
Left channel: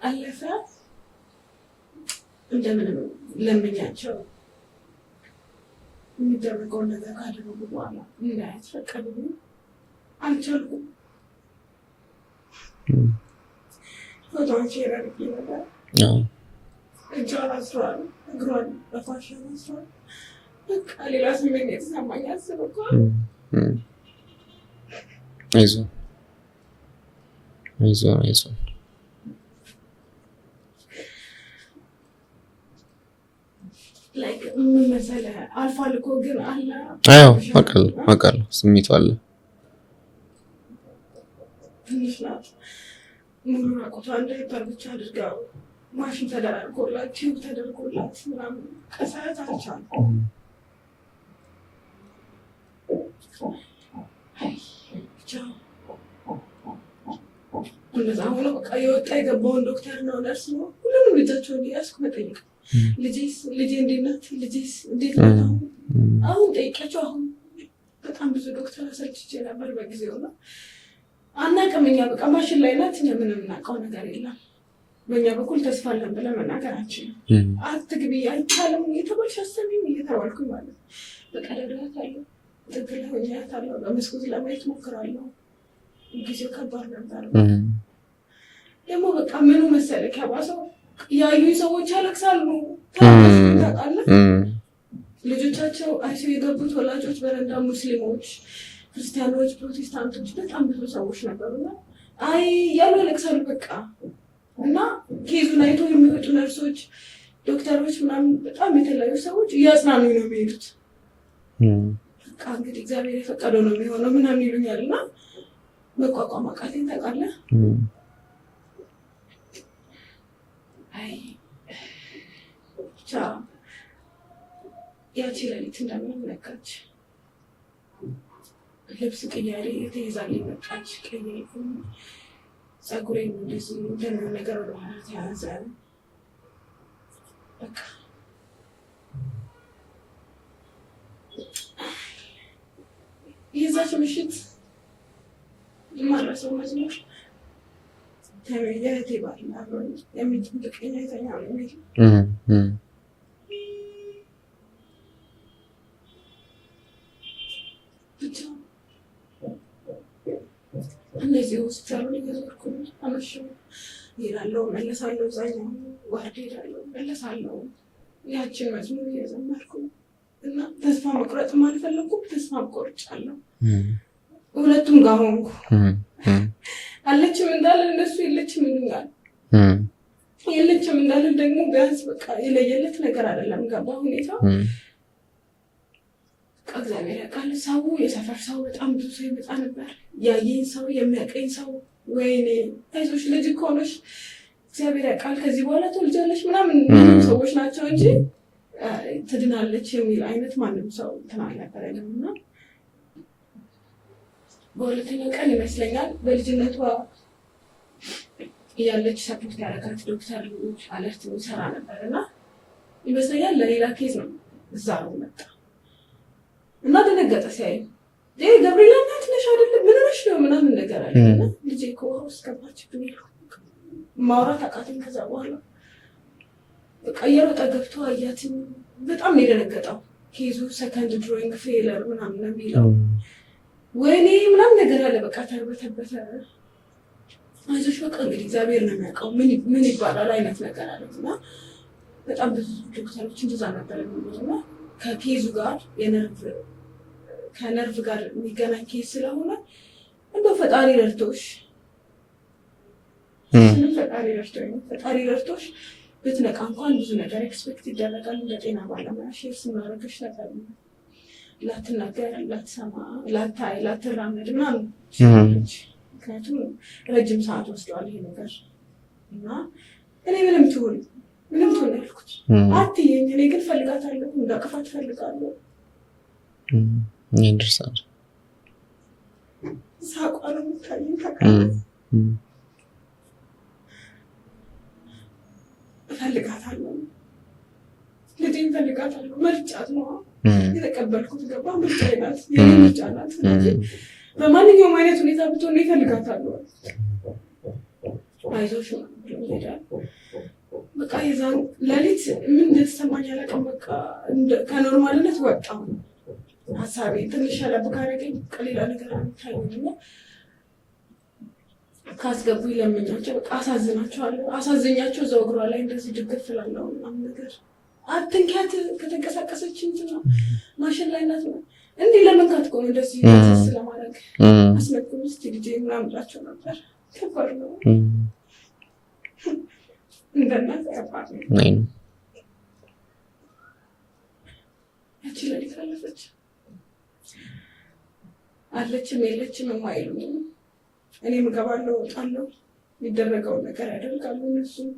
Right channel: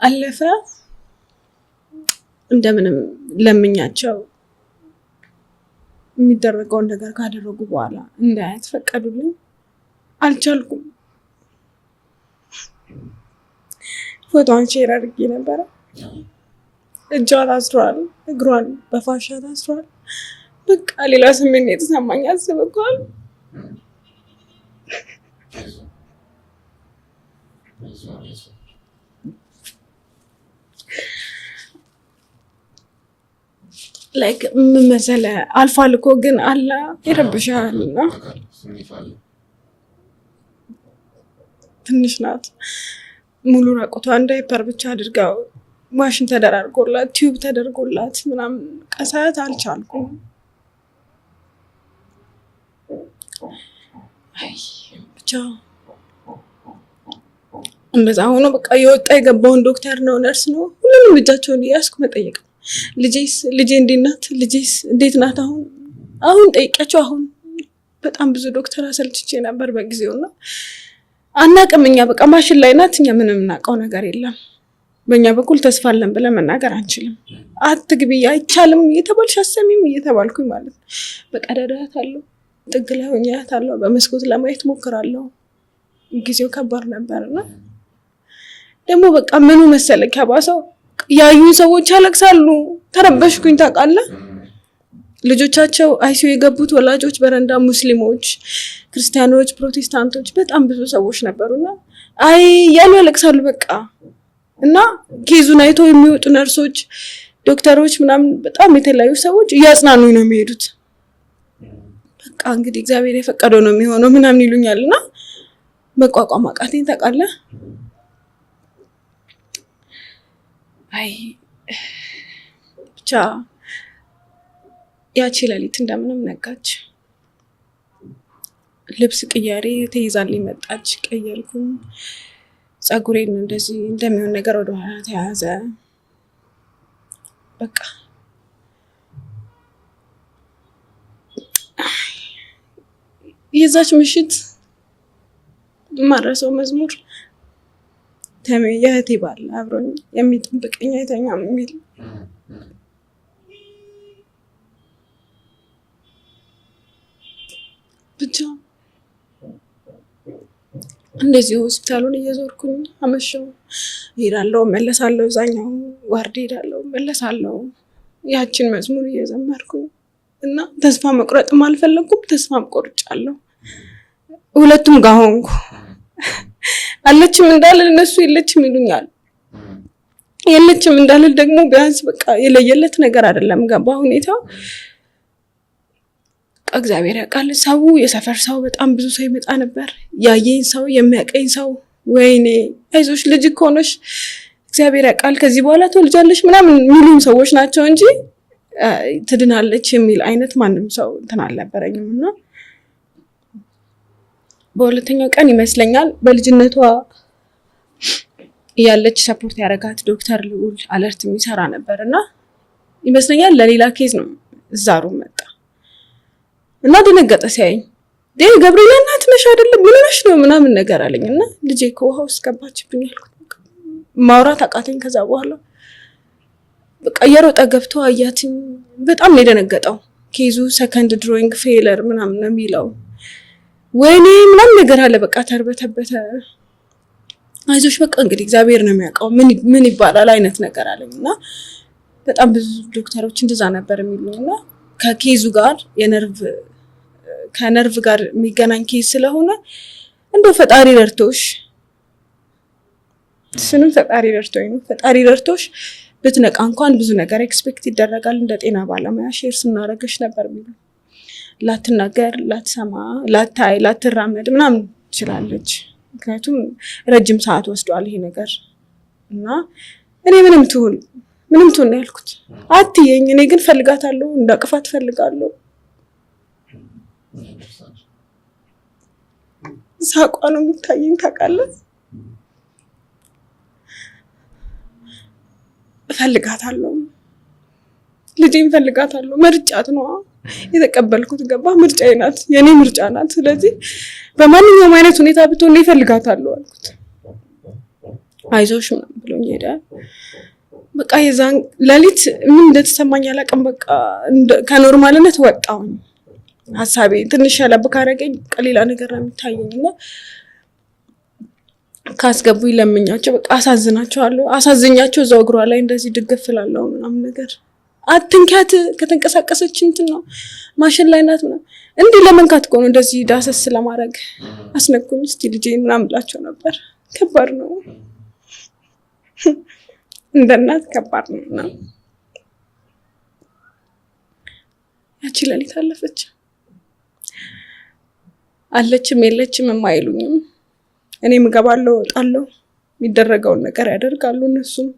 አለፈ። እንደምንም ለምኛቸው የሚደረገውን ነገር ካደረጉ በኋላ እንዳያት ፈቀዱልኝ። አልቻልኩም። ፎቶዋን ሼር አድርጌ ነበረ። እጇን አስሯል፣ እግሯን በፋሻ ታስሯል። በቃ ሌላ ስሜት ነው የተሰማኝ። አስበኳል። አይዞህ አይዞህ አይዞህ ላይክ ምን መሰለህ አልፏል እኮ ግን አለ አውቃለሁ ስሜቱ አለ። ትንሽ ናት ሙሉ ራቁቷን ዳይፐር ብቻ አድርጋው ማሽን ተደራርጎላት ቲዩብ ተደርጎላት ምናምን ቀሳት አልቻልኩም። አይ ብቻ እንደዛ ሆኖ በቃ የወጣ የገባውን ዶክተር ነው ነርስ ነው ሁሉንም እጃቸውን እያስኩ መጠየቅ ልጄ እንዴት ናት? ልጄስ እንዴት ናት? አሁን ጠይቂያቸው አሁን በጣም ብዙ ዶክተር አሰልችቼ ነበር በጊዜውና አናውቅም እኛ በቃ ማሽን ላይ ናት። እኛ ምንም እናውቀው ነገር የለም። በእኛ በኩል ተስፋ አለን ብለን መናገር አንችልም። አትግቢ አይቻልም እየተባልሽ አሰሚም እየተባልኩኝ ማለት ነው። በቃ ደዳታለሁ ጥግ ላይ ሆኛታለሁ። በመስኮት ለማየት ሞክራለሁ። ጊዜው ከባድ ነበርና ደግሞ በቃ ምኑ መሰለክ ያባሰው ያዩን ሰዎች ያለቅሳሉ። ተረበሽኩኝ ታውቃለህ። ልጆቻቸው አይሲዩ የገቡት ወላጆች በረንዳ ሙስሊሞች፣ ክርስቲያኖች፣ ፕሮቴስታንቶች በጣም ብዙ ሰዎች ነበሩና አይ ያሉ ያለቅሳሉ በቃ እና ኬዙን አይቶ የሚወጡ ነርሶች፣ ዶክተሮች ምናምን በጣም የተለያዩ ሰዎች እያጽናኑኝ ነው የሚሄዱት። በቃ እንግዲህ እግዚአብሔር የፈቀደው ነው የሚሆነው ምናምን ይሉኛልና መቋቋም አቃተኝ ታውቃለህ። አይ ብቻ ያቺ ሌሊት እንደምንም ነጋች። ልብስ ቅያሬ ተይዛልኝ መጣች። ቀየርኩኝ። ጸጉሬን እንደዚህ እንደሚሆን ነገር ወደ ኋላ ተያዘ። በቃ የዛች ምሽት ማረሰው መዝሙር የእህቴ ባል አብሮኝ የሚጠብቀኝ አይተኛም የሚል ብቻ እንደዚህ ሆስፒታሉን እየዞርኩኝ አመሸው። ሄዳለሁ መለሳለሁ፣ እዛኛው ዋርድ ሄዳለሁ መለሳለሁ። ያችን መዝሙር እየዘመርኩኝ እና ተስፋ መቁረጥም አልፈለኩም፣ ተስፋ ቆርጫለሁ። ሁለቱም ጋር ሆንኩ። አለችም እንዳልል እነሱ የለችም ይሉኛል። የለችም እንዳልል ደግሞ ቢያንስ በቃ የለየለት ነገር አይደለም ገባ ሁኔታው። እግዚአብሔር ያውቃል። ሰው የሰፈር ሰው በጣም ብዙ ሰው ይመጣ ነበር። ያየኝ ሰው የሚያቀኝ ሰው ወይኔ አይዞሽ ልጅ እኮ ነሽ እግዚአብሔር ያውቃል ከዚህ በኋላ ትወልጃለሽ ምናምን የሚሉ ሰዎች ናቸው እንጂ ትድናለች የሚል አይነት ማንም ሰው እንትን አልነበረኝም። እና በሁለተኛው ቀን ይመስለኛል በልጅነቷ ያለች ሰፖርት ያረጋት ዶክተር ልዑል አለርት የሚሰራ ነበርና ይመስለኛል ለሌላ ኬዝ ነው እዛሩ መጣ እና ደነገጠ ሲያየኝ። ገብርኤል እናት ነሽ አይደል ምን ነሽ ነው ምናምን ነገር አለኝና ልጄ ከውሃ ውስጥ ገባችብኝ አልኩት። ማውራት አቃተኝ። ከዛ በኋላ በቃ እየሮጠ ገብቶ አያትኝ። በጣም ነው የደነገጠው። ኬዙ ሰከንድ ድሮይንግ ፌለር ምናምን ነው የሚለው። ወይኔ ምናምን ነገር አለ። በቃ ተርበተበተ። አይዞሽ በቃ እንግዲህ እግዚአብሔር ነው የሚያውቀው ምን ይባላል አይነት ነገር አለኝና በጣም ብዙ ዶክተሮች እንደዛ ነበር የሚሉኝና ከኬዙ ጋር ከነርቭ ጋር የሚገናኝ ኬዝ ስለሆነ እንደው ፈጣሪ ረድቶሽ ስንም ፈጣሪ ረድቶሽ ብትነቃ እንኳን ብዙ ነገር ኤክስፔክት ይደረጋል። እንደ ጤና ባለሙያ ሼር ስናረገሽ ነበር የሚሉ ላትናገር፣ ላትሰማ፣ ላታይ፣ ላትራመድ ምናምን ትችላለች። ምክንያቱም ረጅም ሰዓት ወስዷል ይሄ ነገር እና እኔ ምንም ትሁን ነው ያልኩት። አትየኝ እኔ ግን ፈልጋታለሁ፣ እንዳቅፋት ፈልጋለሁ። ይንደርሳል ሳቋ ነው የሚታየኝ ታውቃለህ። ፈልጋታለሁ፣ ልጄን ፈልጋታለሁ። ምርጫት ነው የተቀበልኩት ገባ። ምርጫዬ ናት፣ የኔ ምርጫ ናት። ስለዚህ በማንኛውም አይነት ሁኔታ ብትሆን እፈልጋታለሁ አልኩት። አይዞሽ ምናምን ብሎኝ ሄደ። በቃ የዛን ሌሊት ምን እንደተሰማኝ አላውቅም። በቃ ከኖርማልነት ወጣሁኝ። ሀሳቤ ትንሽ ያለብ ካረገኝ ቀሌላ ነገር ነው የሚታየኝና ካስገቡኝ ለምኛቸው በቃ አሳዝኛቸው እዛው እግሯ ላይ እንደዚህ ድግፍ እላለሁ ምናምን ነገር። አትንኪያት ከተንቀሳቀሰች እንትን ነው ማሽን ላይ ናት ምናምን እንዲህ ለመንካት እኮ ነው እንደዚህ ዳሰስ ለማድረግ አስነኩኝ። እስኪ ልጄ ምናምን ብላቸው ነበር። ከባድ ነው እንደ እናት ከባድ ነው። ያቺ ሌሊት አለፈች። አለችም የለችም የማይሉኝም። እኔም እገባለሁ እወጣለሁ፣ የሚደረገውን ነገር ያደርጋሉ። እነሱም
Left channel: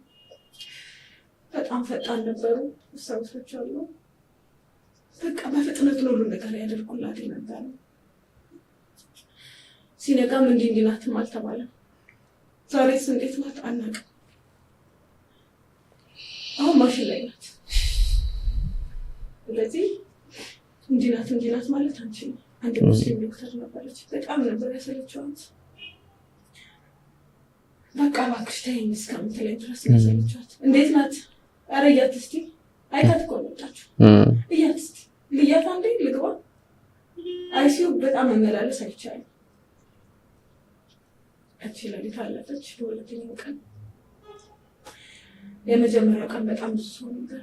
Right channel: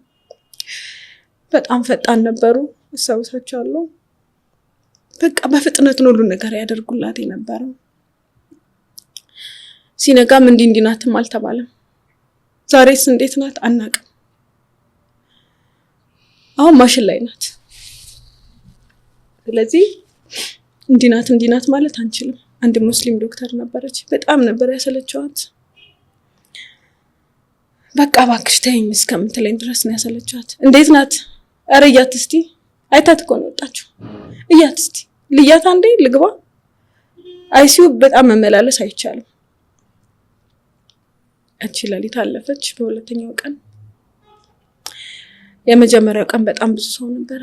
በጣም ፈጣን ነበሩ፣ አስታውሳቸዋለሁ። በቃ በፍጥነት ነው ሁሉ ነገር ያደርጉላት የነበረው። ሲነጋም እንዲህ ናትም አልተባለም። ዛሬስ እንዴት ናት አናውቅም። አሁን ማሽን ላይ ናት። ስለዚህ እንዲህ ናት ማለት አንችልም። አንድ ሙስሊም ዶክተር ነበረች፣ በጣም ነበር ያሰለቸዋት። በቃ እባክሽ ተይኝ እስከምትለኝ ድረስ ነው ያሰለቸዋት። እንዴት ናት? ኧረ እያት እስቲ፣ አይታት እኮ ነው የወጣችው። እያት እስቲ ልያት አንዴ ልግባ። አይሲዩ በጣም መመላለስ አይቻልም። እቺ ሌሊት አለፈች። በሁለተኛው ቀን፣ የመጀመሪያው ቀን በጣም ብዙ ሰው ነበረ።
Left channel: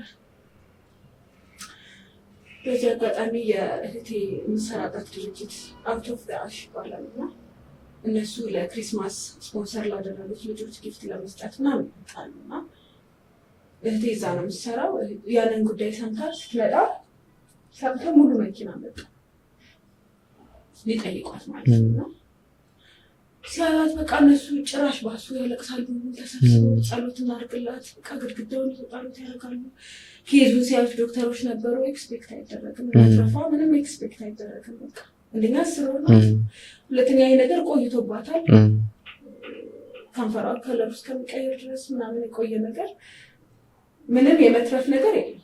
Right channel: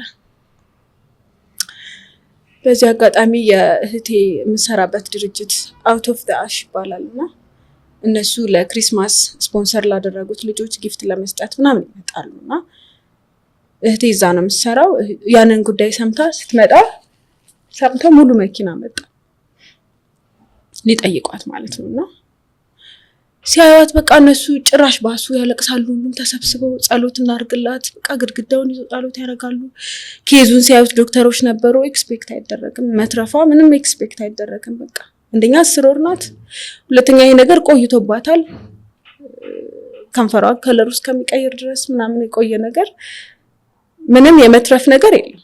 በዚህ አጋጣሚ የእህቴ የምሰራበት ድርጅት አውት ኦፍ ዘ አሽ ይባላልና እነሱ ለክሪስማስ ስፖንሰር ላደረጉት ልጆች ጊፍት ለመስጠት ምናምን ይመጣሉና እህቴ እዛ ነው የምትሰራው። ያንን ጉዳይ ሰምታ ስትመጣ ሰምተው ሙሉ መኪና መጣ ሊጠይቋት ማለት ነው። ሲያዩት በቃ እነሱ ጭራሽ ባሱ፣ ያለቅሳሉ። ሁሉም ተሰብስበው ጸሎት እናድርግላት፣ በቃ ግድግዳውን ይዘው ጸሎት ያደርጋሉ። ኬዙን ሲያዩት ዶክተሮች ነበሩ። ኤክስፔክት አይደረግም መትረፏ፣ ምንም ኤክስፔክት አይደረግም። በቃ አንደኛ 10 ወር ናት፣ ሁለተኛ ይሄ ነገር ቆይቶባታል። ከንፈሯ ከለሩ እስከሚቀይር ድረስ ምናምን የቆየ ነገር፣ ምንም የመትረፍ ነገር የለም።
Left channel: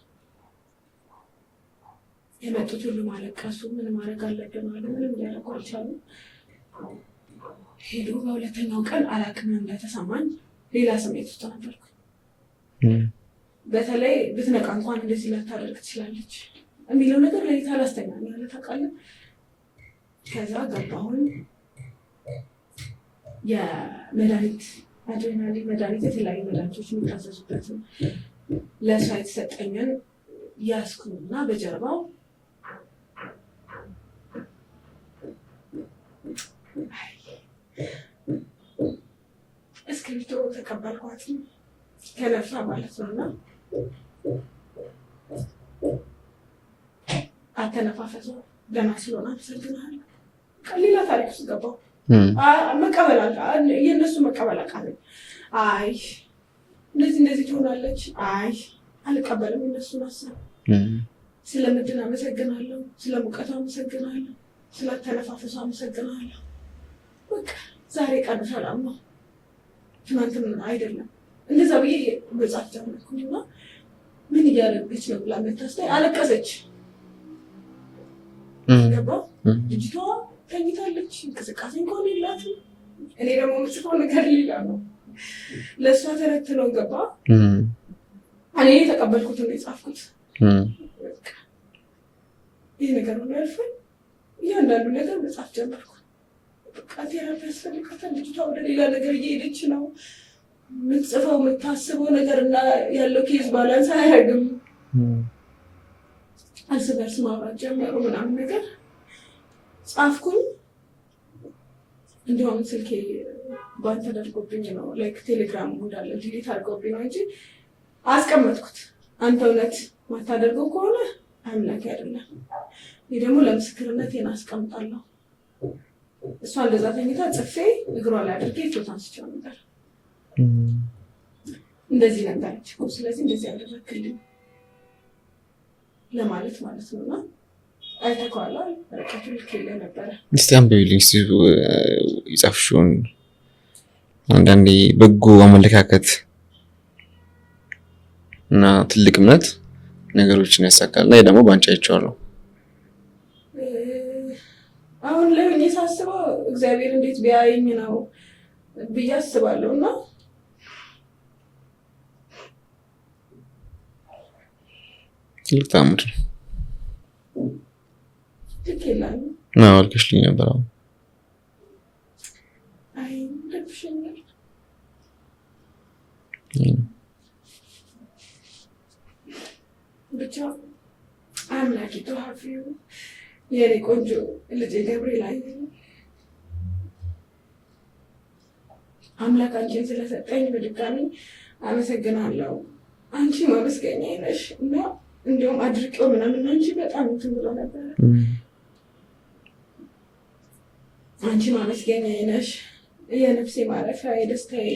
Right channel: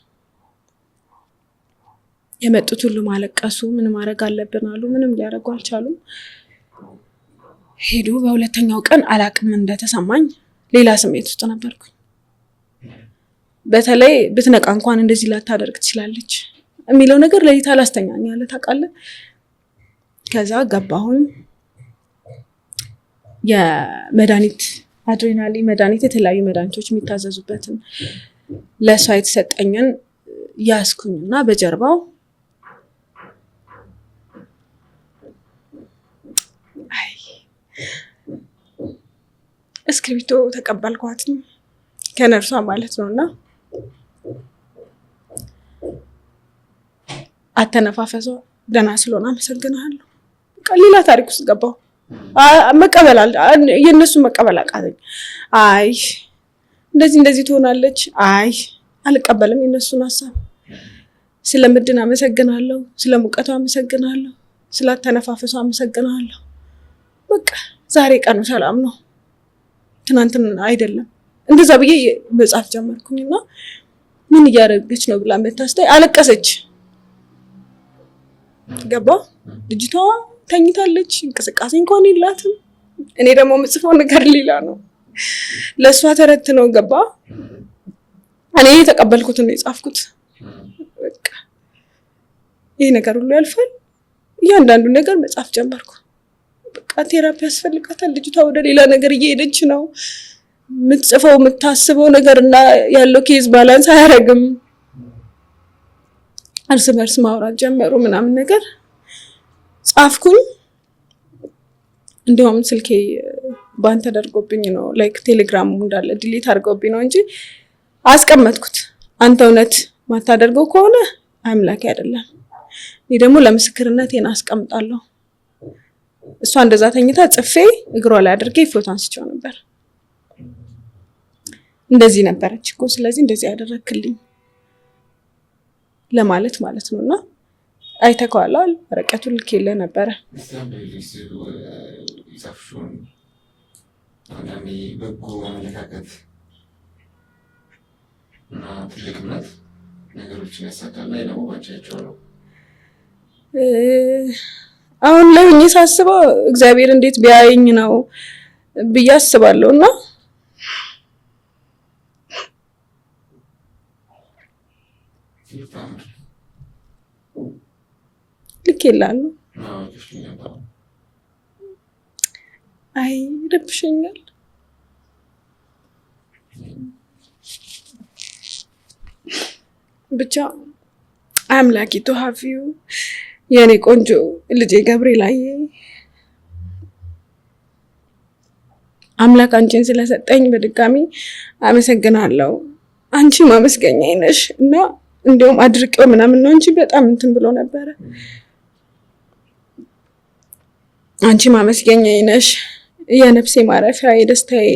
የመጡት ሁሉ ማለቀሱ፣ ምን ማድረግ አለብን አሉ። ምንም ሊያደርጉ አልቻሉም። ሄዱ። በሁለተኛው ቀን አላቅም እንደተሰማኝ ሌላ ስሜት ውስጥ ነበርኩ። በተለይ ብትነቃ እንኳን እንደዚህ ላታደርግ ትችላለች የሚለው ነገር ለሊት አላስተኛኝ ያለ ታውቃለህ። ከዛ ገባሁኝ። የመድኃኒት አድሬናሊን መድኃኒት፣ የተለያዩ መድኃኒቶች የሚታዘዙበትን ለእሷ የተሰጠኝን ያስኩኝና በጀርባው እስክሪብቶ ተቀበልኳት ከነርሷ ማለት ነውና አተነፋፈሷ ደህና ስለሆነ አመሰግናለሁ። ሌላ ታሪክ ውስጥ ገባሁ። መቀበል የእነሱን መቀበል አቃተኝ። አይ እንደዚህ ትሆናለች፣ አይ አልቀበልም የእነሱን ሀሳብ። ስለምድን አመሰግናለሁ፣ ስለሙቀቷ አመሰግናለሁ፣ ስላተነፋፈሷ አመሰግናለሁ። በቃ ዛሬ ቀኑ ሰላም ነው፣ ትናንትና አይደለም። እንደዛ ብዬ መጻፍ ጀመርኩኝና ምን እያደረገች ነው ብላ መታስታይ አለቀሰች። ገባ ልጅቷ ተኝታለች፣ እንቅስቃሴ እንኳን የላትም። እኔ ደግሞ የምጽፈው ነገር ሌላ ነው፣ ለእሷ ተረት ነው። ገባ እኔ የተቀበልኩትን ነው የጻፍኩት። በቃ ይህ ነገር ሁሉ ያልፋል። እያንዳንዱ ነገር መጻፍ ጀመርኩ። በቃ ቴራፒ ያስፈልጋታል ልጅቷ፣ ወደ ሌላ ነገር እየሄደች ነው። የምትጽፈው የምታስበው ነገር እና ያለው ኬዝ ባላንስ አያደርግም። እርስ በርስ ማውራት ጀመሩ ምናምን ነገር ጻፍኩኝ። እንዲሁም ስልኬ ባን ተደርጎብኝ ነው፣ ላይክ ቴሌግራሙ እንዳለ ዲሊት አድርገውብኝ ነው እንጂ አስቀመጥኩት። አንተ እውነት ማታደርገው ከሆነ አምላኬ አይደለም፣ እኔ ደግሞ ለምስክርነቴን አስቀምጣለሁ። እሷ እንደዛ ተኝታ ጽፌ እግሯ ላይ አድርጌ ፎቶ አንስቼው ነበር። እንደዚህ ነበረች እኮ ስለዚህ እንደዚህ ያደረክልኝ ለማለት ማለት ነውና አይተከዋል። ወረቀቱን ልኬልህ ነበረ። እስቲ አንብቢልኝ የጻፍሽውን። አንዳንዴ በጎ አመለካከት እና ትልቅ እምነት ነገሮችን ያሳካል። ላይ ደግሞ ባንቺ አይቼዋለሁ። አሁን ላይ ሆኜ ሳስበው እግዚአብሔር እንዴት ቢያየኝ ነው ብዬ አስባለሁ። እና ትልቅ ታምር ልኬልሃለሁ። አልከሽልኝ ነበር። አይ ይደብሸኛል። ብቻ I'm lucky to have you የኔ ቆንጆ ልጄ ገብርኤላዬ። አምላክ አንቺን ስለሰጠኝ በድጋሚ አመሰግናለሁ። አንቺ ማመስገኛዬ ነሽ እና እንደውም አድርቀው ምናምን ነው እንጂ በጣም እንትን ብሎ ነበረ። አንቺ ማመስገኛዬ ነሽ፣ የነፍሴ ማረፊያ፣ የደስታዬ፣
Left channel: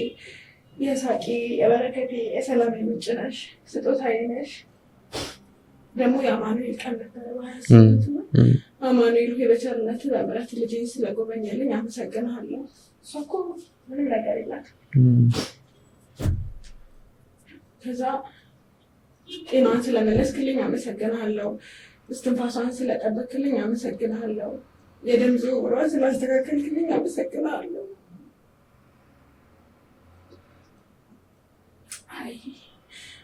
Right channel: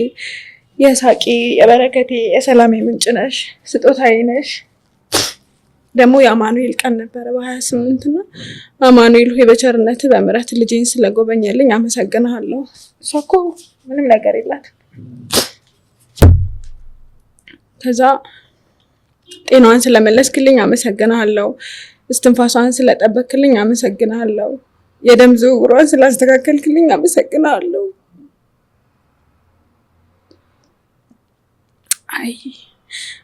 የሳቂ፣ የበረከቴ፣ የሰላሜ ምንጭ ነሽ፣ ስጦታዬ ነሽ። ደግሞ የአማኑኤል ቀን ነበረ በ28 ነው። አማኑኤል ሆይ በቸርነት በምሕረት ልጄን ስለጎበኘልኝ አመሰግናለሁ። እሷ እኮ ምንም ነገር የላትም። ከዛ ጤናዋን ስለመለስክልኝ አመሰግናለሁ። እስትንፋሷን ስለጠበክልኝ አመሰግናለሁ። የደም ዝውውሯን ስላስተካከልክልኝ አመሰግናለሁ። አይ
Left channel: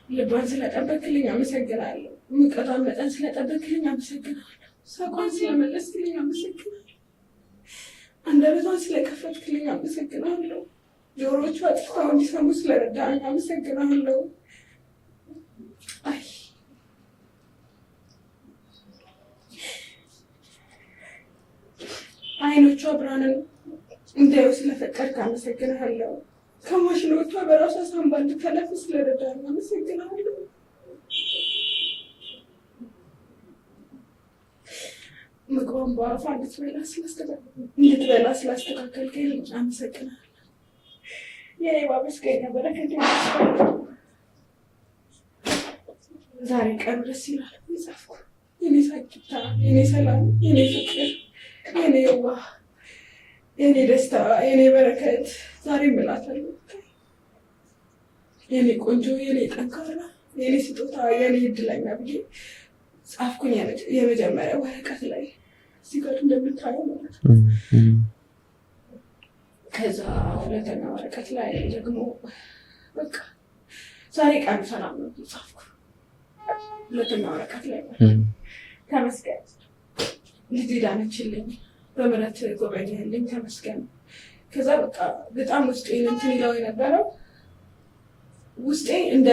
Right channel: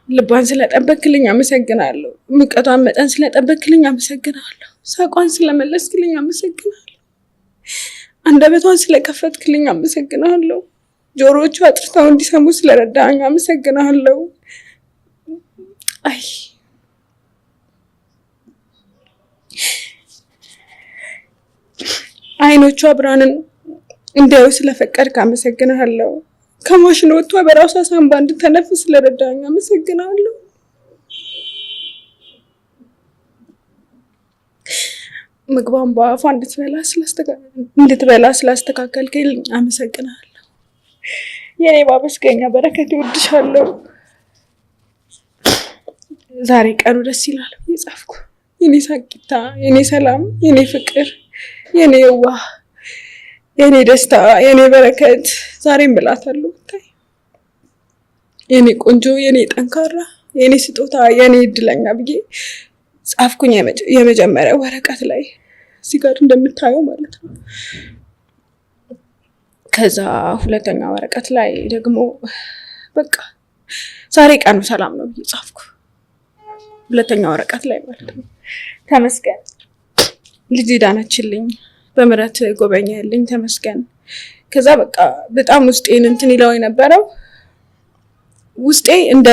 ልቧን ስለጠበክልኝ አመሰግናለሁ። ሙቀቷን መጠን ስለጠበክልኝ አመሰግናለሁ። ሳቋን ስለመለስክልኝ አመሰግናለሁ። አንደበቷን ስለከፈትክልኝ አመሰግናለሁ። ጆሮዎቿ አጥርተው እንዲሰሙ ስለረዳኝ አመሰግናለሁ። አይ አይኖቿ ብርሃንን እንዲያዩ ስለፈቀድክ አመሰግናለሁ። ከማሽን ወጥቷ በራሷ ሳንባ እንድትተነፍስ ስለረዳኝ አመሰግናለሁ። ምግቧን በአፏ እንድትበላ ስላስተካከልክልኝ አመሰግናለሁ። የኔ ማመስገኛ በረከት ይወድሻለሁ። ዛሬ ቀኑ ደስ ይላል የጻፍኩ የኔ ሳቂታ፣ የኔ ሰላም፣ የኔ ፍቅር፣ የኔ የዋህ፣ የኔ ደስታ፣ የኔ በረከት ዛሬም ብላታለሁ። ብታይ የኔ ቆንጆ፣ የኔ ጠንካራ፣ የኔ ስጦታ፣ የኔ እድለኛ ብዬ ጻፍኩኝ የመጀመሪያው ወረቀት ላይ እዚህ ጋር እንደምታየው ማለት ነው። ከዛ ሁለተኛ ወረቀት ላይ ደግሞ በቃ ዛሬ ቀኑ ሰላም ነው ብዬ ጻፍኩ። ሁለተኛ ወረቀት ላይ ማለት ነው። ተመስገን ልጅ ዳነችልኝ፣ በምሕረት ጎበኛልኝ፣ ተመስገን። ከዛ በቃ በጣም ውስጤን እንትን ይለው የነበረው ውስጤ እንደ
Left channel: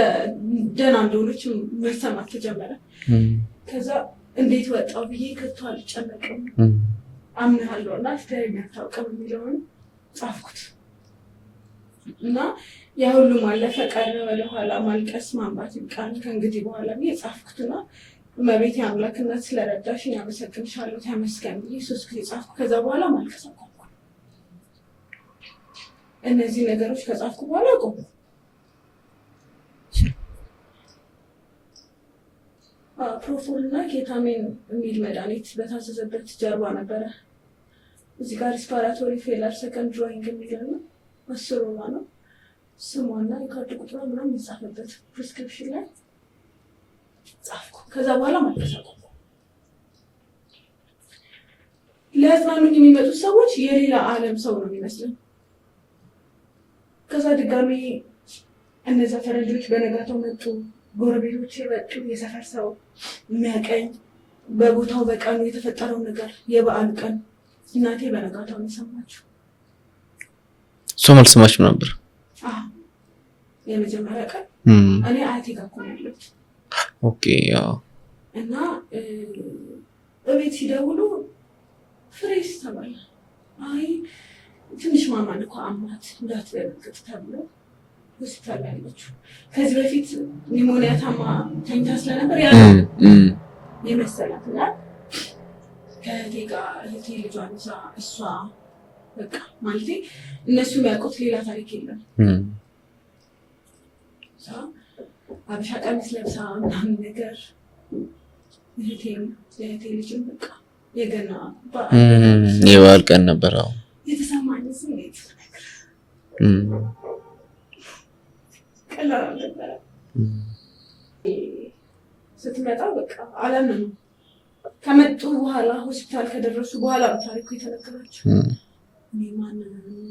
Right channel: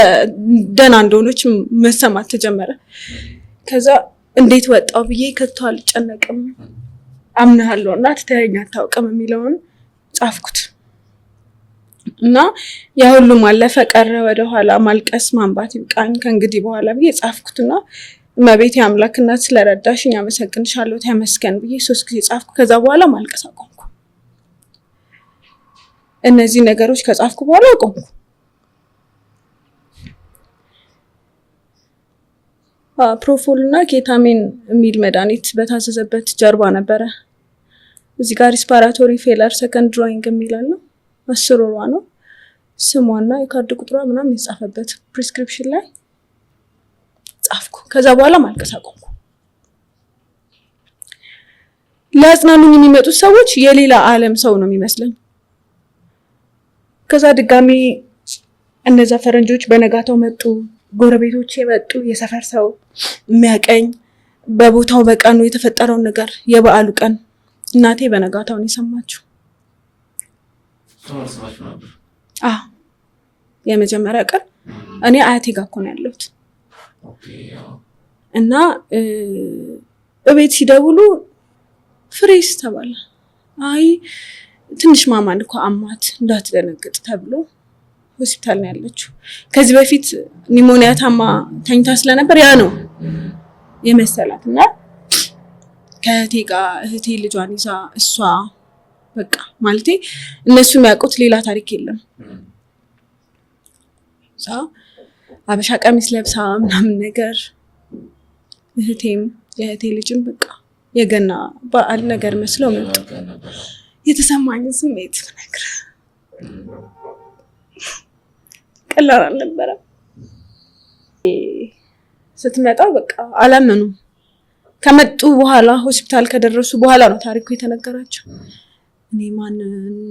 ደህና እንደሆነች መሰማት ተጀመረ። ከዛ እንዴት ወጣው ብዬ ከቶ አልጨነቅም፣ አምናለሁ እና ትተኸኝ አታውቅም የሚለውን ጻፍኩት እና ያ ሁሉም አለፈ ቀረ፣ ወደኋላ ማልቀስ ማንባት ይብቃኝ ከእንግዲህ በኋላ ብዬ ጻፍኩትና እመቤቴ አምላክ እናት ስለረዳሽኝ አመሰግንሻለሁ ተመስገን ብዬ 3 ጊዜ ጻፍኩ። ከዛ በኋላ ማልቀስ አቆምኩ። እነዚህ ነገሮች ከጻፍኩ በኋላ አቆምኩ። ፕሮፎል እና ኬታሚን የሚል መድኃኒት በታዘዘበት ጀርባ ነበረ እዚህ ጋር ሪስፓራቶሪ ፌለር ሰከንድ ድሮይንግ የሚላል ነው። 10 ወሯ ነው ስሟና የካርድ ቁጥሯ ምናምን የተጻፈበት ፕሪስክሪፕሽን ላይ ጻፍኩ። ከዛ በኋላ ማልቀስ አቆምኩ። ለአጽናኑኝ የሚመጡት ሰዎች የሌላ ዓለም ሰው ነው የሚመስለኝ። ከዛ ድጋሚ እነዛ ፈረንጆች በነጋታው መጡ፣ ጎረቤቶች የመጡ፣ የሰፈር ሰው የሚያቀኝ በቦታው በቀኑ የተፈጠረውን ነገር የበዓሉ ቀን እናቴ በነጋታውን የሰማችው። ሶም አልሰማችም ነበር? አዎ የመጀመሪያ ቀን እኔ አያቴ ጋር እኮ ነው ያለሁት። ኦኬ ያው እና እቤት ሲደውሉ ፍሬስ ተባለ። አይ ትንሽ ማማን እኮ አማት እንዳትደነግጥ ተብሎ ሆስፒታል ነው ያለችው። ከዚህ በፊት ኒሞኒያ ታማ ተኝታ ስለነበር ያ ነው የመሰላት እና ከእህቴ ጋር እህቴ ልጇን ይዛ እሷ በቃ ማለቴ እነሱ የሚያውቁት ሌላ ታሪክ የለም። አበሻ ቀሚስ ለብሳ ምናምን ነገር እህቴም የእህቴ ልጅም በቃ የገና በዓል ነገር መስለው የበዓል ቀን ነበር። የተሰማኝ ስሜት ነገር ቀላል አልነበረም። ስትመጣ በቃ አላመኑም። ከመጡ በኋላ ሆስፒታል ከደረሱ በኋላ ነው ታሪኩ የተነገራቸው። እኔ ማን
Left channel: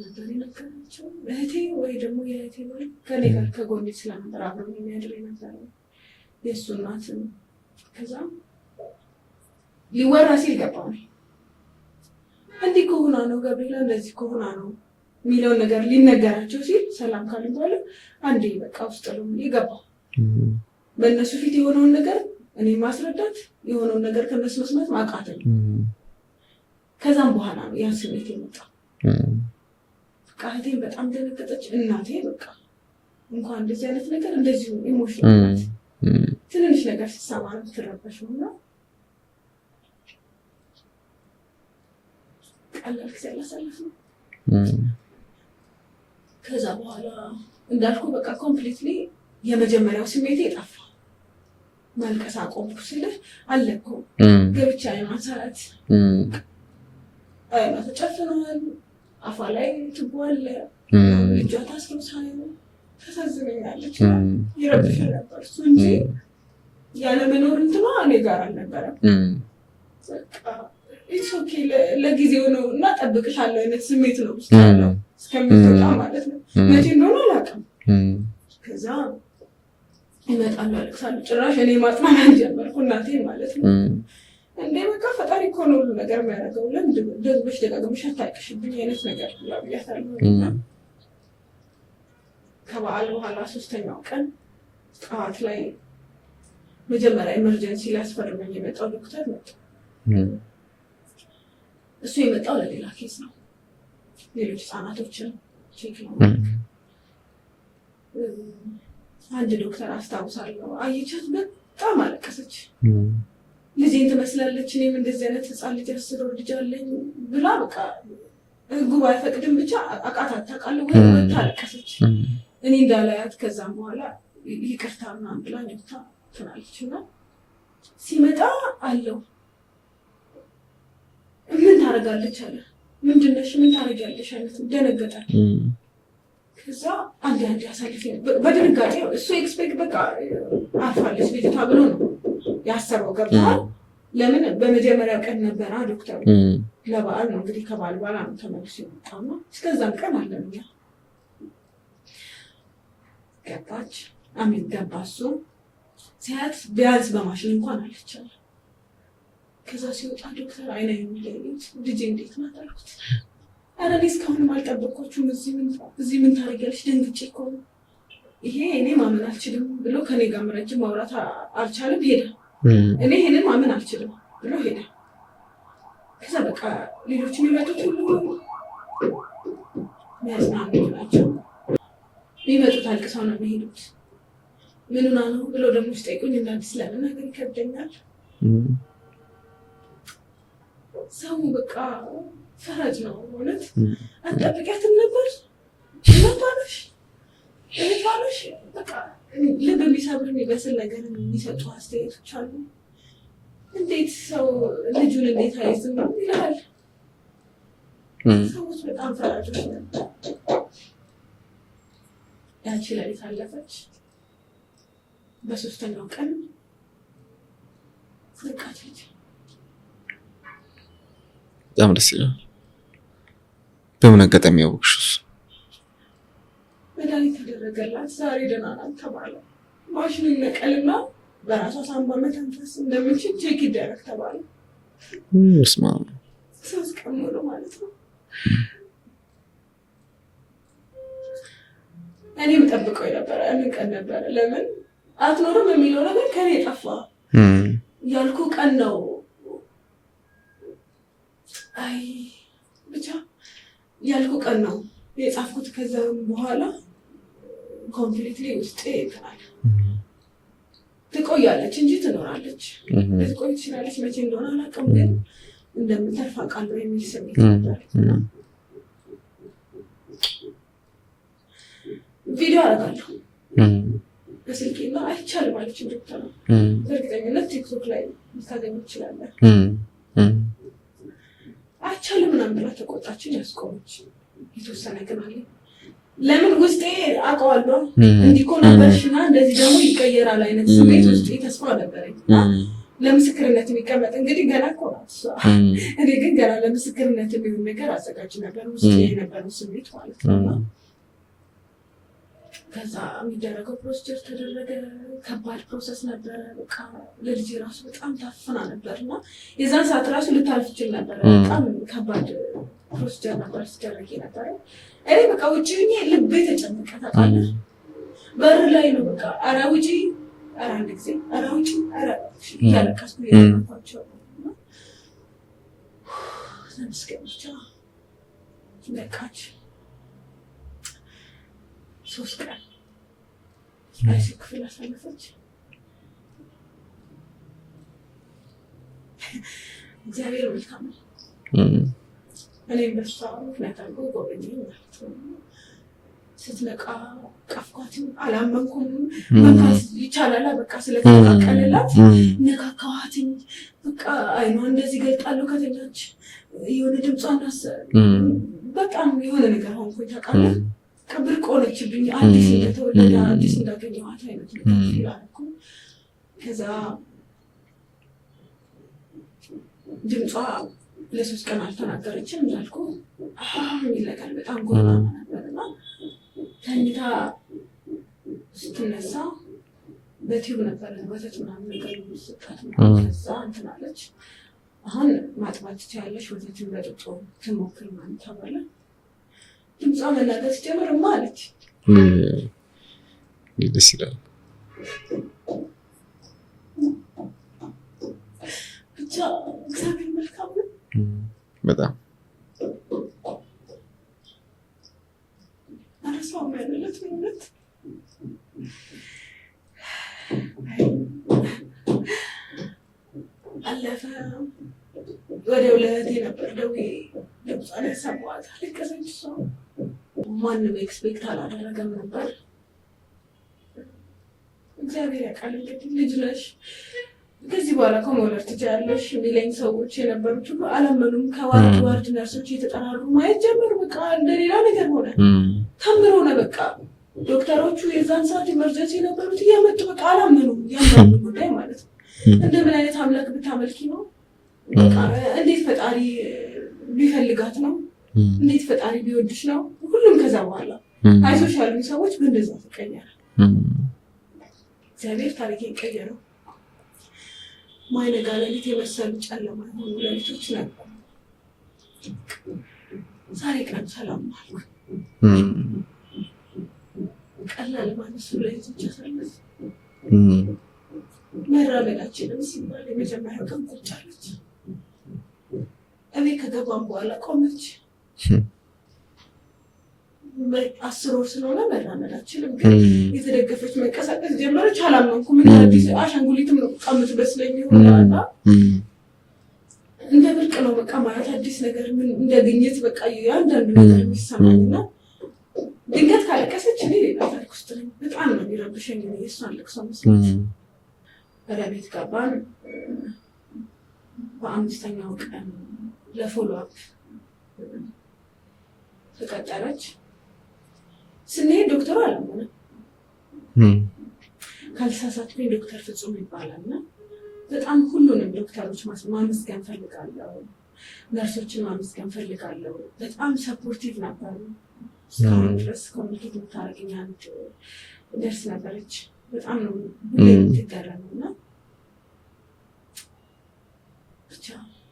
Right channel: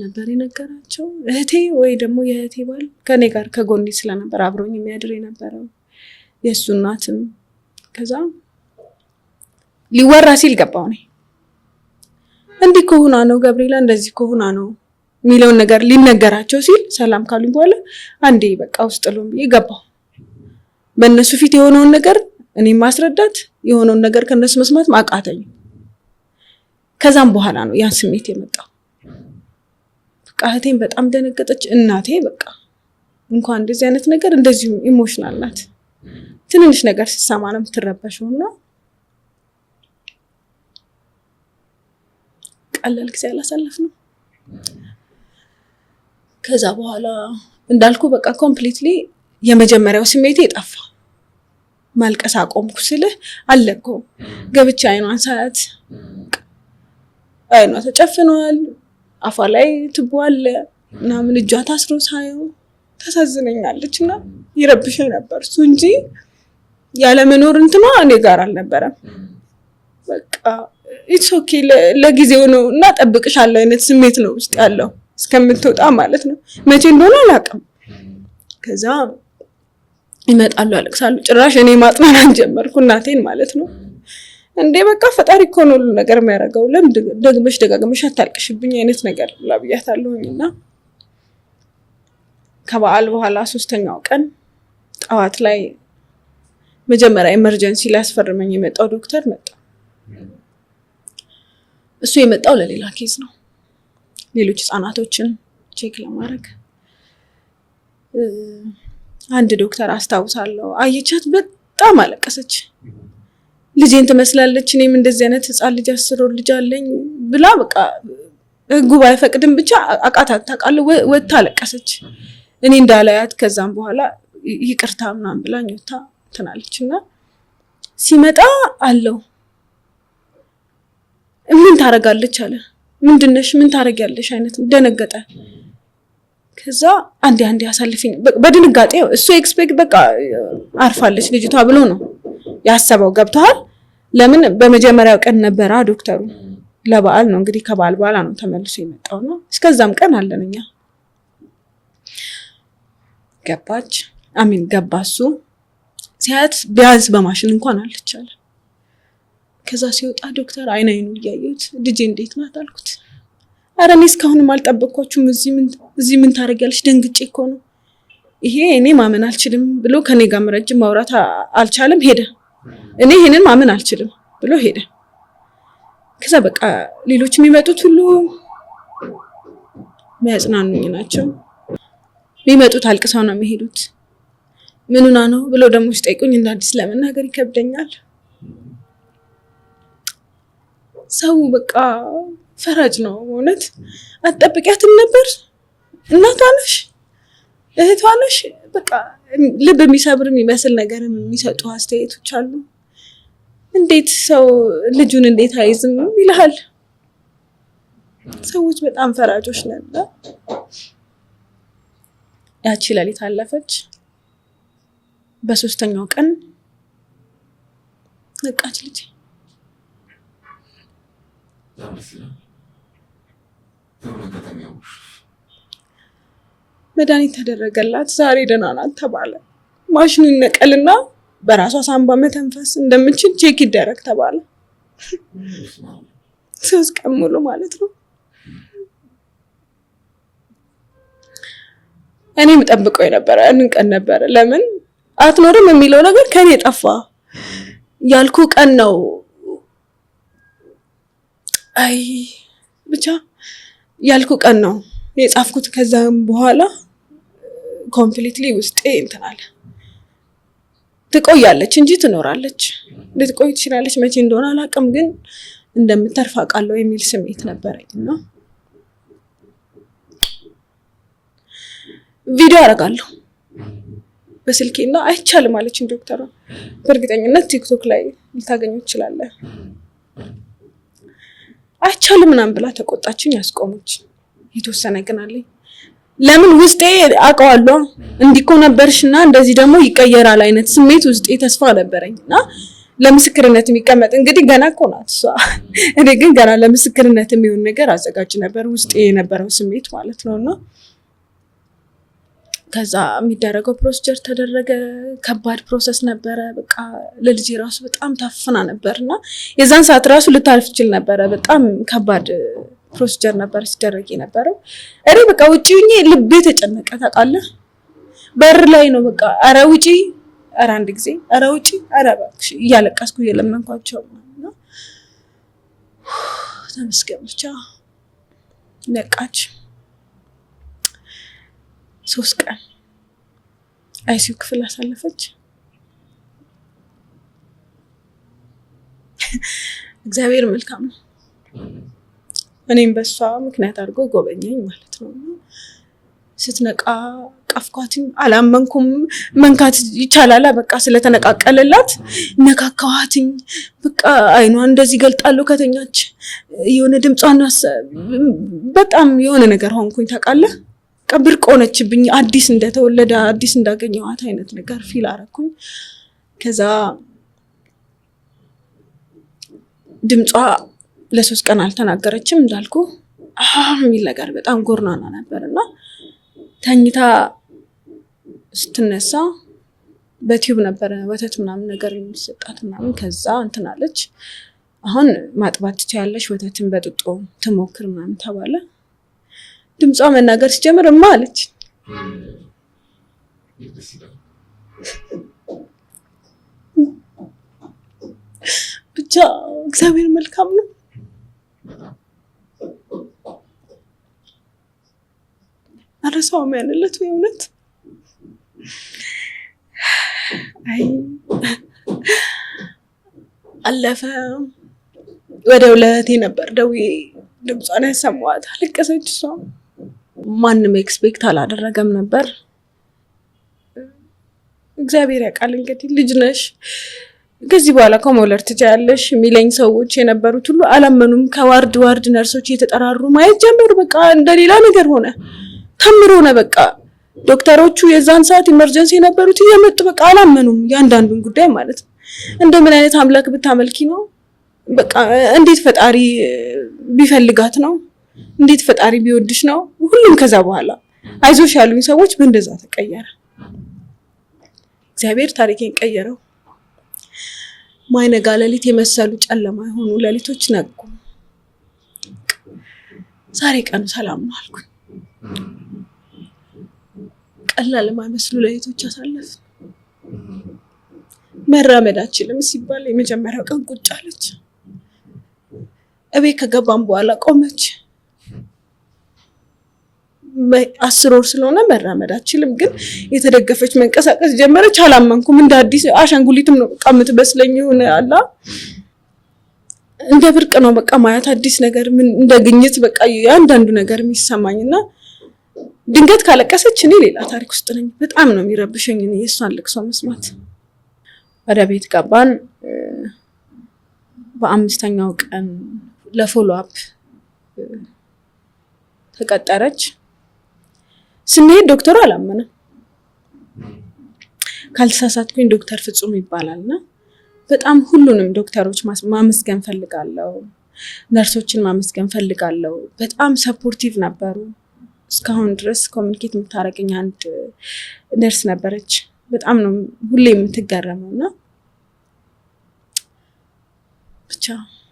ነበር የነገራቸው? እህቴ ወይ ደግሞ የእህቴ ባል ከኔ ጋር ከጎኔ ስለነበር አብሮኝ የሚያድር የነበረው የእሱ እናትም። ከዛ ሊወራ ሲል ገባው ነኝ እንዲህ ከሆና ነው ገብርኤላ እንደዚህ ከሆና ነው የሚለውን ነገር ሊነገራቸው ሲል ሰላም ካሉኝ በኋላ አንዴ በቃ ውስጥ ለው ይገባው። በእነሱ ፊት የሆነውን ነገር እኔ ማስረዳት የሆነውን ነገር ከነሱ መስማት ማቃተኝ። ከዛም በኋላ ነው ያን ስሜት የመጣው። በቃ እህቴም በጣም ደነገጠች። እናቴ በቃ እንኳን እንደዚህ አይነት ነገር እንደዚህ ኢሞሽናል ናት። ትንንሽ ነገር ሲሰማ ነው የምትረበሸውና ቀላል ጊዜ አላሳለፍንም። ከዛ በኋላ እንዳልኩ በቃ ኮምፕሊትሊ የመጀመሪያው ስሜቴ ጠፋ። ማልቀስ አቆምኩ ስልህ አለኮ ገብቼ አይኗን ሳያት አይኗ ተጨፍኗል፣ አፏ ላይ ትቦ አለ ምናምን፣ እጇ ታስሮ ሳየው ታሳዝነኛለች እና ይረብሸኝ ነበር እሱ እንጂ ያለመኖር እንትኗ እኔ ጋር አልነበረም። በቃ ኢትስ ኦኬ ለጊዜው ነው እና ጠብቅሻለሁ አይነት ስሜት ነው ውስጥ ያለው እስከምትወጣ ማለት ነው። መቼ እንደሆነ አላውቅም። ከዛ ይመጣሉ፣ ያለቅሳሉ። ጭራሽ እኔ ማጥናናት ጀመርኩ እናቴን ማለት ነው። እንዴ በቃ ፈጣሪ እኮ ነው ሁሉ ነገር የሚያደርገው፣ ለምን ደጋግመሽ አታልቅሽብኝ አይነት ነገር ብያታለሁ። እና ከበዓል በኋላ 3ኛው ቀን ጠዋት ላይ መጀመሪያ ኤመርጀንሲ ሊያስፈርመኝ የመጣው ዶክተር መጣ። እሱ የመጣው ለሌላ ኬዝ ነው፣ ሌሎች ህፃናቶችን ቼክ ለማድረግ። አንድ ዶክተር አስታውሳለሁ፣ አየቻት፣ በጣም አለቀሰች። ልጄን ትመስላለች፣ እኔም እንደዚህ አይነት ህፃን ልጅ 10 ወር ልጅ አለኝ ብላ በቃ ህጉ ባይፈቅድም ብቻ አቃታት ታውቃለህ፣ ወጥታ አለቀሰች። እኔ እንዳላያት ከዛም በኋላ ይቅርታ ምናምን ብላኝ ወጥታ ትናለች። እና ሲመጣ አለው ምን ታረጋለች አለ። ምንድነሽ ምን ታረጋለሽ አይነት ደነገጠ። ከዛ አንዴ አሳልፊኝ በድንጋጤ እሱ ኤክስፔክት በቃ አርፋለች ልጅቷ ብሎ ነው ያሰበው። ገብቷል። ለምን በመጀመሪያው ቀን ነበራ ዶክተሩ ለበዓል ነው እንግዲህ፣ ከበዓል በኋላ ነው ተመልሶ የመጣውና እስከዛም ቀን አለንኛ። ገባች አሚን ገባሱ ሲያት ቢያንስ በማሽን እንኳን አለቻለ። ከዛ ሲወጣ ዶክተር አይኑ እያየሁት ልጄ እንዴት ናት አልኩት። ኧረ እኔ እስካሁንም አልጠበቅኳችሁም፣ እዚህ ምን ታደርጊያለሽ? ደንግጬ እኮ ነው ይሄ እኔ ማመን አልችልም ብሎ ከኔ ጋር ረጅም ማውራት አልቻለም፣ ሄደ። እኔ ይሄንን ማመን አልችልም ብሎ ሄደ። ከዛ በቃ ሌሎች የሚመጡት ሁሉ የሚያጽናኑኝ ናቸው። የሚመጡት አልቅሰው ነው የሚሄዱት። ምንና ነው ብሎ ደግሞ ሲጠይቁኝ እንደ አዲስ ለመናገር ይከብደኛል። ሰው በቃ ፈራጅ ነው እውነት። አትጠብቂያትም ነበር? እናቷ ነሽ፣ እህቷ ነሽ። በቃ ልብ የሚሰብር የሚመስል ነገር የሚሰጡ አስተያየቶች አሉ። እንዴት ሰው ልጁን እንዴት አይዝም ይልሃል። ሰዎች በጣም ፈራጆች ነበር። ያቺ ሌሊት አለፈች። በ3ኛው ቀን ነቃች ልጅ። በጣም ደስ ይላል። በምን አጋጣሚ ያወቅሽው? መድኃኒት ተደረገላት። ዛሬ ደህና ናት ተባለ። ማሽኑ ይነቀልና በራሷ ሳንባ መተንፈስ እንደምንችል ቼክ ይደረግ ተባለ። 3 ቀን ሙሉ ማለት ነው። እኔም ጠብቀው የነበረ ያንን ቀን ነበረ። ለምን አትኖርም የሚለው ነገር ከኔ ጠፋ። ያልኩ ቀን ነው። አይ ብቻ ያልኩ ቀን ነው የጻፍኩት። ከዛም በኋላ ኮምፕሊትሊ ውስጤ እንትን አለ። ትቆያለች እንጂ ትኖራለች። ልትቆይ ትችላለች፣ መቼ እንደሆነ አላውቅም፣ ግን እንደምትተርፍ አውቃለሁ የሚል ስሜት ነበረኝ እና ቪዲዮ አደርጋለሁ በስልኬና አይቻልም አለችኝ ዶክተሯ። በእርግጠኝነት ቲክቶክ ላይ ልታገኙ ትችላለህ። አይቻልም ምናምን ብላ ተቆጣችኝ፣ ያስቆመች። የተወሰነ ግን አለኝ። ለምን ውስጤ አውቀዋለሁ እንዲህ እኮ ነበርሽና እንደዚህ ደግሞ ይቀየራል አይነት ስሜት ውስጤ ተስፋ ነበረኝና ለምስክርነት የሚቀመጥ እንግዲህ ገና እኮ ናት እሷ። እኔ ግን ገና ለምስክርነት የሚሆን ነገር አዘጋጅ ነበር ውስጤ የነበረው ስሜት ማለት ነውና ከዛ የሚደረገው ፕሮሲጀር ተደረገ። ከባድ ፕሮሰስ ነበረ። በቃ ለልጄ ራሱ በጣም ታፍና ነበርና የዛን ሰዓት ራሱ ልታልፍ ይችል ነበረ። በጣም ከባድ ፕሮሲጀር ነበር ሲደረግ የነበረው። እኔ በቃ ውጪ ሆኜ ልቤ ተጨነቀ ታውቃለህ። በር ላይ ነው በቃ ኧረ ውጪ፣ ኧረ አንድ ጊዜ ኧረ ውጪ፣ ኧረ እባክሽ እያለቀስኩ እየለመንኳቸው ነው። ተመስገን ብቻ ነቃች። 3 ቀን አይሲዩ ክፍል አሳለፈች። እግዚአብሔር መልካም ነው። እኔም በሷ ምክንያት አድርጎ ጎበኘኝ ማለት ነው። ስትነቃ ቀፍኳትኝ፣ አላመንኩም። መንካት ይቻላል በቃ ስለተነቃቀለላት ነካካዋትኝ። በቃ አይኗ እንደዚህ ገልጣለሁ ከተኛች የሆነ ድምጿን በጣም የሆነ ነገር ሆንኩኝ ታውቃለህ። ብርቅ ሆነችብኝ። አዲስ እንደተወለደ አዲስ እንዳገኘኋት አይነት ነገር ፊል አደረኩኝ። ከዛ ድምጿ ለ3 ቀን አልተናገረችም እንዳልኩ የሚል ነገር በጣም ጎርናና ነበርና ተኝታ ስትነሳ በቲዩብ ነበረ ወተት ምናምን ነገር የሚሰጣት ምናምን። ከዛ እንትን አለች፣ አሁን ማጥባት ትችያለሽ፣ ወተትን በጥጦ ትሞክር ምናምን ተባለ። ድምጿ መናገር ሲጀምር አለች። ደስ ይላል። ብቻ እግዚአብሔር መልካም ነው በጣም አረሳውም ያንለት እውነት። አይ አለፈ። ወደ ለእህቴ ነበር ደውዬ ድምጿን ያሰማኋት። አለቀሰች እሷ። ማንም ኤክስፔክት አላደረገም ነበር። እግዚአብሔር ያውቃል። እንግዲህ ልጅ ነሽ ከዚህ በኋላ ከመውለድ ትችያለሽ የሚለኝ ሰዎች የነበሩት ሁሉ አላመኑም። ከዋርድ ዋርድ ነርሶች እየተጠራሩ ማየት ጀመሩ። በቃ እንደሌላ ነገር ሆነ፣ ተምሮ ሆነ። በቃ ዶክተሮቹ የዛን ሰዓት ኢመርጀንሲ የነበሩት እየመጡ በቃ አላመኑም። ያንዳንዱን ጉዳይ ማለት ነው። እንደምን አይነት አምላክ ብታመልኪ ነው? በቃ እንዴት ፈጣሪ ቢፈልጋት ነው? እንዴት ፈጣሪ ቢወድሽ ነው? ሁሉም ከዛ በኋላ አይዞሽ ያሉኝ ሰዎች በእንደዛ ተቀየረ። እግዚአብሔር ታሪኬን ቀየረው። ማይነጋ ሌሊት የመሰሉ ጨለማ የሆኑ ሌሊቶች ነጉ። ዛሬ ቀኑ ሰላም ነው አልኩኝ። ቀላል የማይመስሉ ሌሊቶች አሳለፍ። መራመድ አልችልም ሲባል የመጀመሪያው ቀን ቁጭ አለች። እቤት ከገባን በኋላ ቆመች። 10 ወር ስለሆነ መራመድ አልችልም፣ ግን የተደገፈች መንቀሳቀስ ጀመረች። አላመንኩም። እንደ አዲስ አሻንጉሊትም ነው በቃ የምትመስለኝ ሆነ አላ እንደ ብርቅ ነው በቃ ማየት አዲስ ነገር ምን እንደግኝት በቃ ያንዳንዱ ነገር የሚሰማኝና ድንገት ካለቀሰች እኔ ሌላ ታሪክ ውስጥ ነኝ። በጣም ነው የሚረብሸኝ እኔ የሷን ልቅሶ መስማት። ወደ ቤት ገባን። በ5ኛው ቀን ለፎሎ አፕ ተቀጠረች። ስንሄድ ዶክተሩ አላመነም። ካልተሳሳትኩኝ ዶክተር ፍጹም ይባላልና በጣም ሁሉንም ዶክተሮች ማመስገን ፈልጋለሁ፣ ነርሶችን ማመስገን ፈልጋለሁ። በጣም ሰፖርቲቭ ነበሩ። እስካሁን ድረስ ኮሚኒኬት የምታደርገኝ አንድ ነርስ ነበረች። በጣም ነው ሁሌ የምትገረመውና ብቻ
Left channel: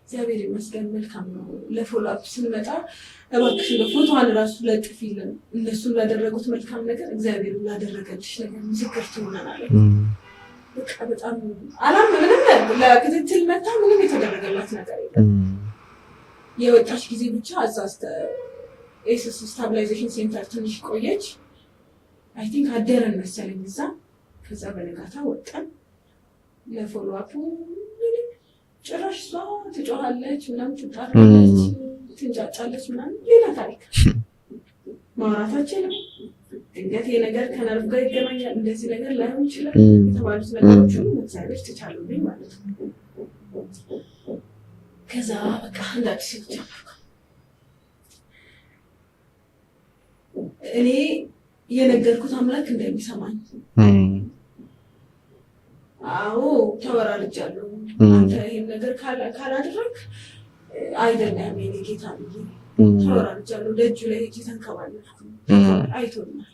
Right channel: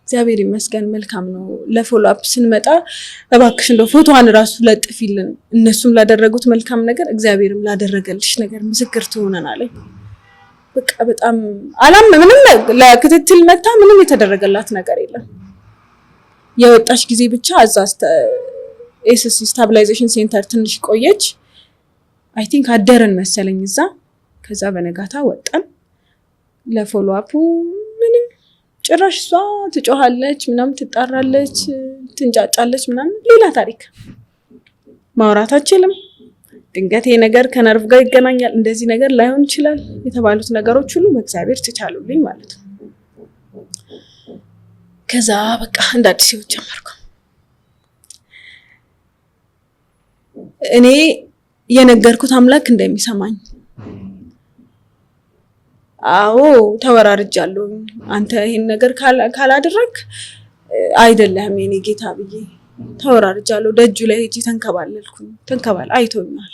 እግዚአብሔር ይመስገን መልካም ነው። ለፎሎ አፕ ስንመጣ እባክሽ እንደው ፎቶዋን ራሱ ለጥፊልን፣ እነሱም ላደረጉት መልካም ነገር እግዚአብሔርም ላደረገልሽ ነገር ምስክር ትሆነናለች። በቃ በጣም ምንም ለክትትል መታ ምንም የተደረገላት ነገር የለም። የወጣች ጊዜ ብቻ እዛ ኤስኤስ ስታቢላይዜሽን ሴንተር ትንሽ ቆየች። አይ ቲንክ አደረን መሰለኝ እዛ። ከዛ በነጋታ ወጣን ለፎሎ አፑ። ምንም ጭራሽ እሷ ትጮሃለች ምናምን፣ ትጣራለች፣ ትንጫጫለች ምናምን፣ ሌላ ታሪክ። ማውራት አልችልም። ድንገት ይሄ ነገር ከነርቭ ጋር ይገናኛል፣ እንደዚህ ነገር ላይሆን ይችላል የተባሉት ነገሮች ሁሉ በእግዚአብሔር ተቻሉልኝ ማለት ነው። ከዛ በቃ እንደ አዲስ ህይወት ጀመርኩ። እኔ የነገርኩት አምላክ እንደሚሰማኝ አዎ ተወራርጃለሁ። አንተ ይሄን ነገር ካላደረክ አይደለም የኔ ጌታ ብዬ ተወራርጃለሁ። ደጁ ላይ ሄጂ ተንከባለልኩኝ። አይቶኛል።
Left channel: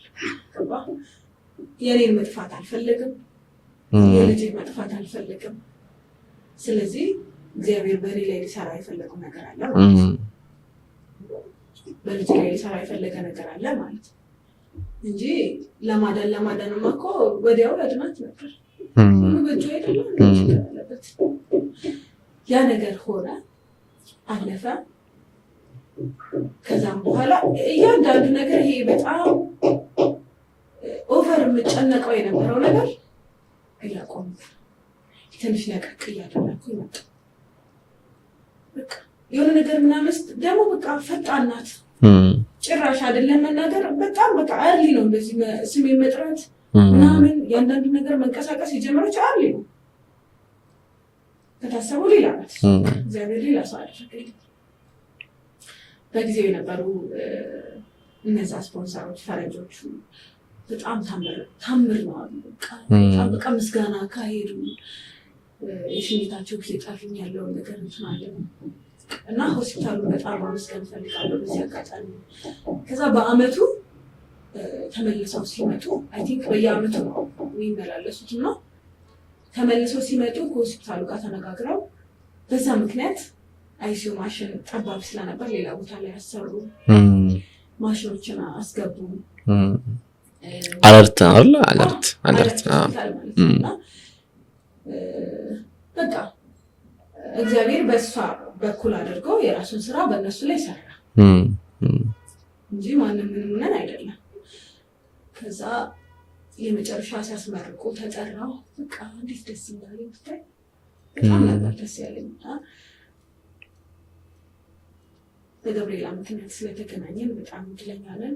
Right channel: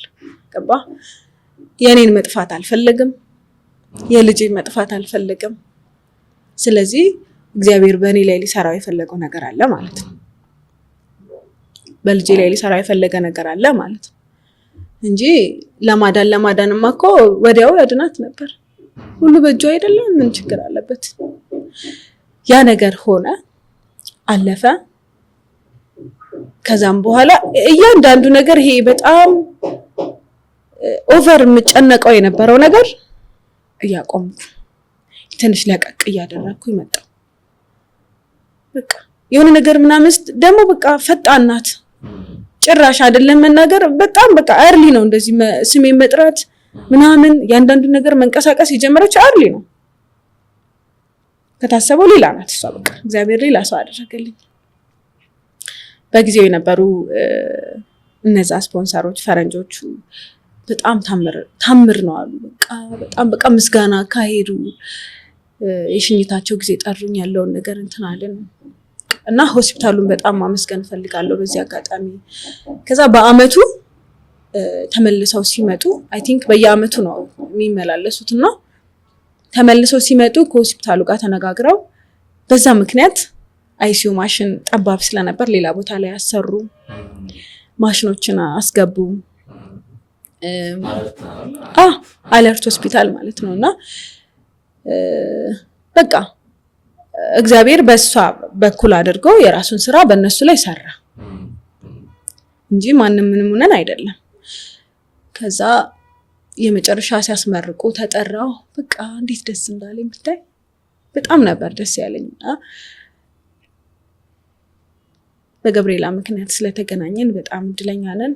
ገባ? የኔን መጥፋት አልፈለግም፣ የልጄን መጥፋት አልፈለግም። ስለዚህ እግዚአብሔር በእኔ ላይ ሊሰራው የፈለገው ነገር አለ ማለት ነው። በልጄ ላይ ሊሰራው የፈለገ ነገር አለ ማለት ነው እንጂ ለማዳንማ እኮ ወዲያው ያድናት ነበር። ሁሉ በእጁ አይደለም፣ ምን ችግር አለበት? ያ ነገር ሆነ፣ አለፈ። ከዛም በኋላ እያንዳንዱ ነገር ይሄ በጣም ኦቨር የምጨነቀው የነበረው ነገር እያቆምኩ ትንሽ ለቀቅ እያደረኩ ይመጣ። በቃ የሆነ ነገር ምናምን ደግሞ በቃ ፈጣን ናት። ጭራሽ አይደለም መናገር በጣም በቃ አርሊ ነው እንደዚህ ስሜን መጥራት ምናምን ያንዳንዱ ነገር መንቀሳቀስ የጀመረች አርሊ ነው። ከታሰበው ሌላ ናት እሷ። እግዚአብሔር ሌላ ሰው አደረገልኝ። በጊዜው የነበሩ እነዛ ስፖንሰሮች ፈረንጆቹ በጣም ታምር ነው አሉ። በጣም በቃ ምስጋና ካሄዱ የሽኝታቸው ጊዜ ጠሩኝ ያለውን ነገር እንትን አለን እና ሆስፒታሉን በጣም ማመስገን ፈልጋለሁ በዚህ አጋጣሚ። ከዛ በአመቱ ተመልሰው ሲመጡ አይ ቲንክ በየአመቱ ነው የሚመላለሱት እና ተመልሰው ሲመጡ ከሆስፒታሉ ጋር ተነጋግረው በዛ ምክንያት አይሲዩ ማሽን ጠባብ ስለነበር ሌላ ቦታ ላይ ያሰሩ ማሽኖችን አስገቡ። አለርት ሆስፒታል ማለት ነው እና በቃ እግዚአብሔር በሷ በኩል አድርጎ የራሱን ስራ በእነሱ ላይ ሰራ እንጂ ማንም ምንም ሆነን አይደለም። ከዛ የመጨረሻ ሲያስመርቁ ተጠራው። በቃ እንዴት ደስ እንዳለኝ ብታይ በጣም ነበር ደስ ያለኝ። በገብርኤላ ምክንያት ስለተገናኘን በጣም እድለኛ ነን።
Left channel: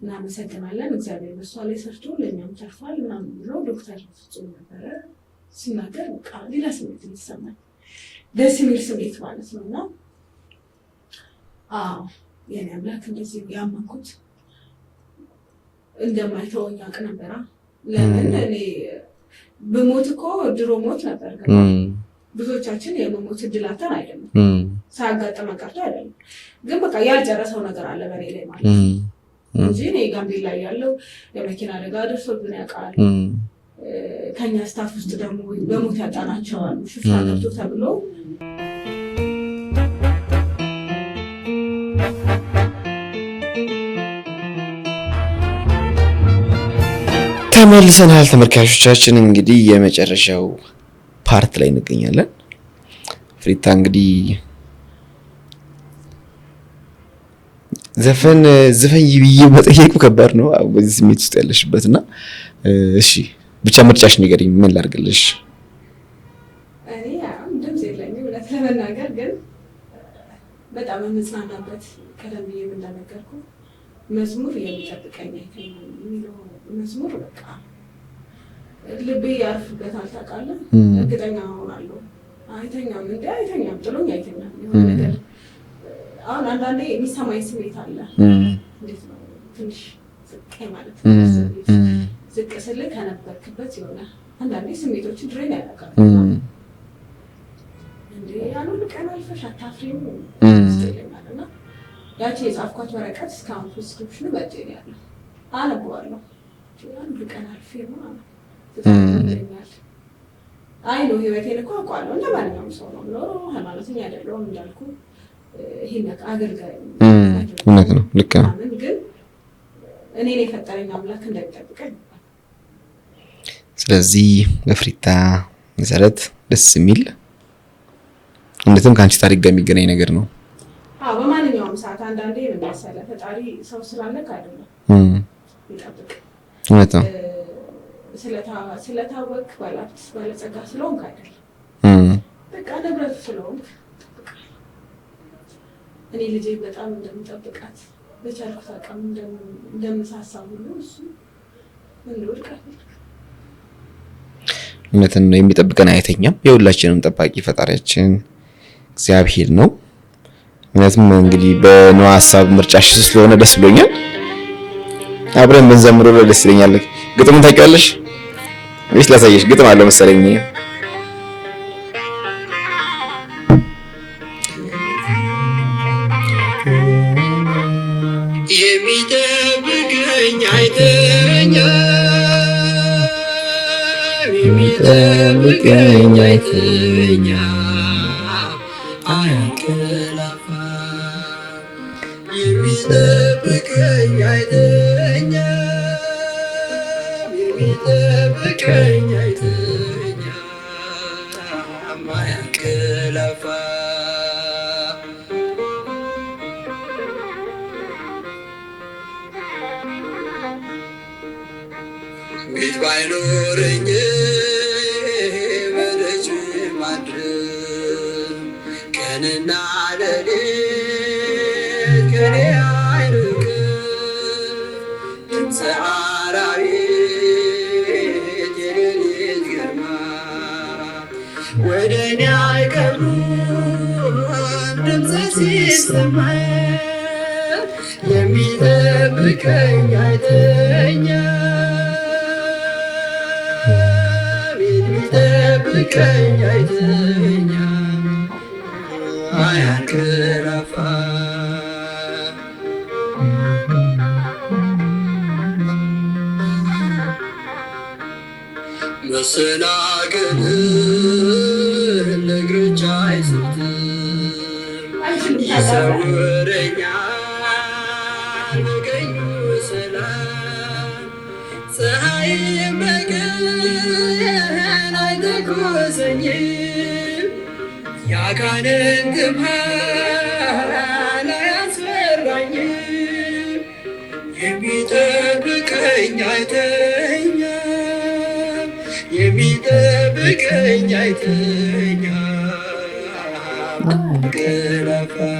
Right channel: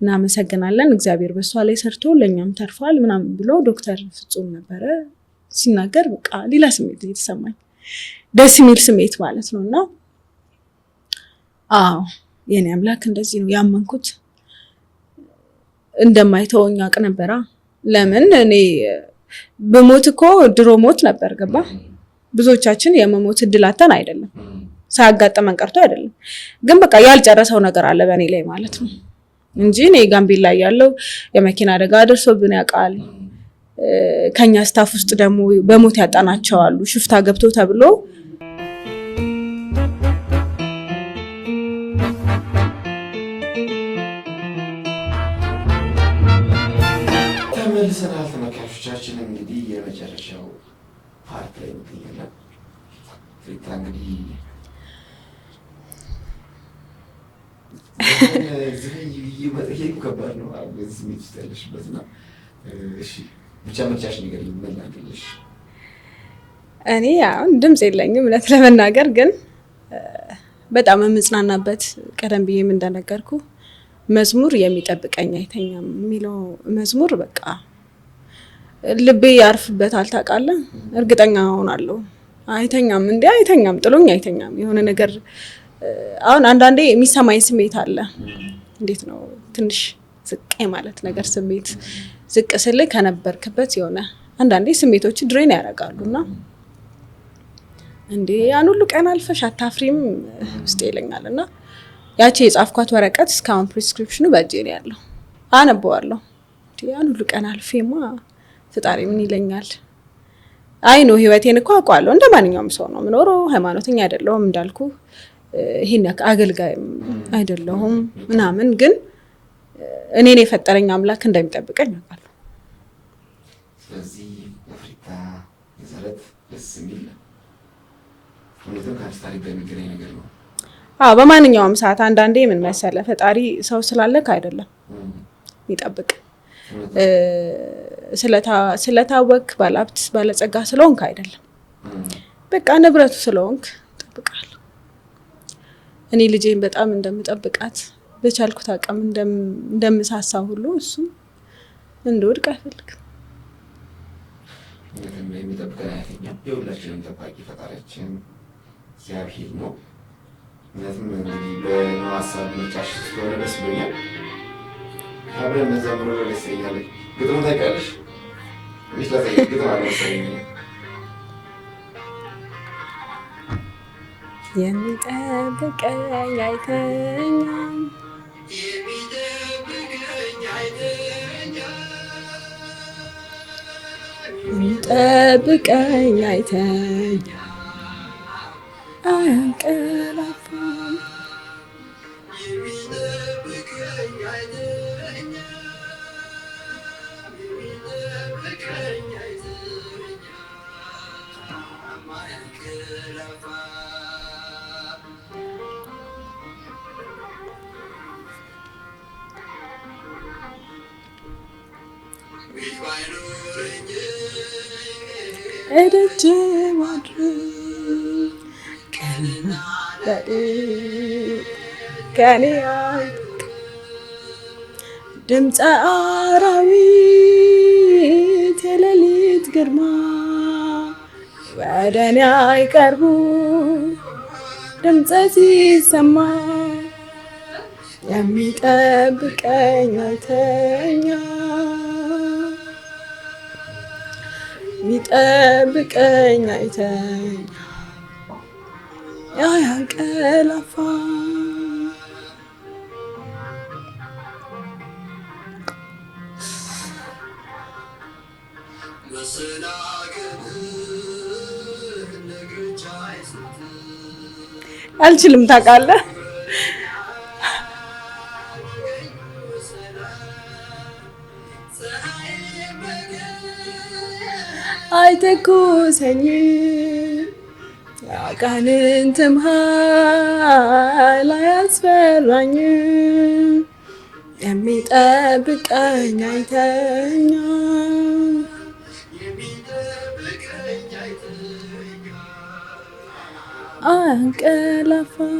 እናመሰግናለን። እግዚአብሔር በሷ ላይ ሰርቶ ለኛም ተርፏል ምናምን ብሎ ዶክተር ፍጹም ነበረ ሲናገር በቃ ሌላ ስሜት የተሰማኝ ደስ የሚል ስሜት ማለት ነውና የኔ አምላክ እንደዚህ ነው ያመንኩት። እንደማይተወኝ አውቅ ነበራ። ለምን እኔ በሞት እኮ ድሮ ሞት ነበር ገባ። ብዙዎቻችን የመሞት እድላተን አይደለም ሳያጋጥመን ቀርቶ አይደለም፣ ግን በቃ ያልጨረሰው ነገር አለ በእኔ ላይ ማለት ነው እንጂ እኔ ጋምቤላ ላይ ያለው የመኪና አደጋ ደርሶብን ያውቃል። ከኛ ስታፍ ውስጥ ደግሞ በሞት ያጣናቸው አሉ ሽፍታ ገብቶ ተብሎ። ተመልሰናል ተመልካቾቻችን። እንግዲህ የመጨረሻው ፓርት ላይ እንገኛለን። ፍሪታ እንግዲህ ዘፈን ይብዬ መጠየቁ ከባድ ነው በዚህ ስሜት ውስጥ ያለሽበትና እሺ ብቻ ምርጫሽ ንገሪኝ፣ ምን ላድርግልሽ? እኔ አሁን ድምጽ የለኝም እውነት ለመናገር ግን በጣም የምጽናናበት ቀደም ብዬም እንደነገርኩ መዝሙር የሚጠብቀኝ አይተኛም የሚለው መዝሙር በቃ ልቤ ያርፍበታል። ታውቃለህ፣ እርግጠኛ ሆናለሁ። አይተኛም እንዴ አይተኛም፣ ጥሎኝ አይተኛም። የሆነ ነገር አሁን አንዳንዴ የሚሰማኝ ስሜት አለ። እንዴት ነው ትንሽ ዝቅ ማለት ነገር ስሜት ዝቅ ስል ከነበርክበት የሆነ አንዳንዴ ስሜቶች ድሬን ያደርጋሉና እንዴ ያን ሁሉ ቀን አልፈሽ አታፍሪም ውስጥ ይለኛልና ያቺ የጻፍኳት ወረቀት እስካሁን ፕሪስክሪፕሽኑ በእጄ ነው ያለው። አነበዋለሁ። ያን ሁሉ ቀን አልፌማ ፍጣሪ ምን ይለኛል? አይ ነው ህይወቴን እኮ አውቀዋለሁ። እንደ ማንኛውም ሰው ነው የምኖረው። ሃይማኖተኛ አይደለሁም እንዳልኩ፣ ይሄን አገልጋይም አይደለሁም ምናምን፣ ግን እኔን የፈጠረኝ አምላክ እንደሚጠብቀኝ አውቃለሁ። ስለዚህ በፍሪታ መሰረት ደስ የሚል እንደትም ከአንቺ ታሪክ ጋር የሚገናኝ ነገር ነው። በማንኛውም ሰዓት አንዳንዴ ምን መሰለህ ፈጣሪ ሰው ስላለክ አይደለም ይጠብቅ። ስለታወክ ባለሀብት ባለጸጋ ስለሆንክ አይደለም፣ በቃ ንብረቱ ስለሆንክ ጠብቃለሁ። እኔ ልጄን በጣም እንደምጠብቃት በቻልኩት አቅም እንደምሳሳ ሁሉ እሱ እንደወድቅ አይፈልግም። እውነትን ነው፣ የሚጠብቀን አይተኛም። የሁላችንም ጠባቂ ፈጣሪያችን እግዚአብሔር ነው። ምክንያቱም እንግዲህ በነዋ ሀሳብ ምርጫሽ ስለሆነ ደስ ብሎኛል። አብረን ብንዘምረው ደስ ይለኛል። ግጥሙን ታውቂዋለሽ ወይስ ላሳየሽ? ግጥም አለ መሰለኝ። የሚጠብቀኝ አይተኛ የሚጠብቀኝ አይተኛ አያንቀላፋ የሚጠብቀኝ አይተኛ የሚጠብቀኝ አይተኛ አያንቀላፋ ቤት ባይኖረኝ ቀንና ሌሊት ከኔ አይርቅም ድምፀ አራዊት የሌሊት ግርማ ወደ እኔ አይቀርቡም ድምፀ ሲሰማ የሚጠብቀኝ አይተኛም የሚጠብቀኝ አይተኛም አያንቀላፋም መሰናክልን ለእግሮች አይስትም አልችልም ታውቃለህ። አይተኩሰኝም ያጋንንትም ኃይል አያስፈራኝም የሚጠብቀኝ አይተኛም የሚጠብቀኝ አይተኛም አያንቀላፋም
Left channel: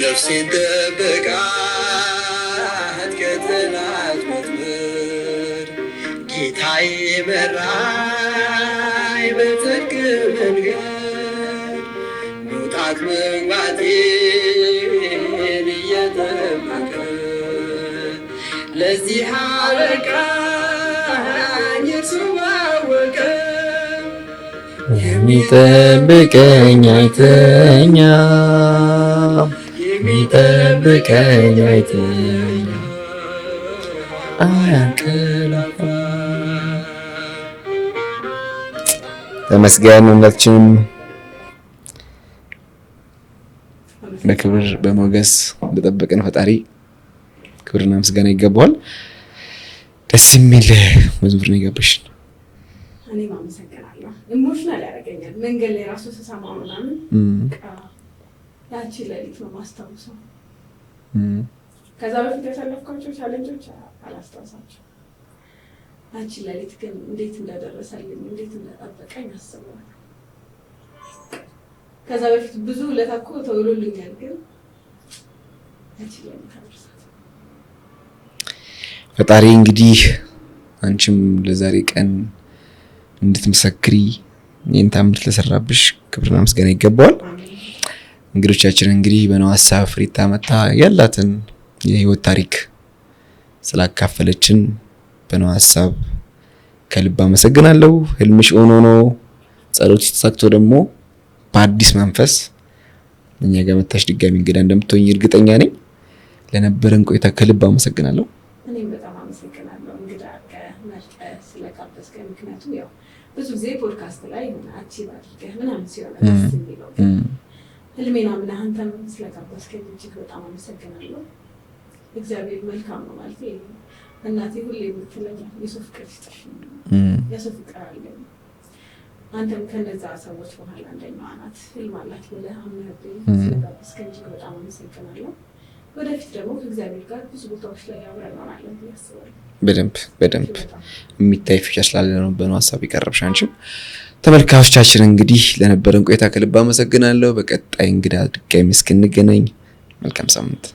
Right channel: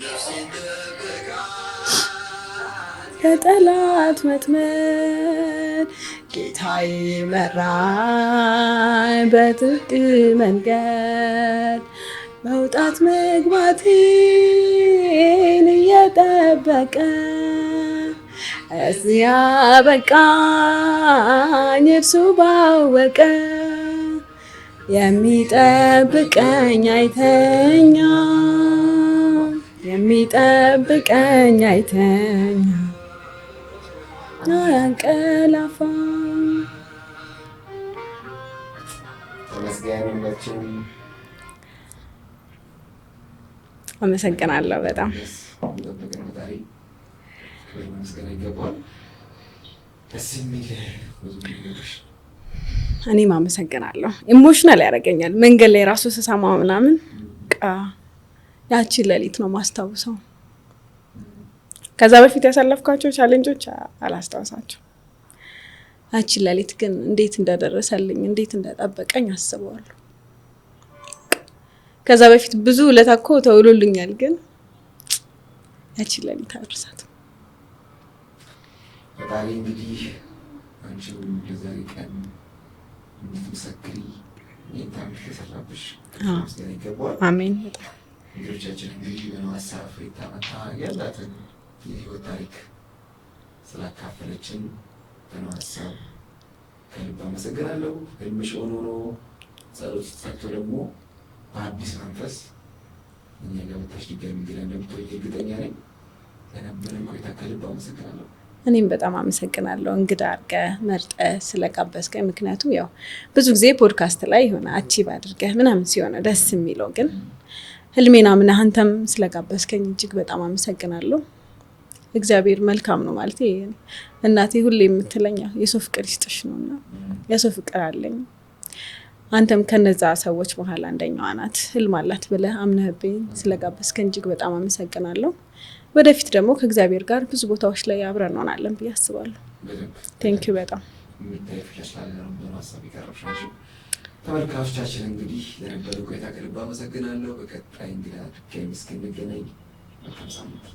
ነፍሴን ጠብቃት ከጠላት ወጥመድ ጌታዬ መራኝ በጽድቅ መንገድ መውጣት መግባቴን እየጠበቀ ለዚህ አበቃኝ እርሱ ባወቀ የሚጠብቀኝ አይተኛም የሚጠብቀኝ አይተኛም አያንቀላፋም። ተመስገን። ሁላችንም አመሰግናለሁ። በጣም በሞገስ በጠበቀን ፈጣሪ ክብርና ምስጋና ይገባዋል። ደስ የሚል መዝሙር ነው የገባሽን። እኔም አመሰግናለሁ። ኢሞሽናል ያደርገኛል መንገድ ላይ ራሱ ስሰማው ምናምን ያቺን ሌሊት ነው ማስታውሰው። ከዛ በፊት ያሳለፍኳቸው ቻሌንጆች አላስታውሳቸው። ያቺን ሌሊት ግን እንዴት እንደደረሰልኝ እንዴት እንደጠበቀኝ አስበዋለሁ። ከዛ በፊት ብዙ ውለታ እኮ ተውሎልኛል፣ ግን ያቺን ሌሊት አልረሳትም። ፈጣሪ እንግዲህ አንቺም ለዛሬ ቀን እንድትመሰክሪ ይህን ታምር ለሰራብሽ ክብርና ምስጋና ይገባዋል። አሜን። እንግዶቻችን እንግዲህ በነዋሳ ፍሪታ መታ ያላትን የህይወት ታሪክ ስላካፈለችን በነዋሳ ከልብ አመሰግናለሁ። ህልምሽ ሆኖ ነው ጸሎት ተሳክቶ ደግሞ በአዲስ መንፈስ እኛ ጋር መታሽ ድጋሚ እንግዳ እንደምትሆኝ እርግጠኛ ነኝ። ለነበረን ቆይታ ከልብ አመሰግናለሁ። እኔም በጣም አመሰግናለሁ እንግዳ አድርገህ መርጠህ ስለጋበዝከኝ። ምክንያቱም ያው ብዙ ጊዜ ፖድካስት ላይ የሆነ አቺቭ አድርገህ ምናምን ሲሆን ደስ የሚለው፣ ግን ህልሜና ምናህ አንተም ስለጋበዝከኝ እጅግ በጣም አመሰግናለሁ። እግዚአብሔር መልካም ነው ማለት እናቴ ሁሌ የምትለኝ የሰው ፍቅር ይስጥሽ ነውና የሰው ፍቅር አለኝ። አንተም ከነዛ ሰዎች መሀል አንደኛዋ ናት። ህልም አላት ብለህ አምነህብኝ ስለጋበዝከኝ እጅግ በጣም አመሰግናለሁ። ወደፊት ደግሞ ከእግዚአብሔር ጋር ብዙ ቦታዎች ላይ አብረን እንሆናለን ብዬ አስባለሁ። በደንብ የሚታይ ፊቸር ስላለ ነው በነዋሳብ ይቀርብሽ። አንቺም ተመልካቾቻችን እንግዲህ ለነበረን ቆይታ ከልብ አመሰግናለሁ። በቀጣይ እንግዳ ድጋሚ እስክንገናኝ መልካም ሳምንት።